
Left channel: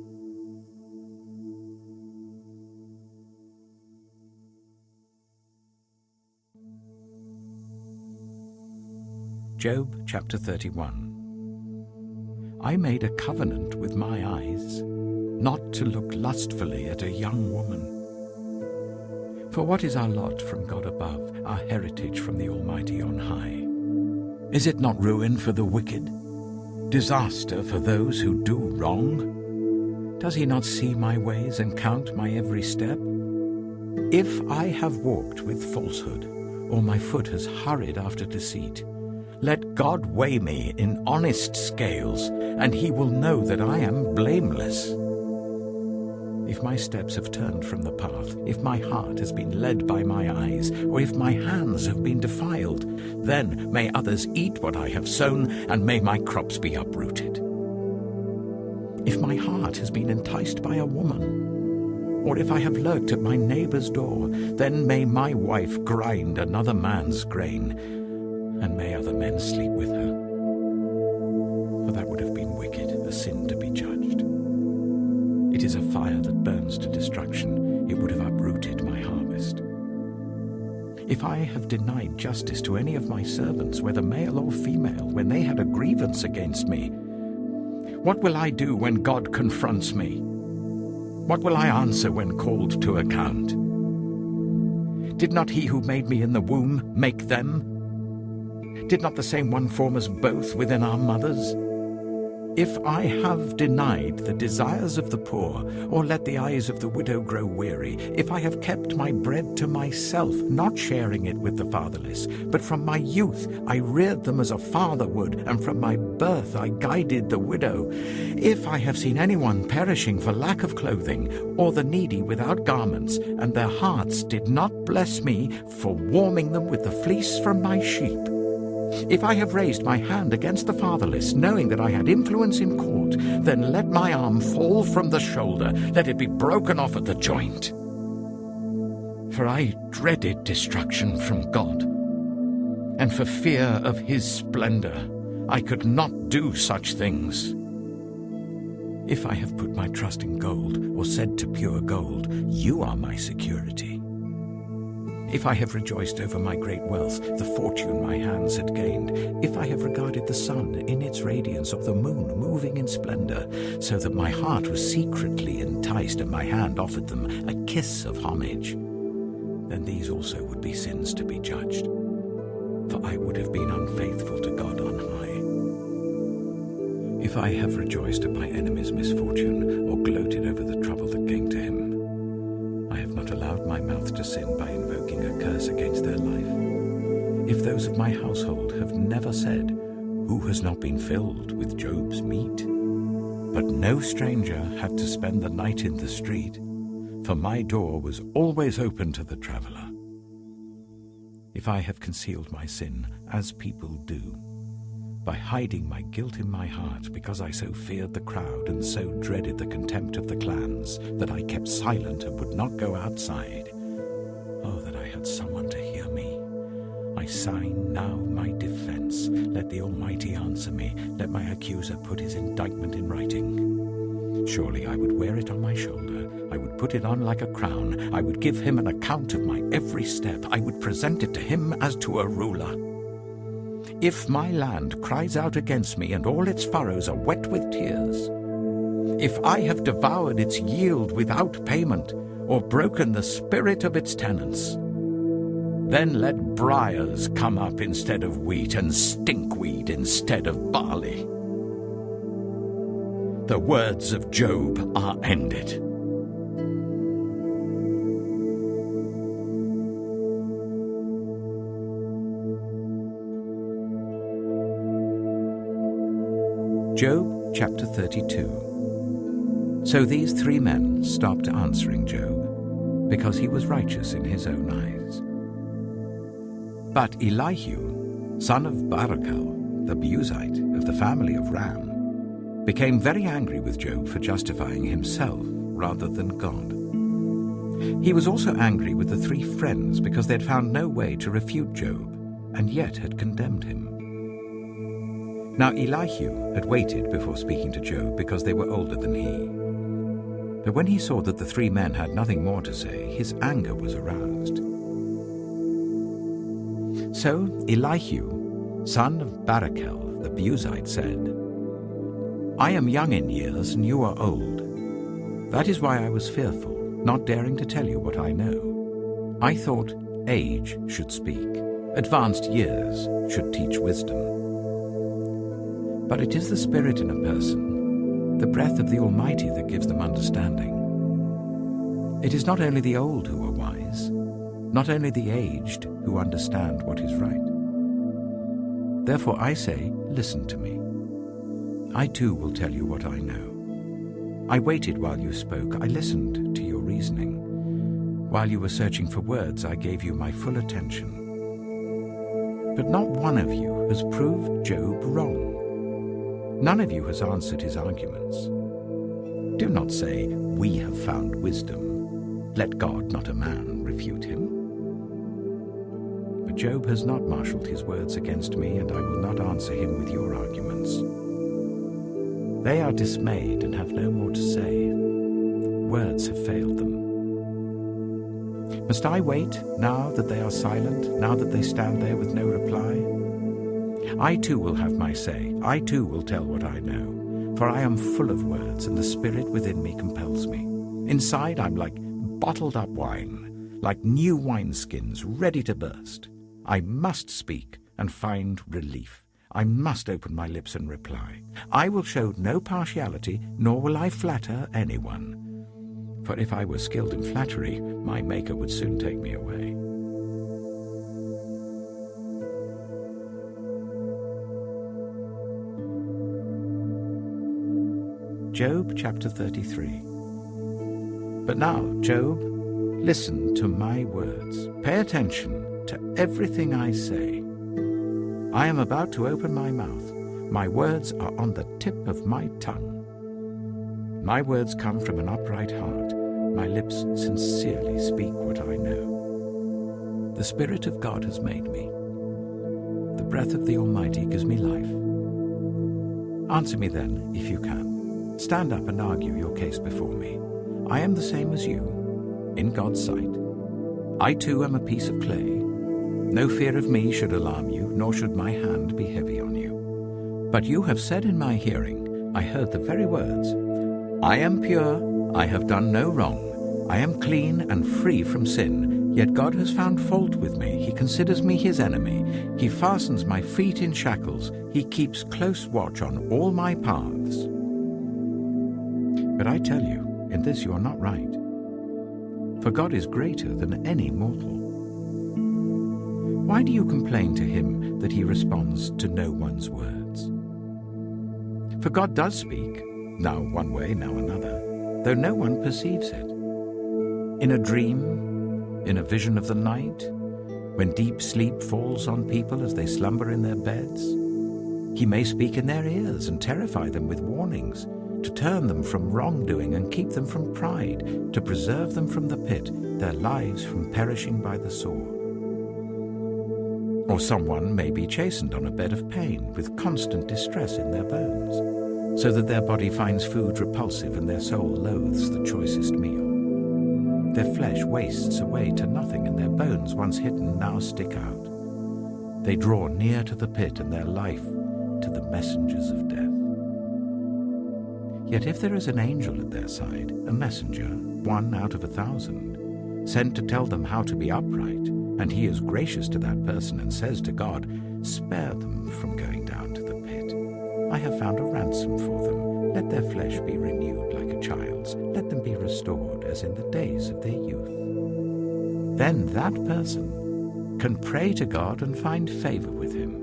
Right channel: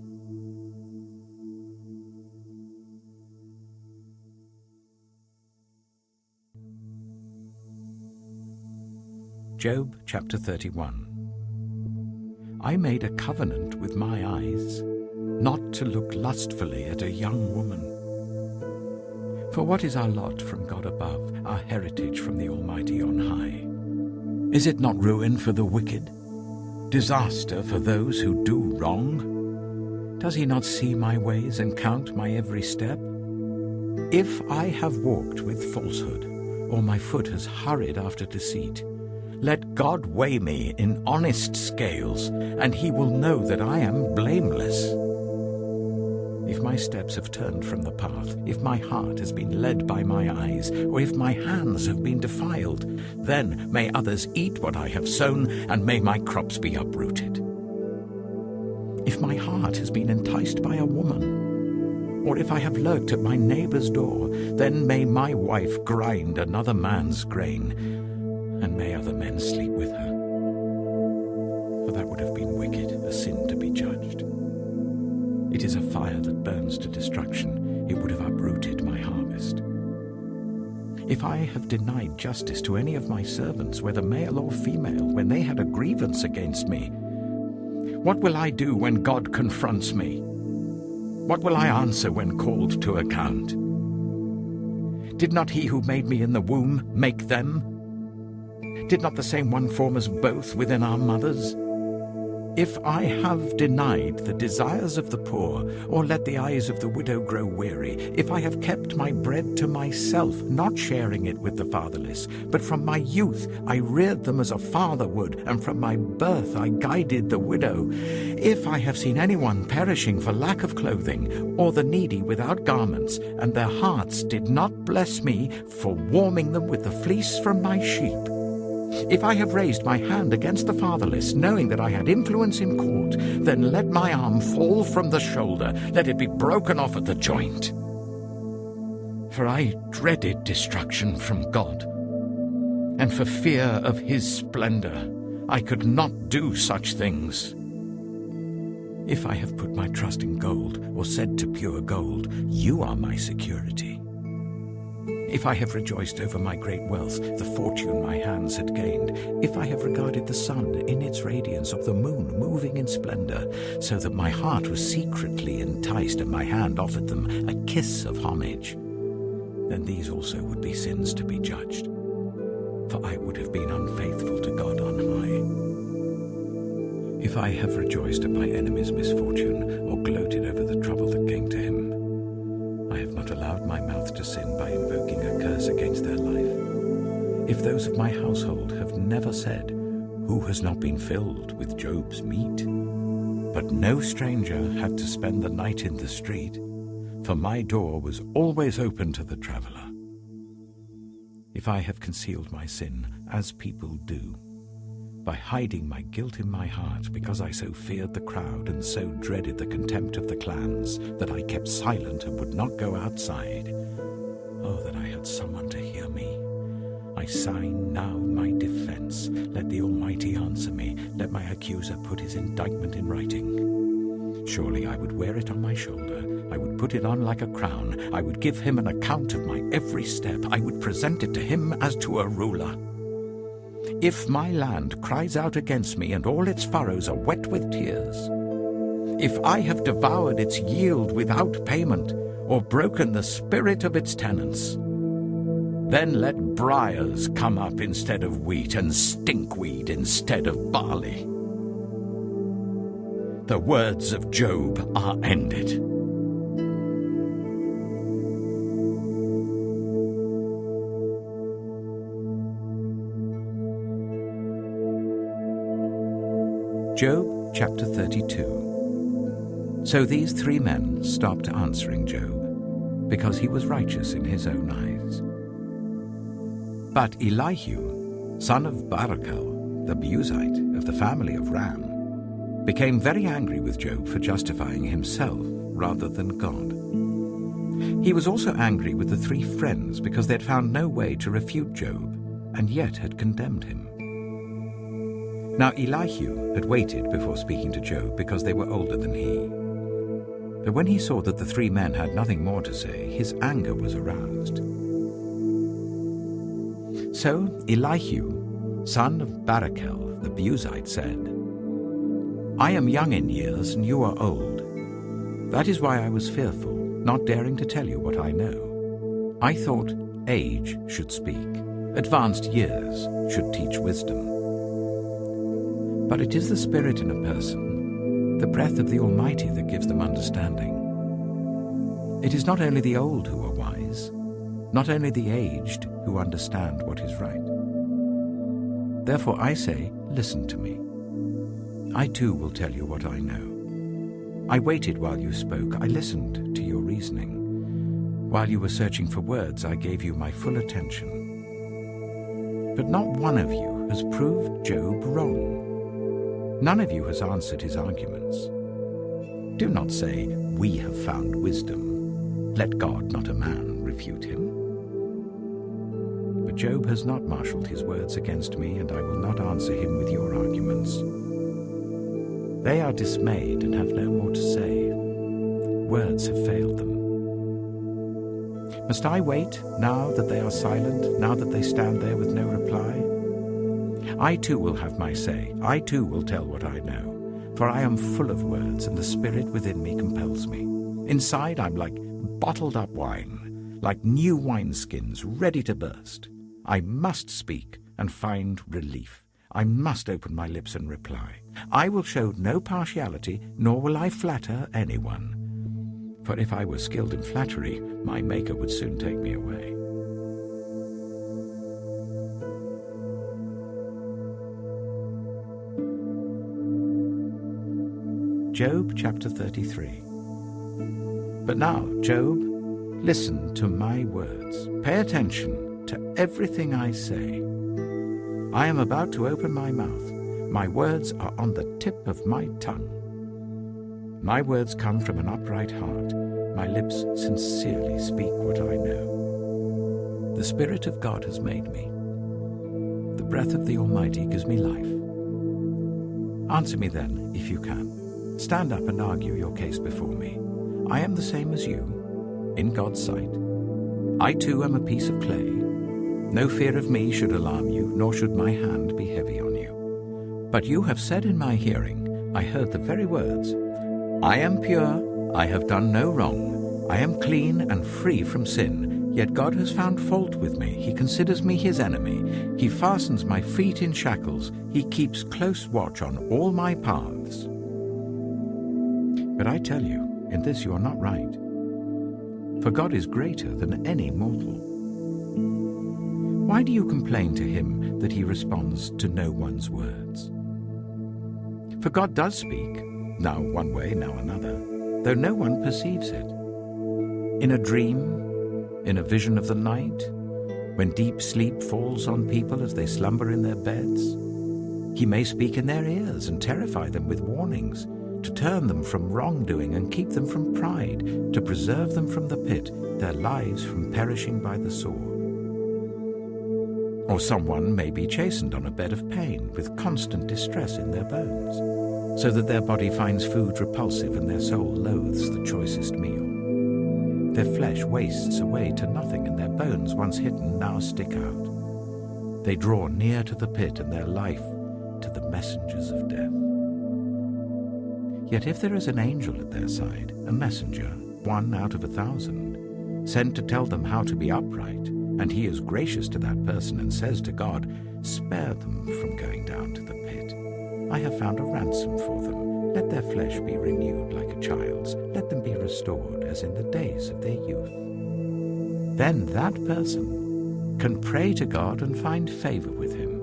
Job chapter 31. I made a covenant with my eyes, not to look lustfully at a young woman. For what is our lot from God above, our heritage from the Almighty on high? Is it not ruin for the wicked? Disaster for those who do wrong? Does he not see my ways and count my every step? If I have walked with falsehood, or my foot has hurried after deceit, let God weigh me in honest scales, and he will know that I am blameless. If my steps have turned from the path, if my heart has been led by my eyes, or if my hands have been defiled, then may others eat what I have sown, and may my crops be uprooted. If my heart has been enticed by a woman, or if I have lurked at my neighbor's door, then may my wife grind another man's grain, and may other men sleep with her. For that would have been wicked, a sin to be judged. It is a fire that burns to destruction. It would have uprooted my harvest. If I have denied justice to any of my servants, whether male or female, when they had a grievance against me, what will I do when God confronts me? What will I answer when called to account? Did not he who made me in the womb make them? Did not the same one form us both within our mothers? If I have denied the desires of the poor, or let the eyes of the widow grow weary, if I have kept my bread to myself, not sharing it with the fatherless, but from my youth I reared them as a father would, and from my birth I guided the widow, if I have seen anyone perishing for lack of clothing, or the needy without garments, and their hearts did not bless me for warming them with the fleece from my sheep, if I have raised my hand against the fatherless, knowing that I had influence in court, then let my arm fall from the shoulder, let it be broken off at the joint. For I dreaded destruction from God, and for fear of his splendor I could not do such things. If I have put my trust in gold, or said to pure gold, you are my security, If I have rejoiced over my great wealth, the fortune my hands had gained, if I have regarded the sun in its radiance, or the moon moving in splendor, so that my heart was secretly enticed and my hand offered them a kiss of homage, then these also would be sins to be judged, for I would have been unfaithful to God on high. If I have rejoiced at my enemy's misfortune, or gloated over the trouble that came to him, I have not allowed my mouth to sin by invoking a curse against their life. If those of my household have never said, "Who has not been filled with Job's meat?" But no stranger had to spend the night in the street, for my door was always open to the traveler. If I have concealed my sin, as people do, by hiding my guilt in my heart, because I so feared the crowd and so dreaded the contempt of the clans, that I kept silent and would not go outside. Oh, that I had someone to hear me. I sign now my defense. Let the Almighty answer me. Let my accuser put his indictment in writing. Surely I would wear it on my shoulder. I would put it on like a crown. I would give him an account of my every step. I would present it to him as to a ruler. If my land cries out against me and all its furrows are wet with tears, if I have devoured its yield without payment or broken the spirit of its tenants, then let briars come up instead of wheat and stinkweed instead of barley. The words of Job are ended. Job chapter 32. So these three men stopped answering Job, because he was righteous in his own eyes. But Elihu, son of Barachel, the Buzite of the family of Ram, became very angry with Job for justifying himself rather than God. He was also angry with the three friends because they had found no way to refute Job and yet had condemned him. Now Elihu had waited before speaking to Job because they were older than he. But when he saw that the three men had nothing more to say, his anger was aroused. So Elihu, son of Barachel the Buzite, said, "I am young in years and you are old. That is why I was fearful, not daring to tell you what I know. I thought age should speak, advanced years should teach wisdom. But it is the spirit in a person, the breath of the Almighty, that gives them understanding. It is not only the old who are wise, not only the aged who understand what is right. Therefore I say, listen to me. I too will tell you what I know. I waited while you spoke, I listened to your reasoning. While you were searching for words, I gave you my full attention. But not one of you has proved Job wrong. None of you has answered his arguments. Do not say, we have found wisdom. Let God, not a man, refute him. But Job has not marshaled his words against me, and I will not answer him with your arguments. They are dismayed and have no more to say. Words have failed them. Must I wait now that they are silent, now that they stand there with no reply? I too will have my say. I too will tell what I know. For I am full of words, and the spirit within me compels me. Inside I'm like bottled up wine, like new wineskins ready to burst. I must speak and find relief. I must open my lips and reply. I will show no partiality, nor will I flatter anyone. For if I were skilled in flattery, my Maker would soon take me away. Job chapter 33. But now, Job, listen to my words. Pay attention to everything I say. I am about to open my mouth. My words are on the tip of my tongue. My words come from an upright heart. My lips sincerely speak what I know. The Spirit of God has made me. The breath of the Almighty gives me life. Answer me then, if you can. Stand up and argue your case before me. I am the same as you, in God's sight. I too am a piece of clay. No fear of me should alarm you, nor should my hand be heavy on you. But you have said in my hearing, I heard the very words, I am pure, I have done no wrong, I am clean and free from sin, yet God has found fault with me. He considers me his enemy. He fastens my feet in shackles. He keeps close watch on all my paths. But I tell you, in this you are not right. For God is greater than any mortal. Why do you complain to him that he responds to no one's words? For God does speak, now one way, now another, though no one perceives it. In a dream, in a vision of the night, when deep sleep falls on people as they slumber in their beds, he may speak in their ears and terrify them with warnings, to turn them from wrongdoing and keep them from pride, to preserve them from the pit, their lives from perishing by the sword. Or someone may be chastened on a bed of pain with constant distress in their bones, so that their body finds food repulsive and their soul loathes the choicest meal. Their flesh wastes away to nothing, and their bones, once hidden, now stick out. They draw near to the pit, and their life to the messengers of death. Yet if there is an angel at their side, a messenger, 1 out of 1,000, sent to tell them how to be upright, and he is gracious to that person and says to God, spare them from going down to the pit. I have found a ransom for them. Let their flesh be renewed like a child's. Let them be restored as in the days of their youth. Then that person can pray to God and find favor with him.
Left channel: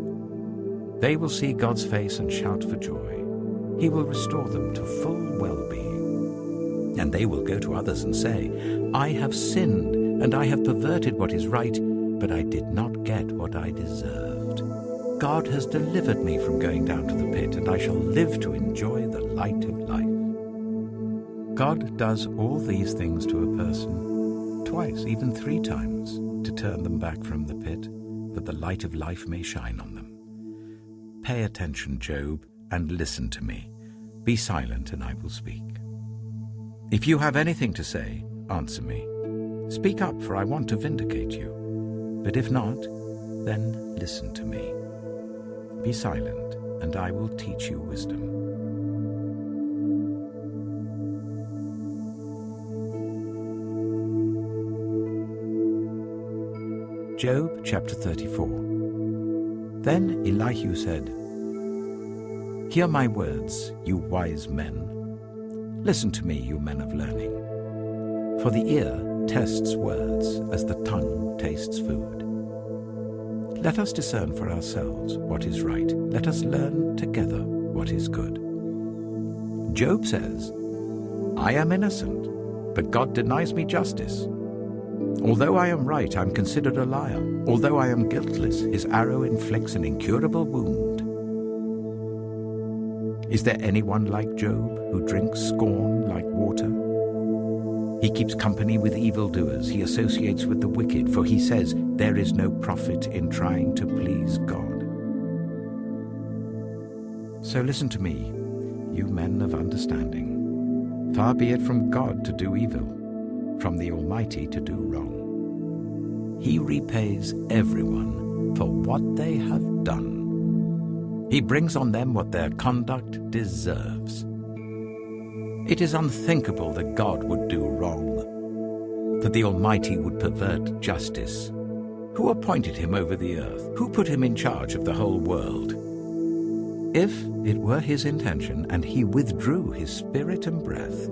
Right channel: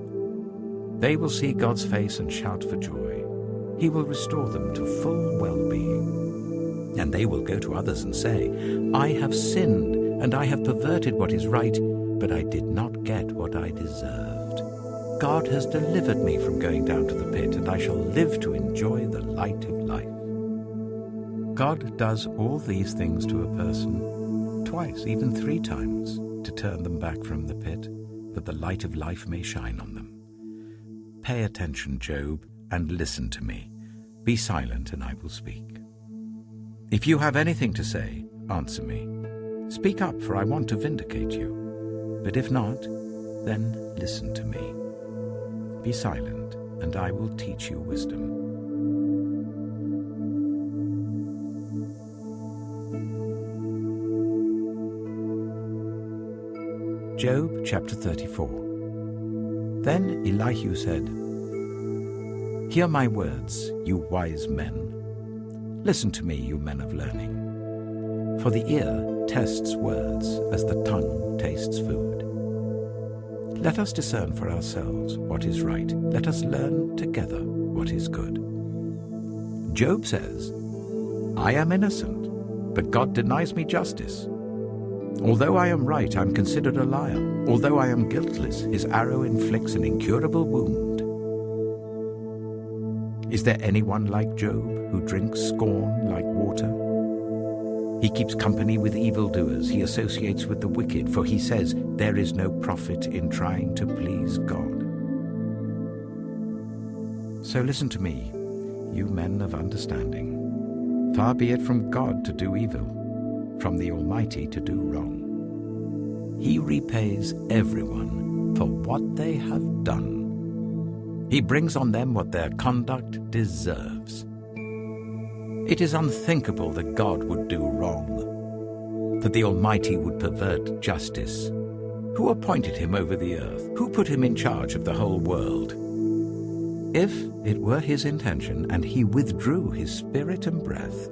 They will see God's face and shout for joy. He will restore them to full well-being. And they will go to others and say, I have sinned, and I have perverted what is right, but I did not get what I deserved. God has delivered me from going down to the pit, and I shall live to enjoy the light of life. God does all these things to a person, twice, even 3 times, to turn them back from the pit, that the light of life may shine on them. Pay attention, Job, and listen to me. Be silent, and I will speak. If you have anything to say, answer me. Speak up, for I want to vindicate you. But if not, then listen to me. Be silent, and I will teach you wisdom. Job chapter 34. Then Elihu said, Hear my words, you wise men. Listen to me, you men of learning. For the ear tests words as the tongue tastes food. Let us discern for ourselves what is right. Let us learn together what is good. Job says, I am innocent, but God denies me justice. Although I am right, I'm considered a liar. Although I am guiltless, his arrow inflicts an incurable wound. Is there anyone like Job who drinks scorn like water? He keeps company with evildoers. He associates with the wicked, for he says, there is no profit in trying to please God. So listen to me, you men of understanding. Far be it from God to do evil, from the Almighty to do wrong. He repays everyone for what they have done. He brings on them what their conduct deserves. It is unthinkable that God would do wrong, that the Almighty would pervert justice. Who appointed him over the earth? Who put him in charge of the whole world? If it were his intention and he withdrew his spirit and breath,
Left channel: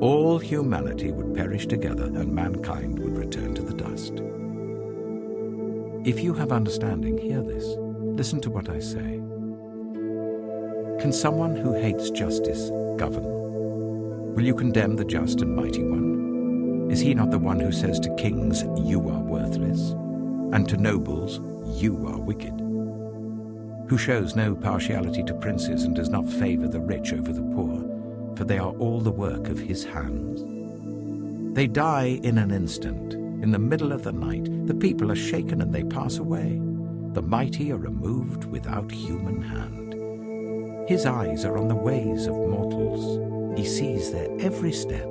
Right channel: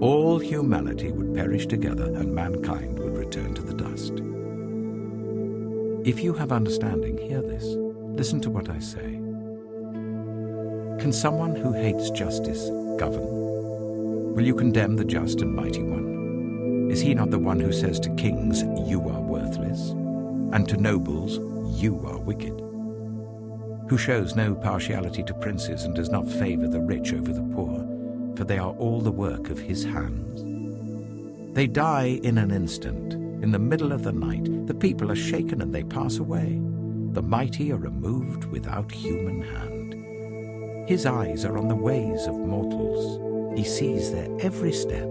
all humanity would perish together and mankind would return to the dust. If you have understanding, hear this. Listen to what I say. Can someone who hates justice govern? Will you condemn the just and mighty one? Is he not the one who says to kings, you are worthless, and to nobles, you are wicked? Who shows no partiality to princes and does not favor the rich over the poor, for they are all the work of his hands? They die in an instant. In the middle of the night, the people are shaken and they pass away. The mighty are removed without human hand. His eyes are on the ways of mortals. He sees their every step.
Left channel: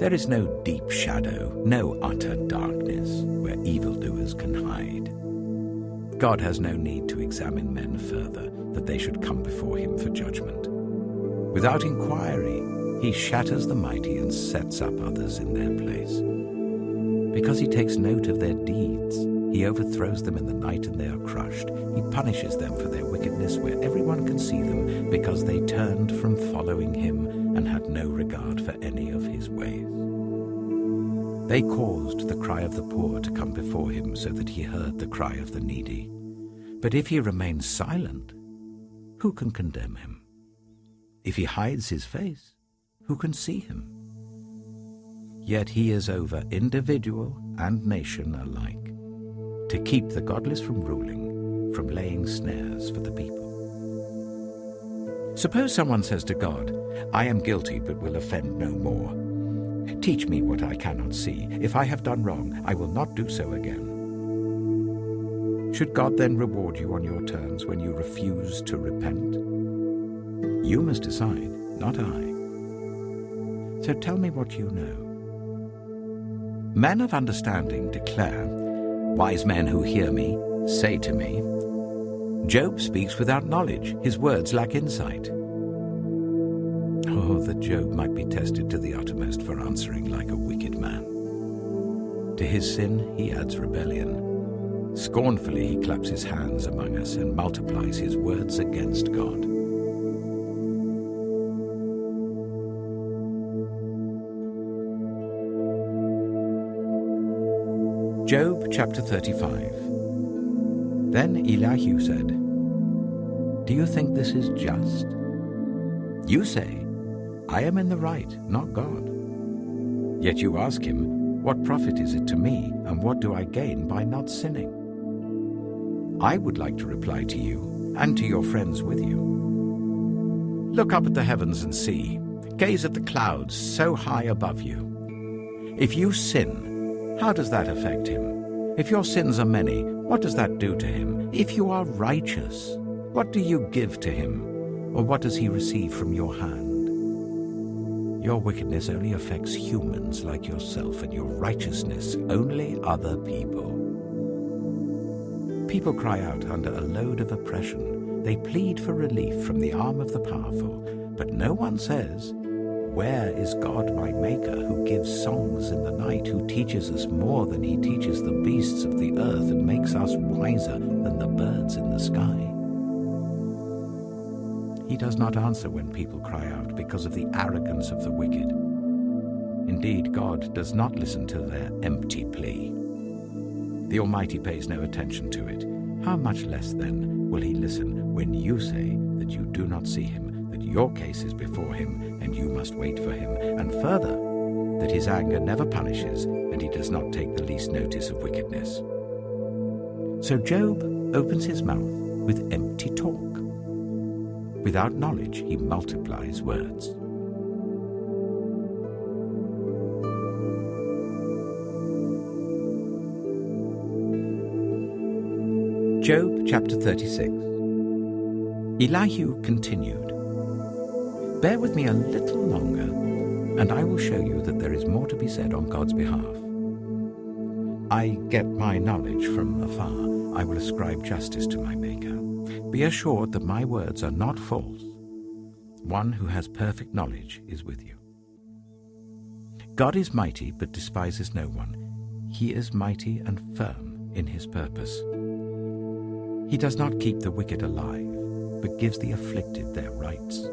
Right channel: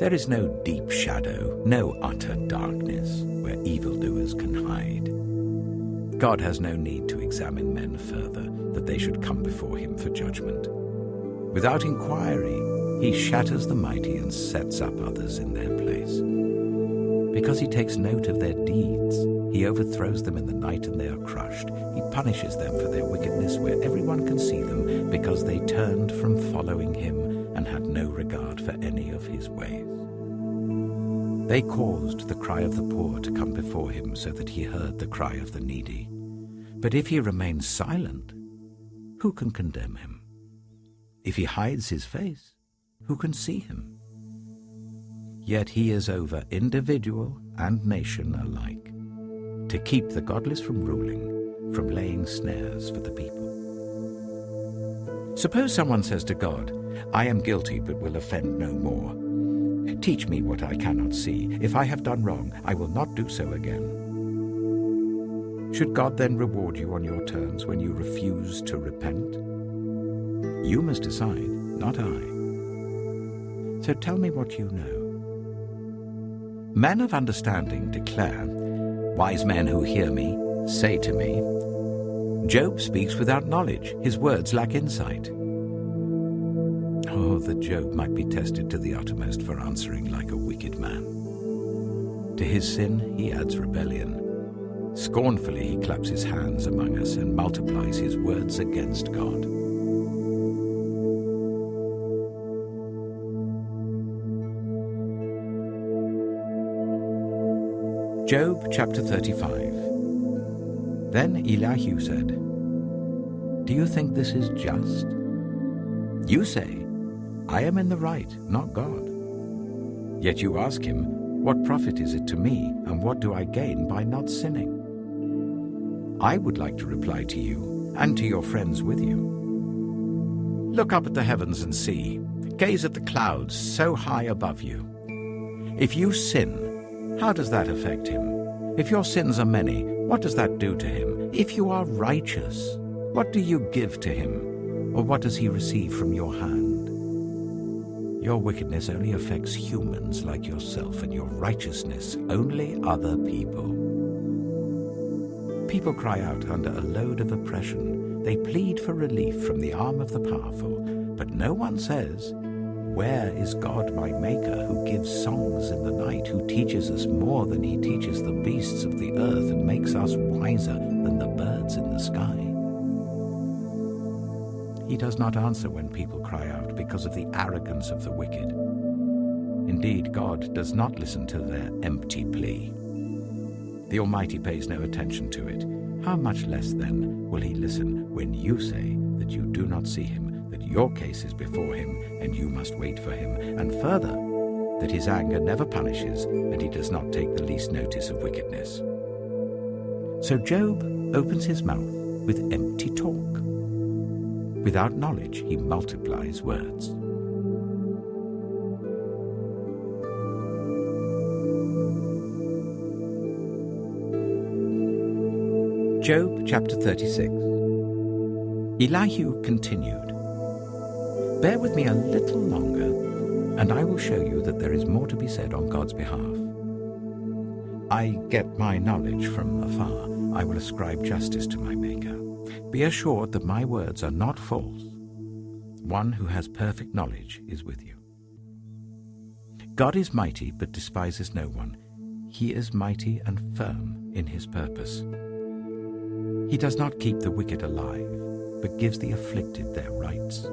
There is no deep shadow, no utter darkness where evildoers can hide. God has no need to examine men further, that they should come before him for judgment. Without inquiry, he shatters the mighty and sets up others in their place. Because he takes note of their deeds, he overthrows them in the night and they are crushed. He punishes them for their wickedness where everyone can see them, because they turned from following him and had no regard for any of his ways. They caused the cry of the poor to come before him, so that he heard the cry of the needy. But if he remains silent, who can condemn him? If he hides his face, who can see him? Yet he is over individual and nation alike, to keep the godless from ruling, from laying snares for the people. Suppose someone says to God, "I am guilty but will offend no more. Teach me what I cannot see. If I have done wrong, I will not do so again." Should God then reward you on your terms when you refuse to repent? You must decide, not I. So tell me what you know. Men of understanding declare, wise men who hear me say to me, Job speaks without knowledge, his words lack insight. Oh, that Job might be tested to the uttermost for answering like a wicked man. To his sin he adds rebellion. Scornfully he claps his hands among us and multiplies his words against God. Job chapter 35. Then Elihu said, "Do you think this is just? You say, I am in the right, not God. Yet you ask him, what profit is it to me, and what do I gain by not sinning? I would like to reply to you, and to your friends with you. Look up at the heavens and see. Gaze at the clouds so high above you. If you sin, how does that affect him? If your sins are many, what does that do to him? If you are righteous, what do you give to him? Or what does he receive from your hand? Your wickedness only affects humans like yourself, and your righteousness only other people. People cry out under a load of oppression. They plead for relief from the arm of the powerful, but no one says, where is God my Maker, who gives songs in the night, who teaches us more than he teaches the beasts of the earth, and makes us wiser than the birds in the sky? He does not answer when people cry out because of the arrogance of the wicked. Indeed, God does not listen to their empty plea. The Almighty pays no attention to it. How much less, then, will he listen when you say that you do not see him, that your case is before him, and you must wait for him, and further, that his anger never punishes, and he does not take the least notice of wickedness? So Job opens his mouth with empty talk. Without knowledge, he multiplies words. Job chapter 36. Elihu continued, "Bear with me a little longer, and I will show you that there is more to be said on God's behalf. I get my knowledge from afar. I will ascribe justice to my Maker. Be assured that my words are not false. One who has perfect knowledge is with you. God is mighty, but despises no one. He is mighty and firm in his purpose. He does not keep the wicked alive, but gives the afflicted their rights.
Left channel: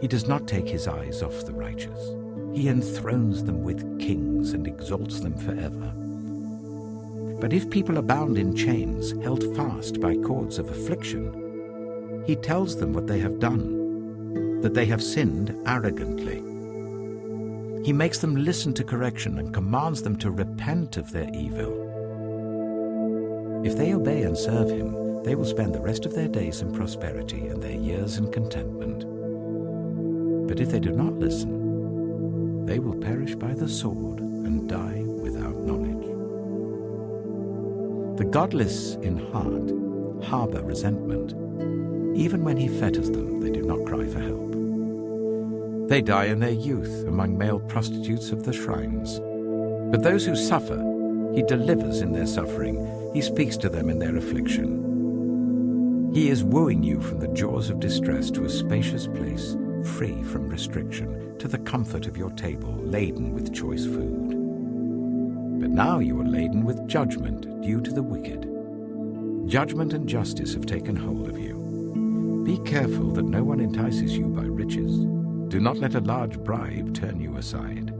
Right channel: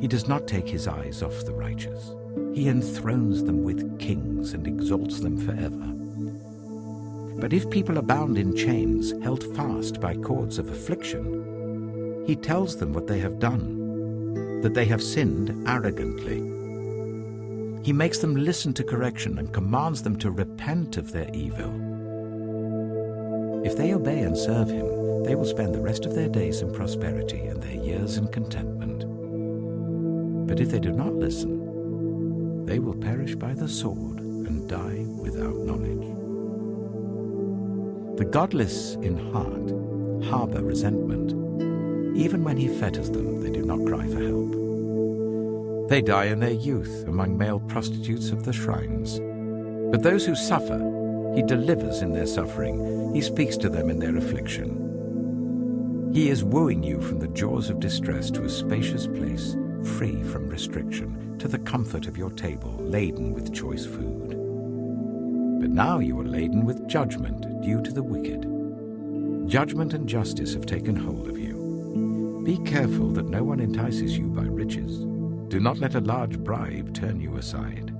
He does not take his eyes off the righteous. He enthrones them with kings and exalts them forever. But if people are bound in chains, held fast by cords of affliction, he tells them what they have done, that they have sinned arrogantly. He makes them listen to correction and commands them to repent of their evil. If they obey and serve him, they will spend the rest of their days in prosperity and their years in contentment. But if they do not listen, they will perish by the sword and die without knowledge. The godless in heart harbor resentment. Even when he fetters them, they do not cry for help. They die in their youth among male prostitutes of the shrines. But those who suffer, he delivers in their suffering. He speaks to them in their affliction. He is wooing you from the jaws of distress to a spacious place, free from restriction, to the comfort of your table, laden with choice food. But now you are laden with judgment due to the wicked. Judgment and justice have taken hold of you. Be careful that no one entices you by riches. Do not let a large bribe turn you aside.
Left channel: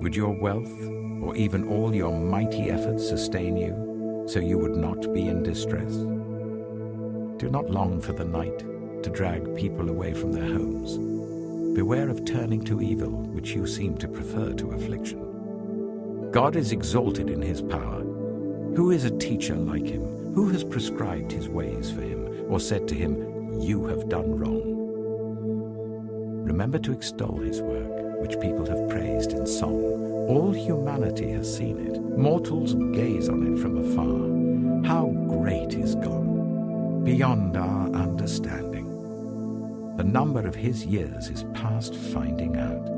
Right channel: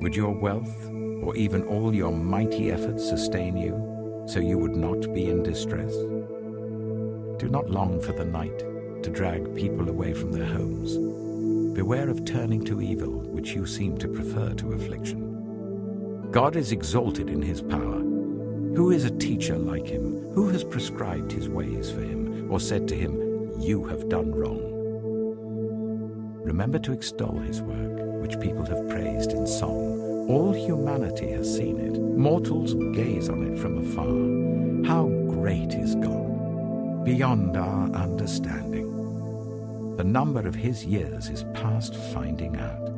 Would your wealth, or even all your mighty efforts, sustain you, so you would not be in distress? Do not long for the night to drag people away from their homes. Beware of turning to evil, which you seem to prefer to affliction. God is exalted in his power. Who is a teacher like him? Who has prescribed his ways for him, or said to him, "You have done wrong"? Remember to extol his work, which people have praised in song. All humanity has seen it. Mortals gaze on it from afar. How great is God, beyond our understanding. The number of his years is past finding out.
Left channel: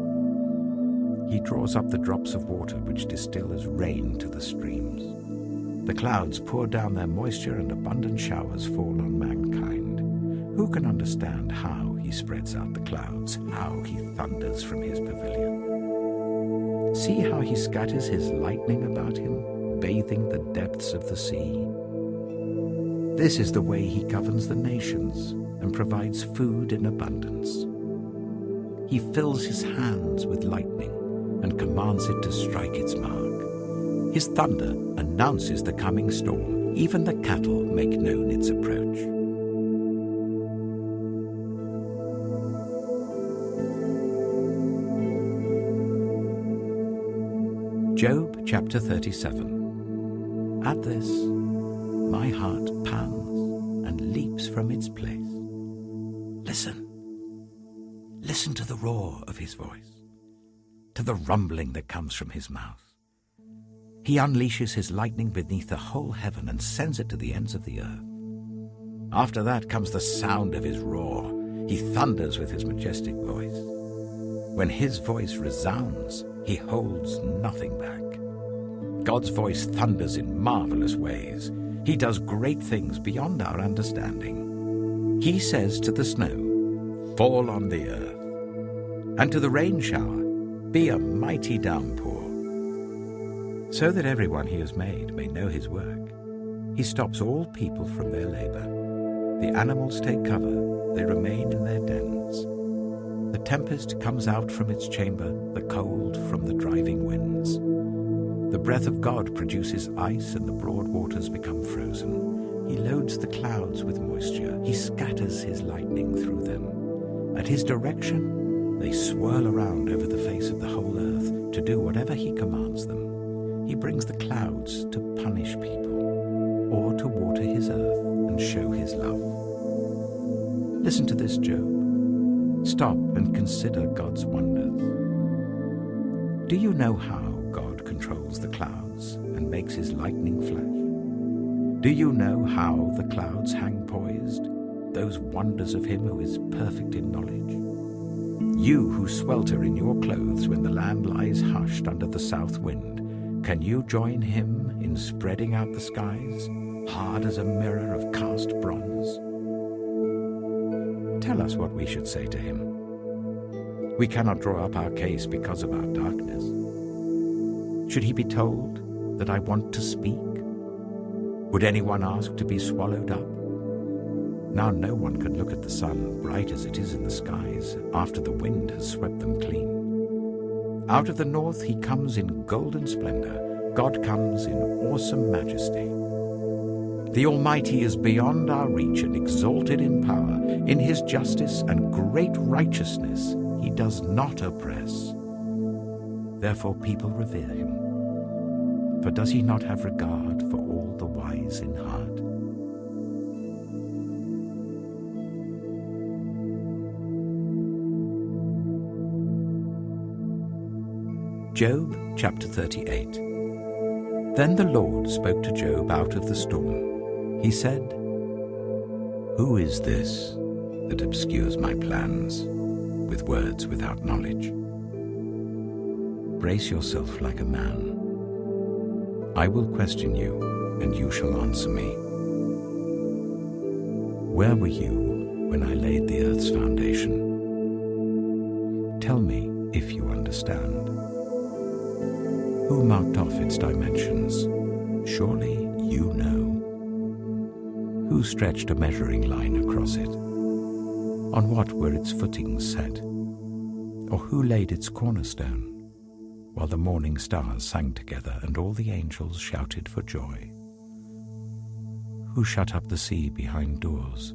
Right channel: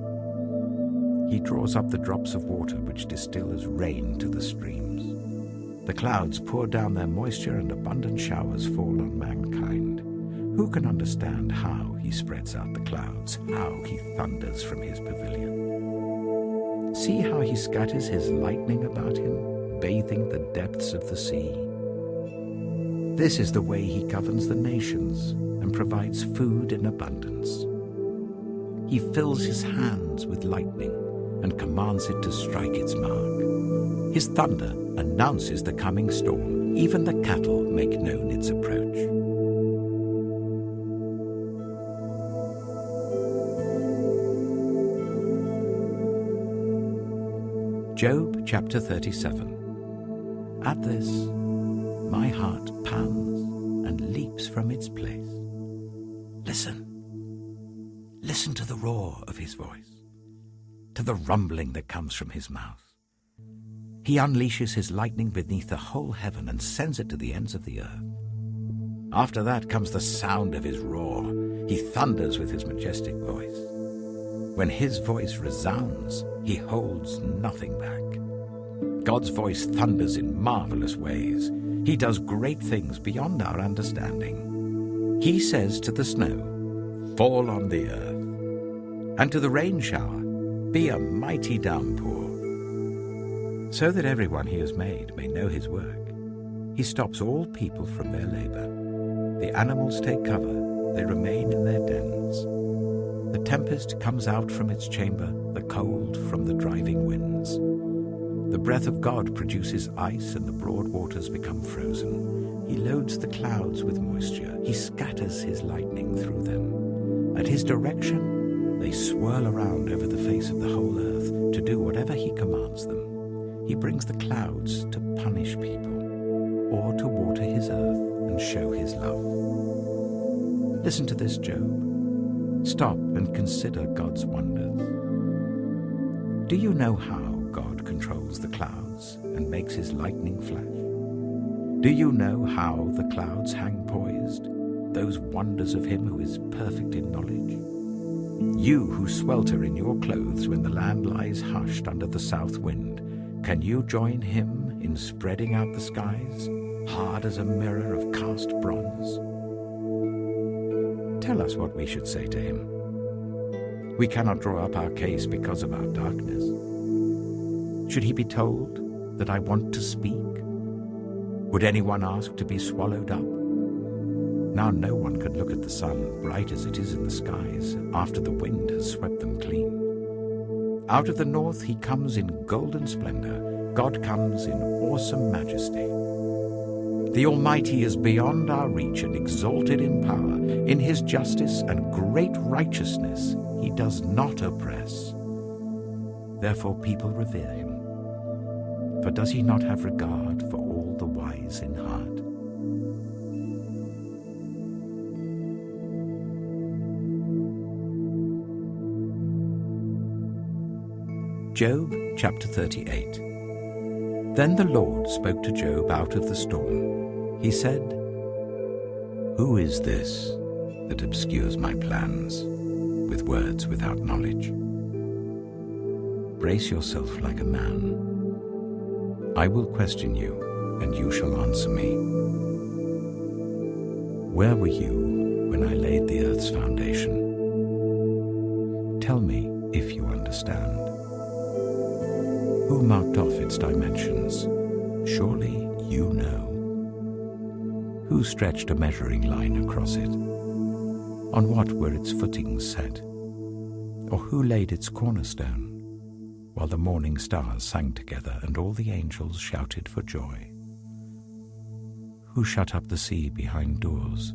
He draws up the drops of water which distill as rain to the streams. The clouds pour down their moisture and abundant showers fall on mankind. Who can understand how he spreads out the clouds, how he thunders from his pavilion? See how he scatters his lightning about him, bathing the depths of the sea. This is the way he governs the nations and provides food in abundance. He fills his hands with lightning and commands it to strike its mark. His thunder announces the coming storm. Even the cattle make known its approach. Job chapter 37. At this, my heart pants and leaps from its place. Listen. Listen to the roar of his voice, to the rumbling that comes from his mouth. He unleashes his lightning beneath the whole heaven and sends it to the ends of the earth. After that comes the sound of his roar. He thunders with his majestic voice. When his voice resounds, he holds nothing back. God's voice thunders in marvelous ways. He does great things beyond our understanding. He says to the snow, "Fall on the earth," and to the rain shower, "Be a mighty downpour," so that everyone he has made may know his work. He stops all people from their labor. The animals take cover, they remain in their dens. The tempest comes out from its chamber, the cold from the driving winds. The breath of God produces ice, and the broad waters become frozen. He loads the clouds with moisture. He scatters his lightning through them. At his direction, they swirl around over the face of the whole earth to do whatever he commands them. He brings the clouds to punish people, or to water his earth and show his love. Listen to this, Job. Stop and consider God's wonders. Do you know how God controls the clouds and makes his lightning flash? Do you know how the clouds hang poised, those wonders of him who is perfect in knowledge? You who swelter in your clothes when the land lies hushed under the south wind, can you join him in spreading out the skies, hard as a mirror of cast bronze? Tell us what we should say to him. We cannot draw up our case because of our darkness. Should he be told that I want to speak? Would anyone ask to be swallowed up? Now no one can look at the sun, bright as it is in the skies, after the wind has swept them clean. Out of the north he comes in golden splendor. God comes in awesome majesty. The Almighty is beyond our reach and exalted in power. In his justice and great righteousness he does not oppress. Therefore people revere him. For does he not have regard for all the wise in heart? Job chapter 38. Then the Lord spoke to Job out of the storm. He said, "Who is this that obscures my plans? with words without knowledge. Brace yourself like a man. I will question you, and you shall answer me. Where were you when I laid the earth's foundation? Tell me if you understand. Who marked off its dimensions? Surely you know. Who stretched a measuring line across it? On what were its footings set? Or who laid its cornerstone, while the morning stars sang together and all the angels shouted for joy? Who shut up the sea behind doors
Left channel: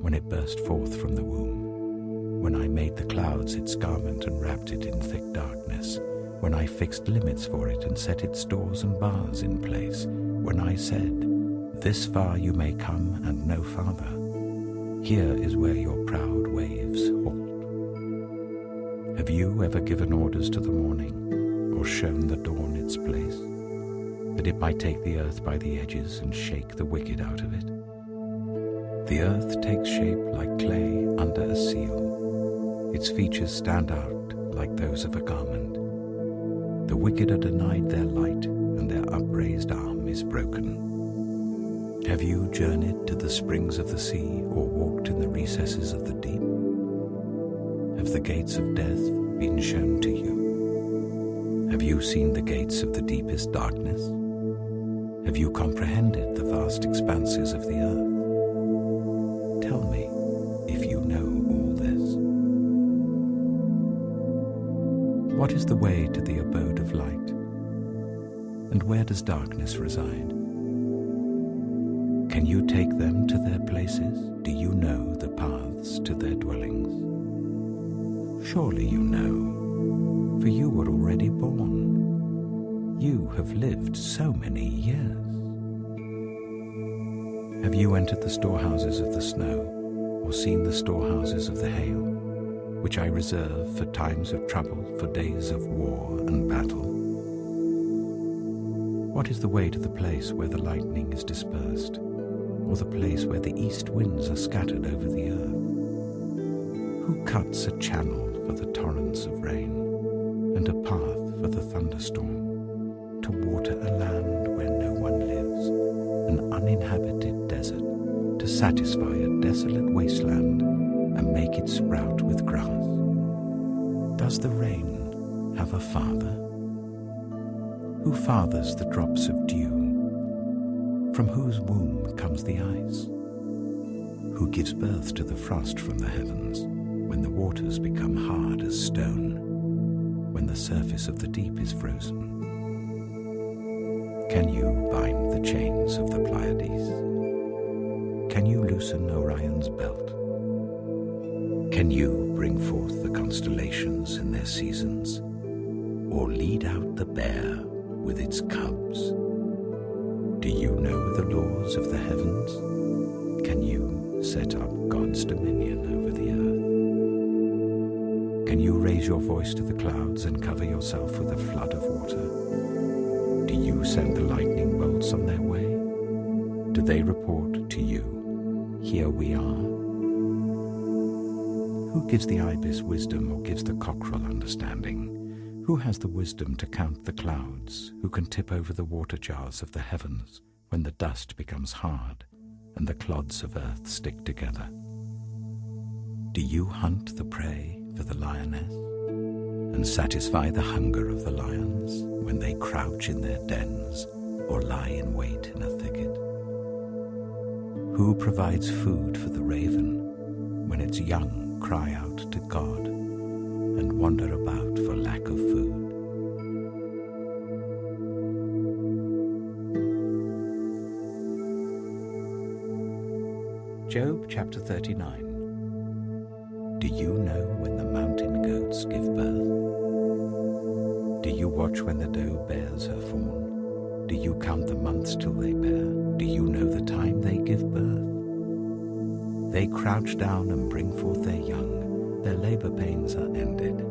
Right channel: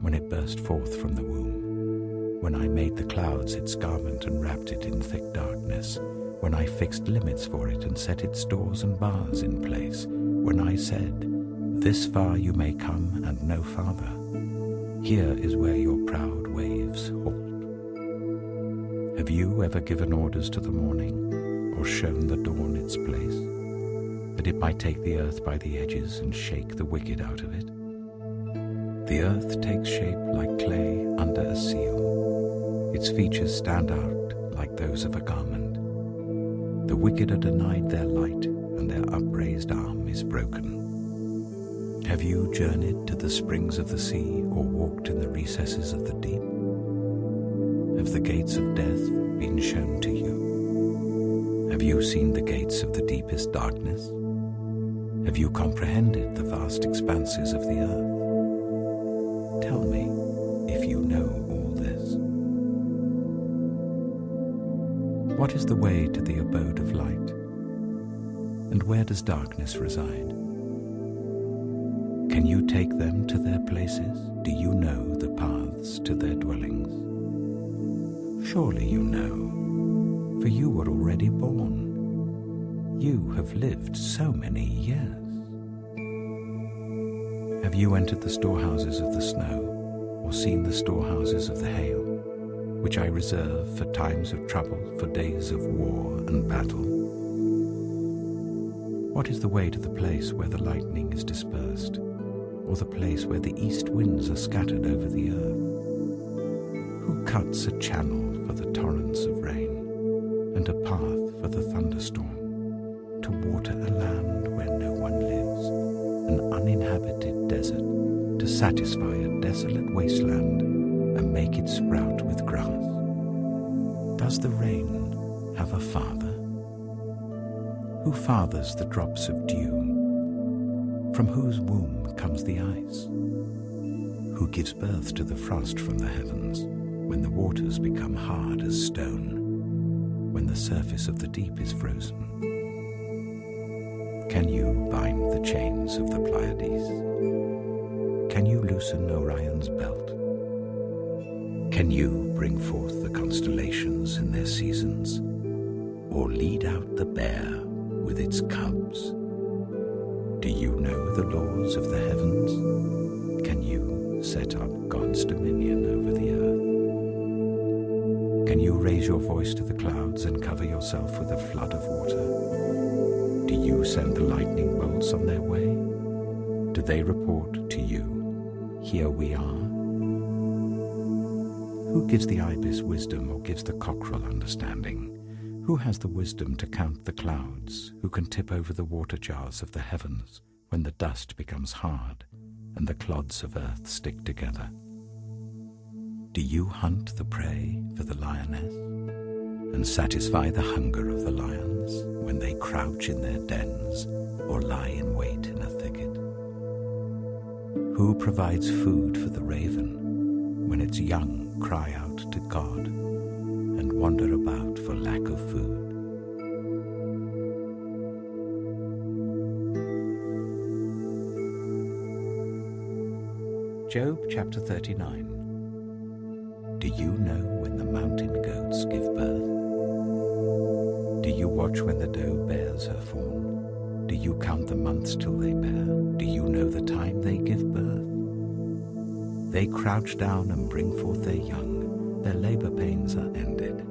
when it burst forth from the womb? When I made the clouds its garment and wrapped it in thick darkness, when I fixed limits for it and set its doors and bars in place, when I said, "This far you may come and no farther. Here is where your proud waves halt." Have you ever given orders to the morning, or shown the dawn its place, that it might take the earth by the edges and shake the wicked out of it? The earth takes shape like clay under a seal. Its features stand out like those of a garment. The wicked are denied their light, and their upraised arm is broken. Have you journeyed to the springs of the sea, or walked in the recesses of the deep? Have the gates of death been shown to you? Have you seen the gates of the deepest darkness? Have you comprehended the vast expanses of the earth? Tell me if you know all this. What is the way to the abode of light? And where does darkness reside? Can you take them to their places? Do you know the paths to their dwellings? Surely you know, for you were already born. You have lived so many years. Have you entered the storehouses of the snow, or seen the storehouses of the hail, which I reserve for times of trouble, for days of war and battle? What is the way to the place where the lightning is dispersed, or the place where the east winds are scattered over the earth? Who cuts a channel for the torrents of rain, and a path for the thunderstorm, to water a land where no one lives, an uninhabited desert, to satisfy a desolate wasteland and make it sprout with grass? Does the rain have a father? Who fathers the drops of dew? From whose womb comes the ice? Who gives birth to the frost from the heavens, when the waters become hard as stone, when the surface of the deep is frozen? Can you bind the chains of the Pleiades? Can you loosen Orion's belt? Can you bring forth the constellations in their seasons, or lead out the bear with its cubs? Do you know the laws of the heavens? Can you set up God's dominion over the earth? Can you raise your voice to the clouds and cover yourself with a flood of water? Do you send the lightning bolts on their way? Do they report to you, "Here we are"? Who gives the ibis wisdom, or gives the cockerel understanding? Who has the wisdom to count the clouds? Who can tip over the water jars of the heavens when the dust becomes hard and the clods of earth stick together? Do you hunt the prey for the lioness and satisfy the hunger of the lions when they crouch in their dens or lie in wait in a thicket? Who provides food for the raven when its young cry out to God and wander about for lack of food? Job chapter 39. Do you know when the mountain goats give birth? Do you watch when the doe bears her fawn? Do you count the months till they bear? Do you know the time they give birth? They crouch down and bring forth their young. Their labor pains are ended.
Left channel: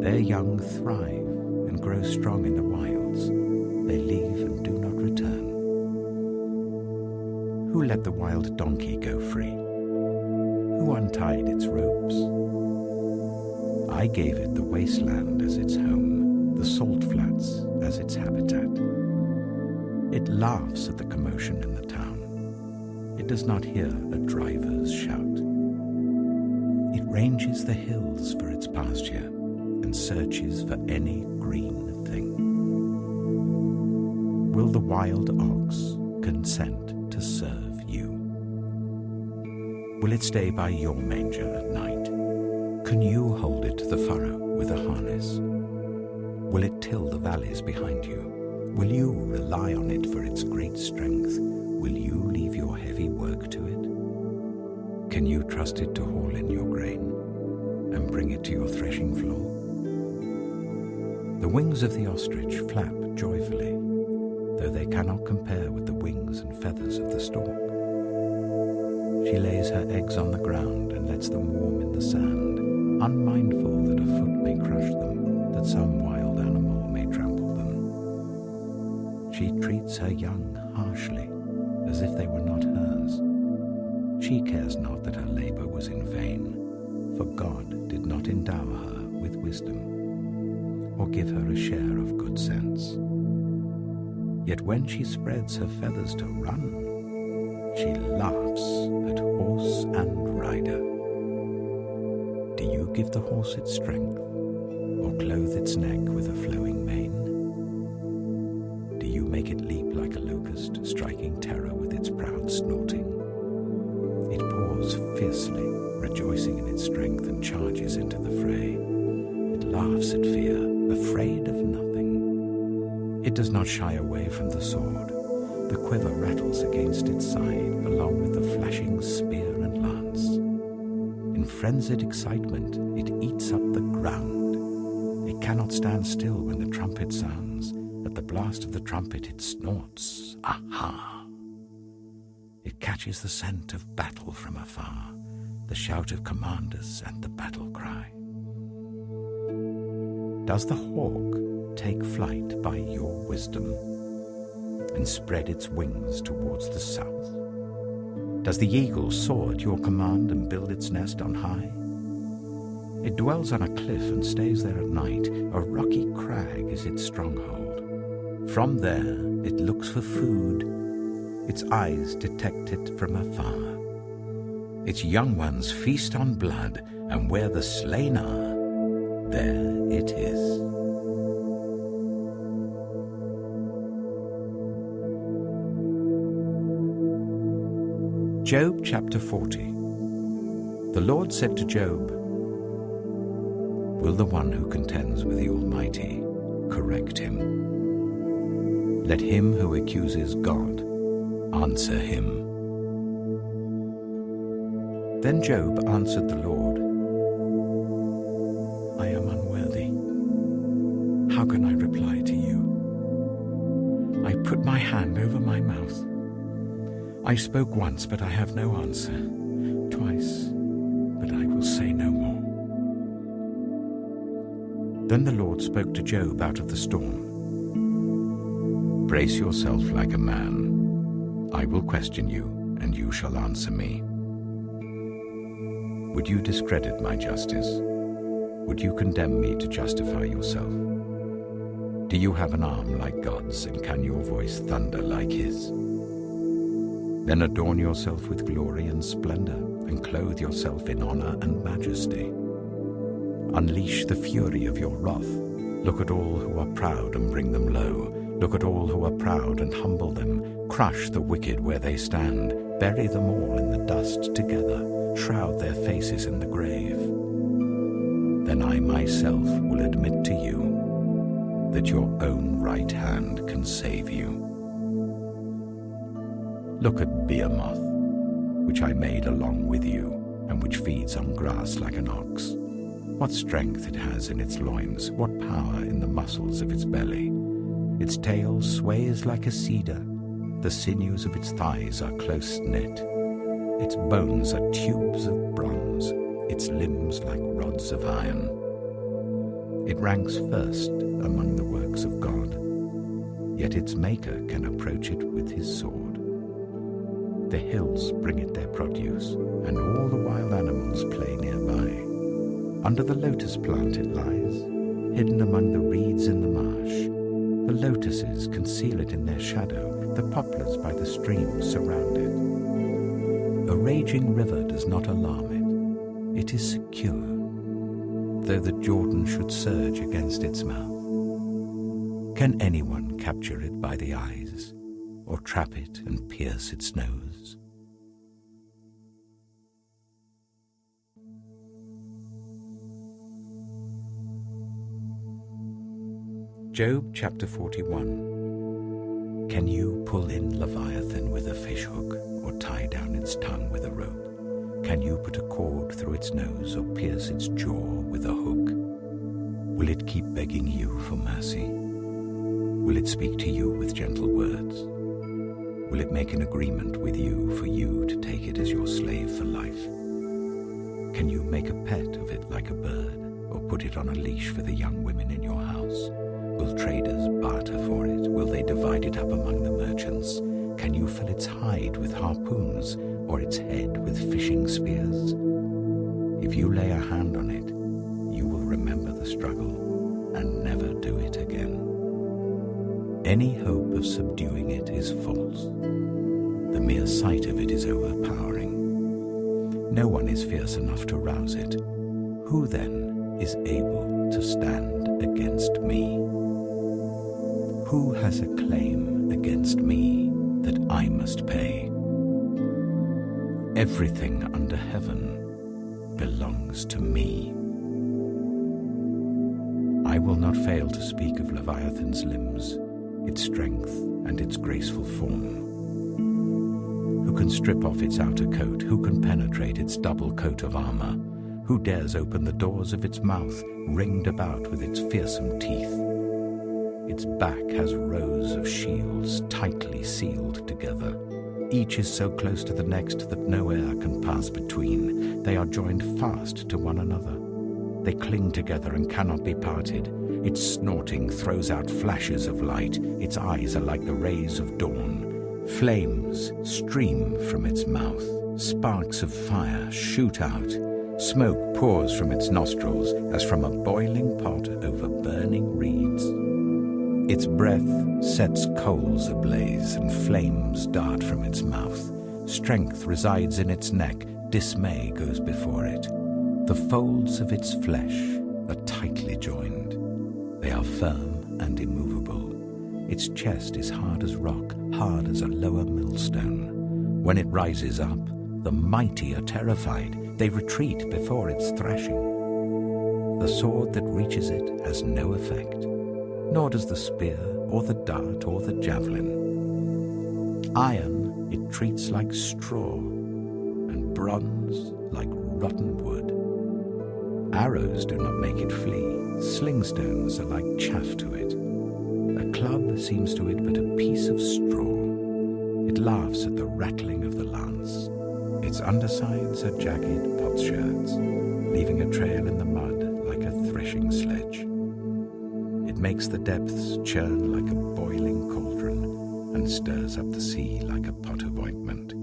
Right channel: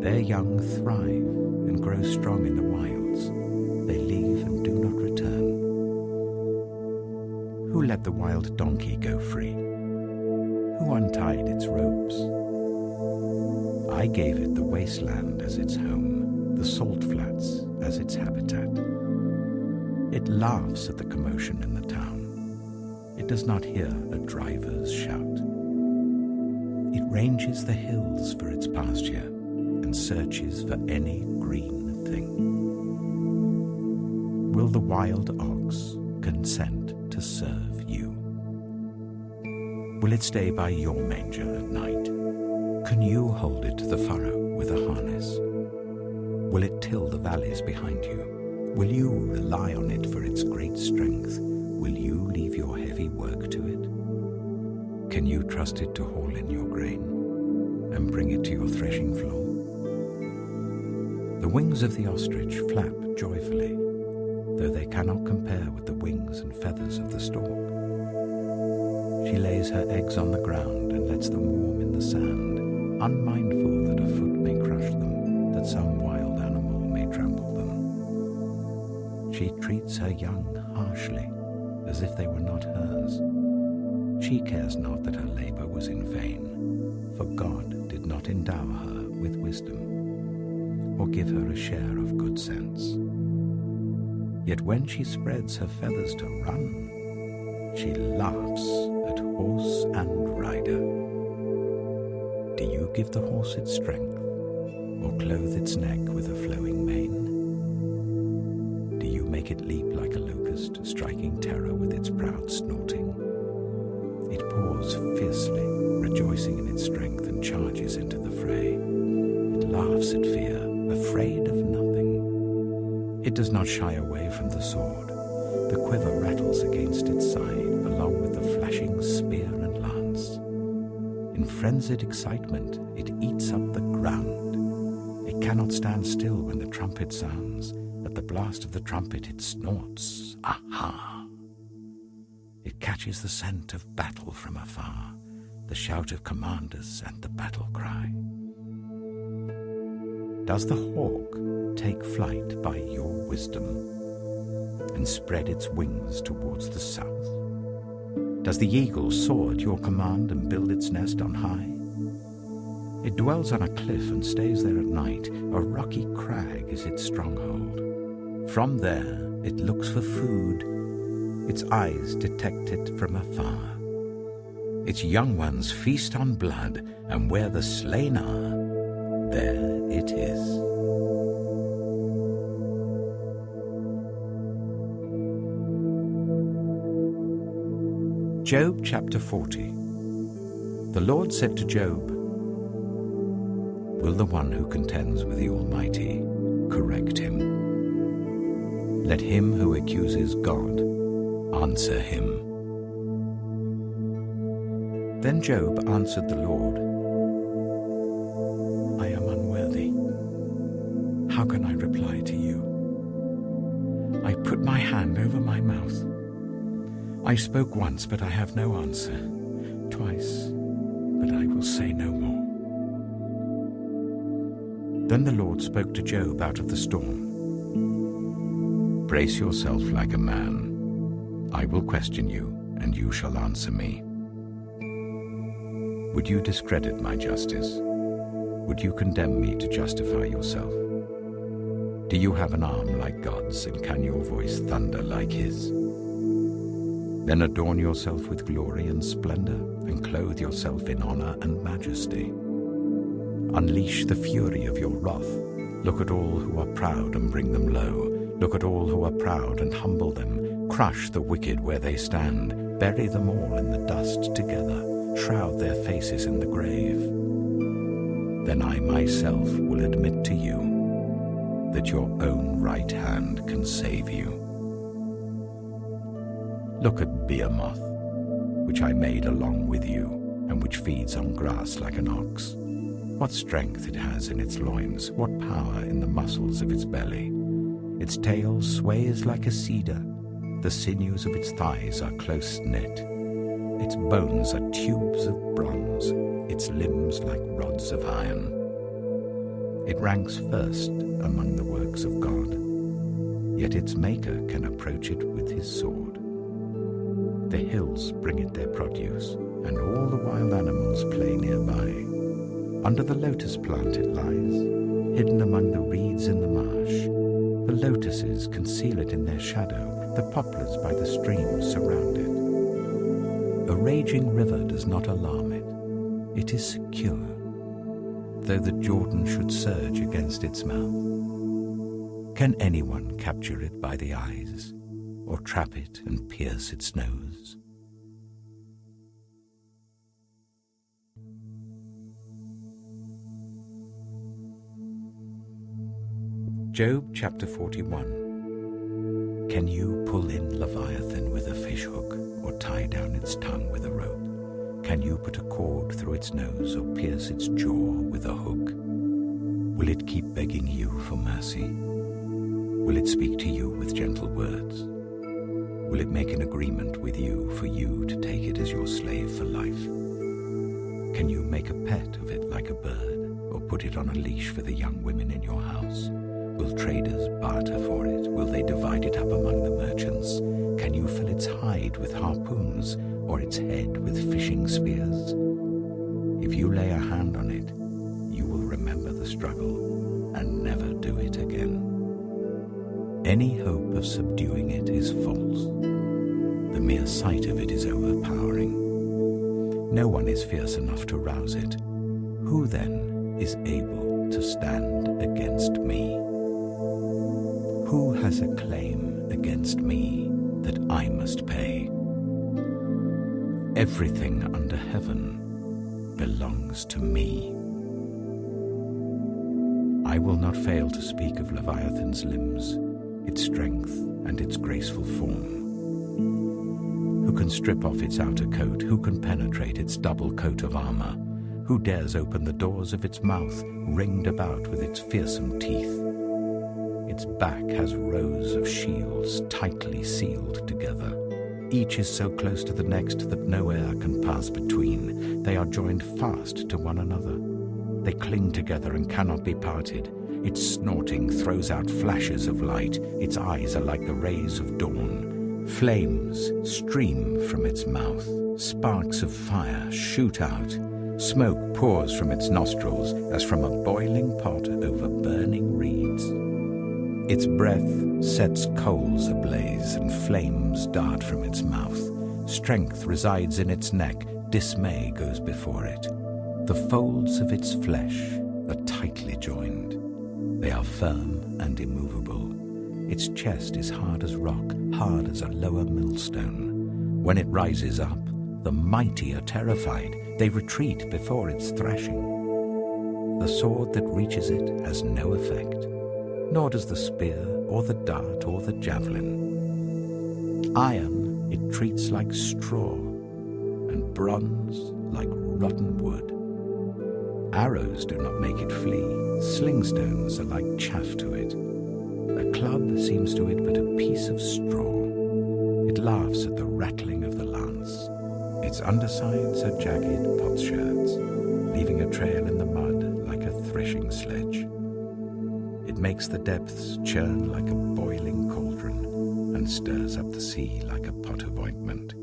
Their young thrive and grow strong in the wilds. They leave and do not return. Who let the wild donkey go free? Who untied its ropes? I gave it the wasteland as its home, the salt flats as its habitat. It laughs at the commotion in the town. It does not hear a driver's shout. It ranges the hills for its pasture and searches for any green thing. Will the wild ox consent to serve you? Will it stay by your manger at night? Can you hold it to the furrow with a harness? Will it till the valleys behind you? Will you rely on it for its great strength? Will you leave your heavy work to it? Can you trust it to haul in your grain and bring it to your threshing floor? The wings of the ostrich flap joyfully, though they cannot compare with the wings and feathers of the stork. She lays her eggs on the ground and lets them warm in the sand, unmindful that a foot may crush them, that some wild animal may trample them. She treats her young harshly, as if they were not hers. She cares not that her labor was in vain, for God did not endow her with wisdom, or give her a share of good sense. Yet when she spreads her feathers to run, she laughs at horse and rider. Do you give the horse its strength, or clothe its neck with a flowing mane? Do you make it leap like a locust, striking terror with its proud snorting? It paws fiercely, rejoicing in its strength, and charges into the fray. It laughs at fear, afraid of nothing. It does not shy away from the sword. The quiver rattles against its side, along with the flashing spear and lance. In frenzied excitement, it eats up the ground. It cannot stand still when the trumpet sounds. At the blast of the trumpet, it snorts. Aha! It catches the scent of battle from afar, the shout of commanders and the battle cry. Does the hawk take flight by your wisdom and spread its wings towards the south? Does the eagle soar at your command and build its nest on high? It dwells on a cliff and stays there at night. A rocky crag is its stronghold. From there it looks for food. Its eyes detect it from afar. Its young ones feast on blood, and where the slain are, there it is. Job chapter 40. The Lord said to Job, "Will the one who contends with the Almighty correct him? Let him who accuses God answer him." Then Job answered the Lord, "I am unworthy. How can I reply to you? I put my hand over my mouth. I spoke once, but I have no answer. Twice, but I will say no more." Then the Lord spoke to Job out of the storm. "Brace yourself like a man. I will question you, and you shall answer me. Would you discredit my justice? Would you condemn me to justify yourself? Do you have an arm like God's, and can your voice thunder like his? Then adorn yourself with glory and splendor, and clothe yourself in honor and majesty. Unleash the fury of your wrath. Look at all who are proud and bring them low. Look at all who are proud and humble them. Crush the wicked where they stand. Bury them all in the dust together. Shroud their faces in the grave. Then I myself will admit to you that your own right hand can save you. Look at Behemoth, which I made along with you, and which feeds on grass like an ox. What strength it has in its loins, what power in the muscles of its belly. Its tail sways like a cedar. The sinews of its thighs are close knit. Its bones are tubes of bronze, its limbs like rods of iron. It ranks first among the works of God, yet its maker can approach it with his sword. The hills bring it their produce, and all the wild animals play nearby. Under the lotus plant it lies, hidden among the reeds in the marsh. The lotuses conceal it in their shadow, the poplars by the stream surround it. A raging river does not alarm it. It is secure, though the Jordan should surge against its mouth. Can anyone capture it by the eyes, or trap it and pierce its nose? Job chapter 41. Can you pull in Leviathan with a fishhook, or tie down its tongue with a rope? Can you put a cord through its nose, or pierce its jaw with a hook? Will it keep begging you for mercy? Will it speak to you with gentle words? Will it make an agreement with you for you to take it as your slave for life? Can you make a pet of it like a bird, or put it on a leash for the young women in your house? Will traders barter for it? Will they divide it up among the merchants? Can you fill its hide with harpoons, or its head with fishing spears? If you lay a hand on it, you will remember the struggle and never do it again. Any hope of subduing it is false. The mere sight of it is overpowering. No one is fierce enough to rouse it. Who then is able to stand against me? Who has a claim against me that I must pay? Everything under heaven belongs to me. I will not fail to speak of Leviathan's limbs, its strength and its graceful form. Who can strip off its outer coat? Who can penetrate its double coat of armor? Who dares open the doors of its mouth, ringed about with its fearsome teeth? Its back has rows of shields tightly sealed together. Each is so close to the next that no air can pass between. They are joined fast to one another. They cling together and cannot be parted. Its snorting throws out flashes of light. Its eyes are like the rays of dawn. Flames stream from its mouth. Sparks of fire shoot out. Smoke pours from its nostrils as from a boiling pot over burning reeds. Its breath sets coals ablaze, and flames dart from its mouth. Strength resides in its neck, dismay goes before it. The folds of its flesh are tightly joined. They are firm and immovable. Its chest is hard as rock, hard as a lower millstone. When it rises up, the mighty are terrified. They retreat before its thrashing. The sword that reaches it has no effect, nor does the spear or the dart or the javelin. Iron it treats like straw, and bronze like rotten wood. Arrows do not make it flee. Slingstones are like chaff to it. A club seems to it but a piece of straw. It laughs at the rattling of the lance. Its undersides are jagged potsherds, leaving a trail in the mud like a threshing sledge. It makes the depths churn like a boiling cauldron and stirs up the sea like a pot of ointment.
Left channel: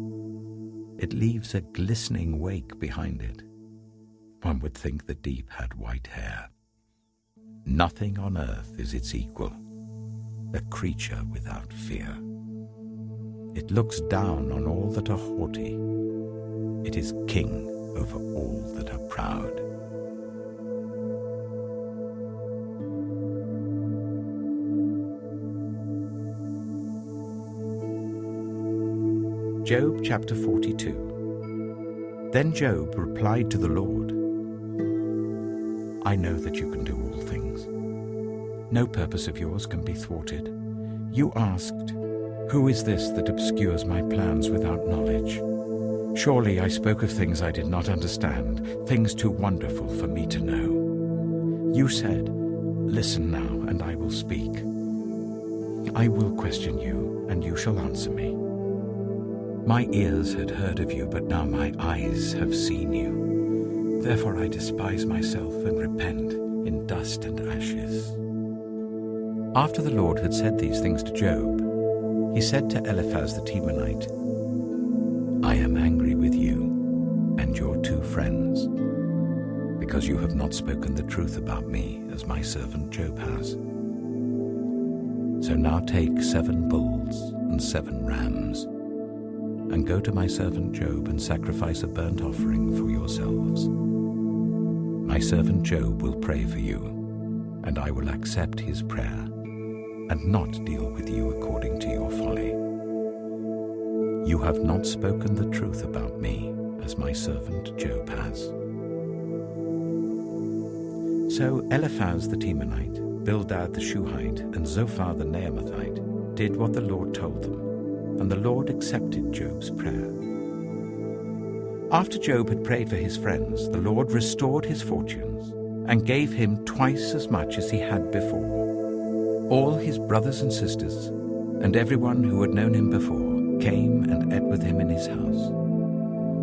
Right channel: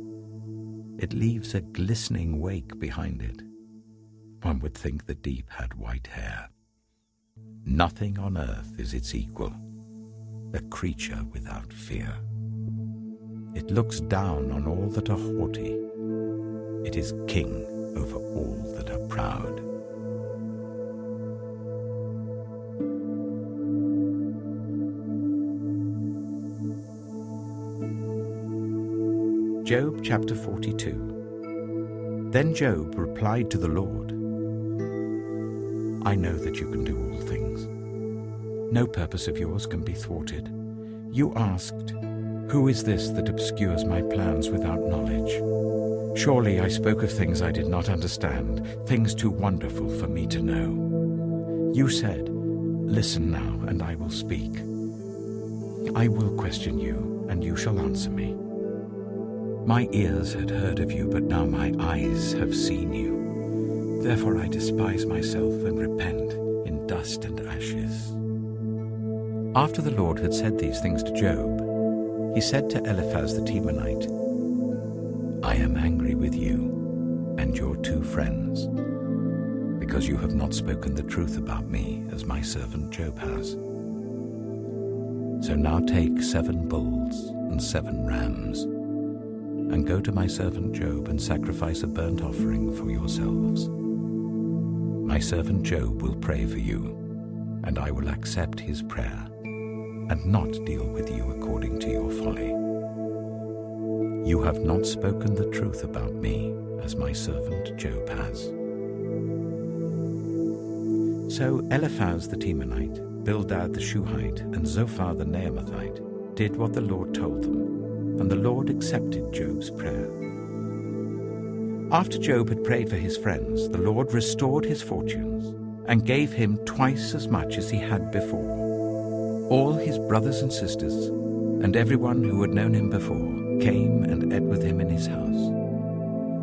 It leaves a glistening wake behind it. One would think the deep had white hair. Nothing on earth is its equal, a creature without fear. It looks down on all that are haughty. It is king over all that are proud. Job chapter 42. Then Job replied to the Lord, I know that you can do all things. No purpose of yours can be thwarted. You asked, who is this that obscures my plans without knowledge? Surely I spoke of things I did not understand, things too wonderful for me to know. You said, listen now, and I will speak. I will question you, and you shall answer me. My ears had heard of you, but now my eyes have seen you. Therefore I despise myself and repent in dust and ashes. After the Lord had said these things to Job, he said to Eliphaz the Temanite, I am angry with you and your two friends, because you have not spoken the truth about me, as my servant Job has. So now take 7 bulls and 7 rams, and go to my servant Job and sacrifice a burnt offering for yourselves. My servant Job will pray for you, and I will accept his prayer, and not deal with you according to your folly. You have not spoken the truth about me, as my servant Job has. So Eliphaz the Temanite, Bildad the Shuhite, and Zophar the Naamathite did what the Lord told them, and the Lord accepted Job's prayer. After Job had prayed for his friends, the Lord restored his fortunes and gave him twice as much as he had before. All his brothers and sisters, and everyone who had known him before, came and ate with him in his house.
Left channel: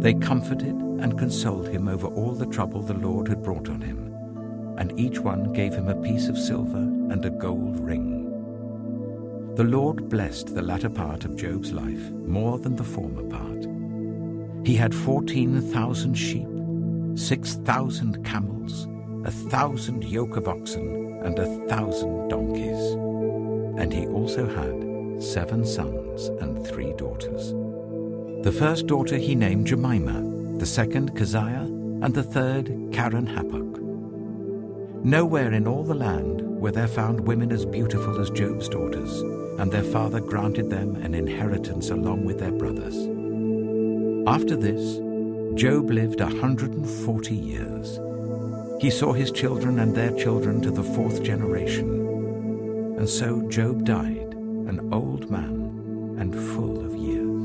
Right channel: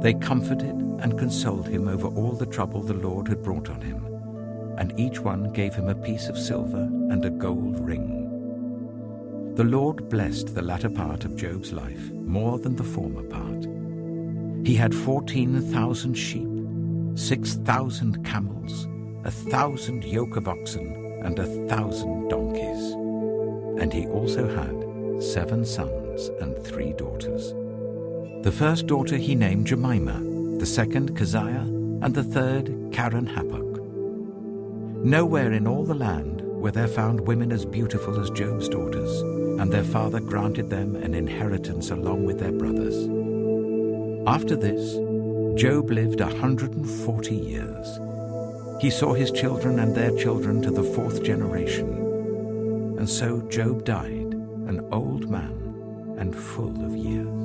They comforted and consoled him over all the trouble the Lord had brought on him, and each one gave him a piece of silver and a gold ring. The Lord blessed the latter part of Job's life more than the former part. He had 14,000 sheep, 6,000 camels, 1,000 yoke of oxen, and 1,000 donkeys. And he also had 7 sons and 3 daughters. The first daughter he named Jemimah, the second Keziah, and the third Karen-Happuch. Nowhere in all the land were there found women as beautiful as Job's daughters, and their father granted them an inheritance along with their brothers. After this, Job lived 140 years. He saw his children and their children to the 4th generation. And so Job died, an old man and full of years.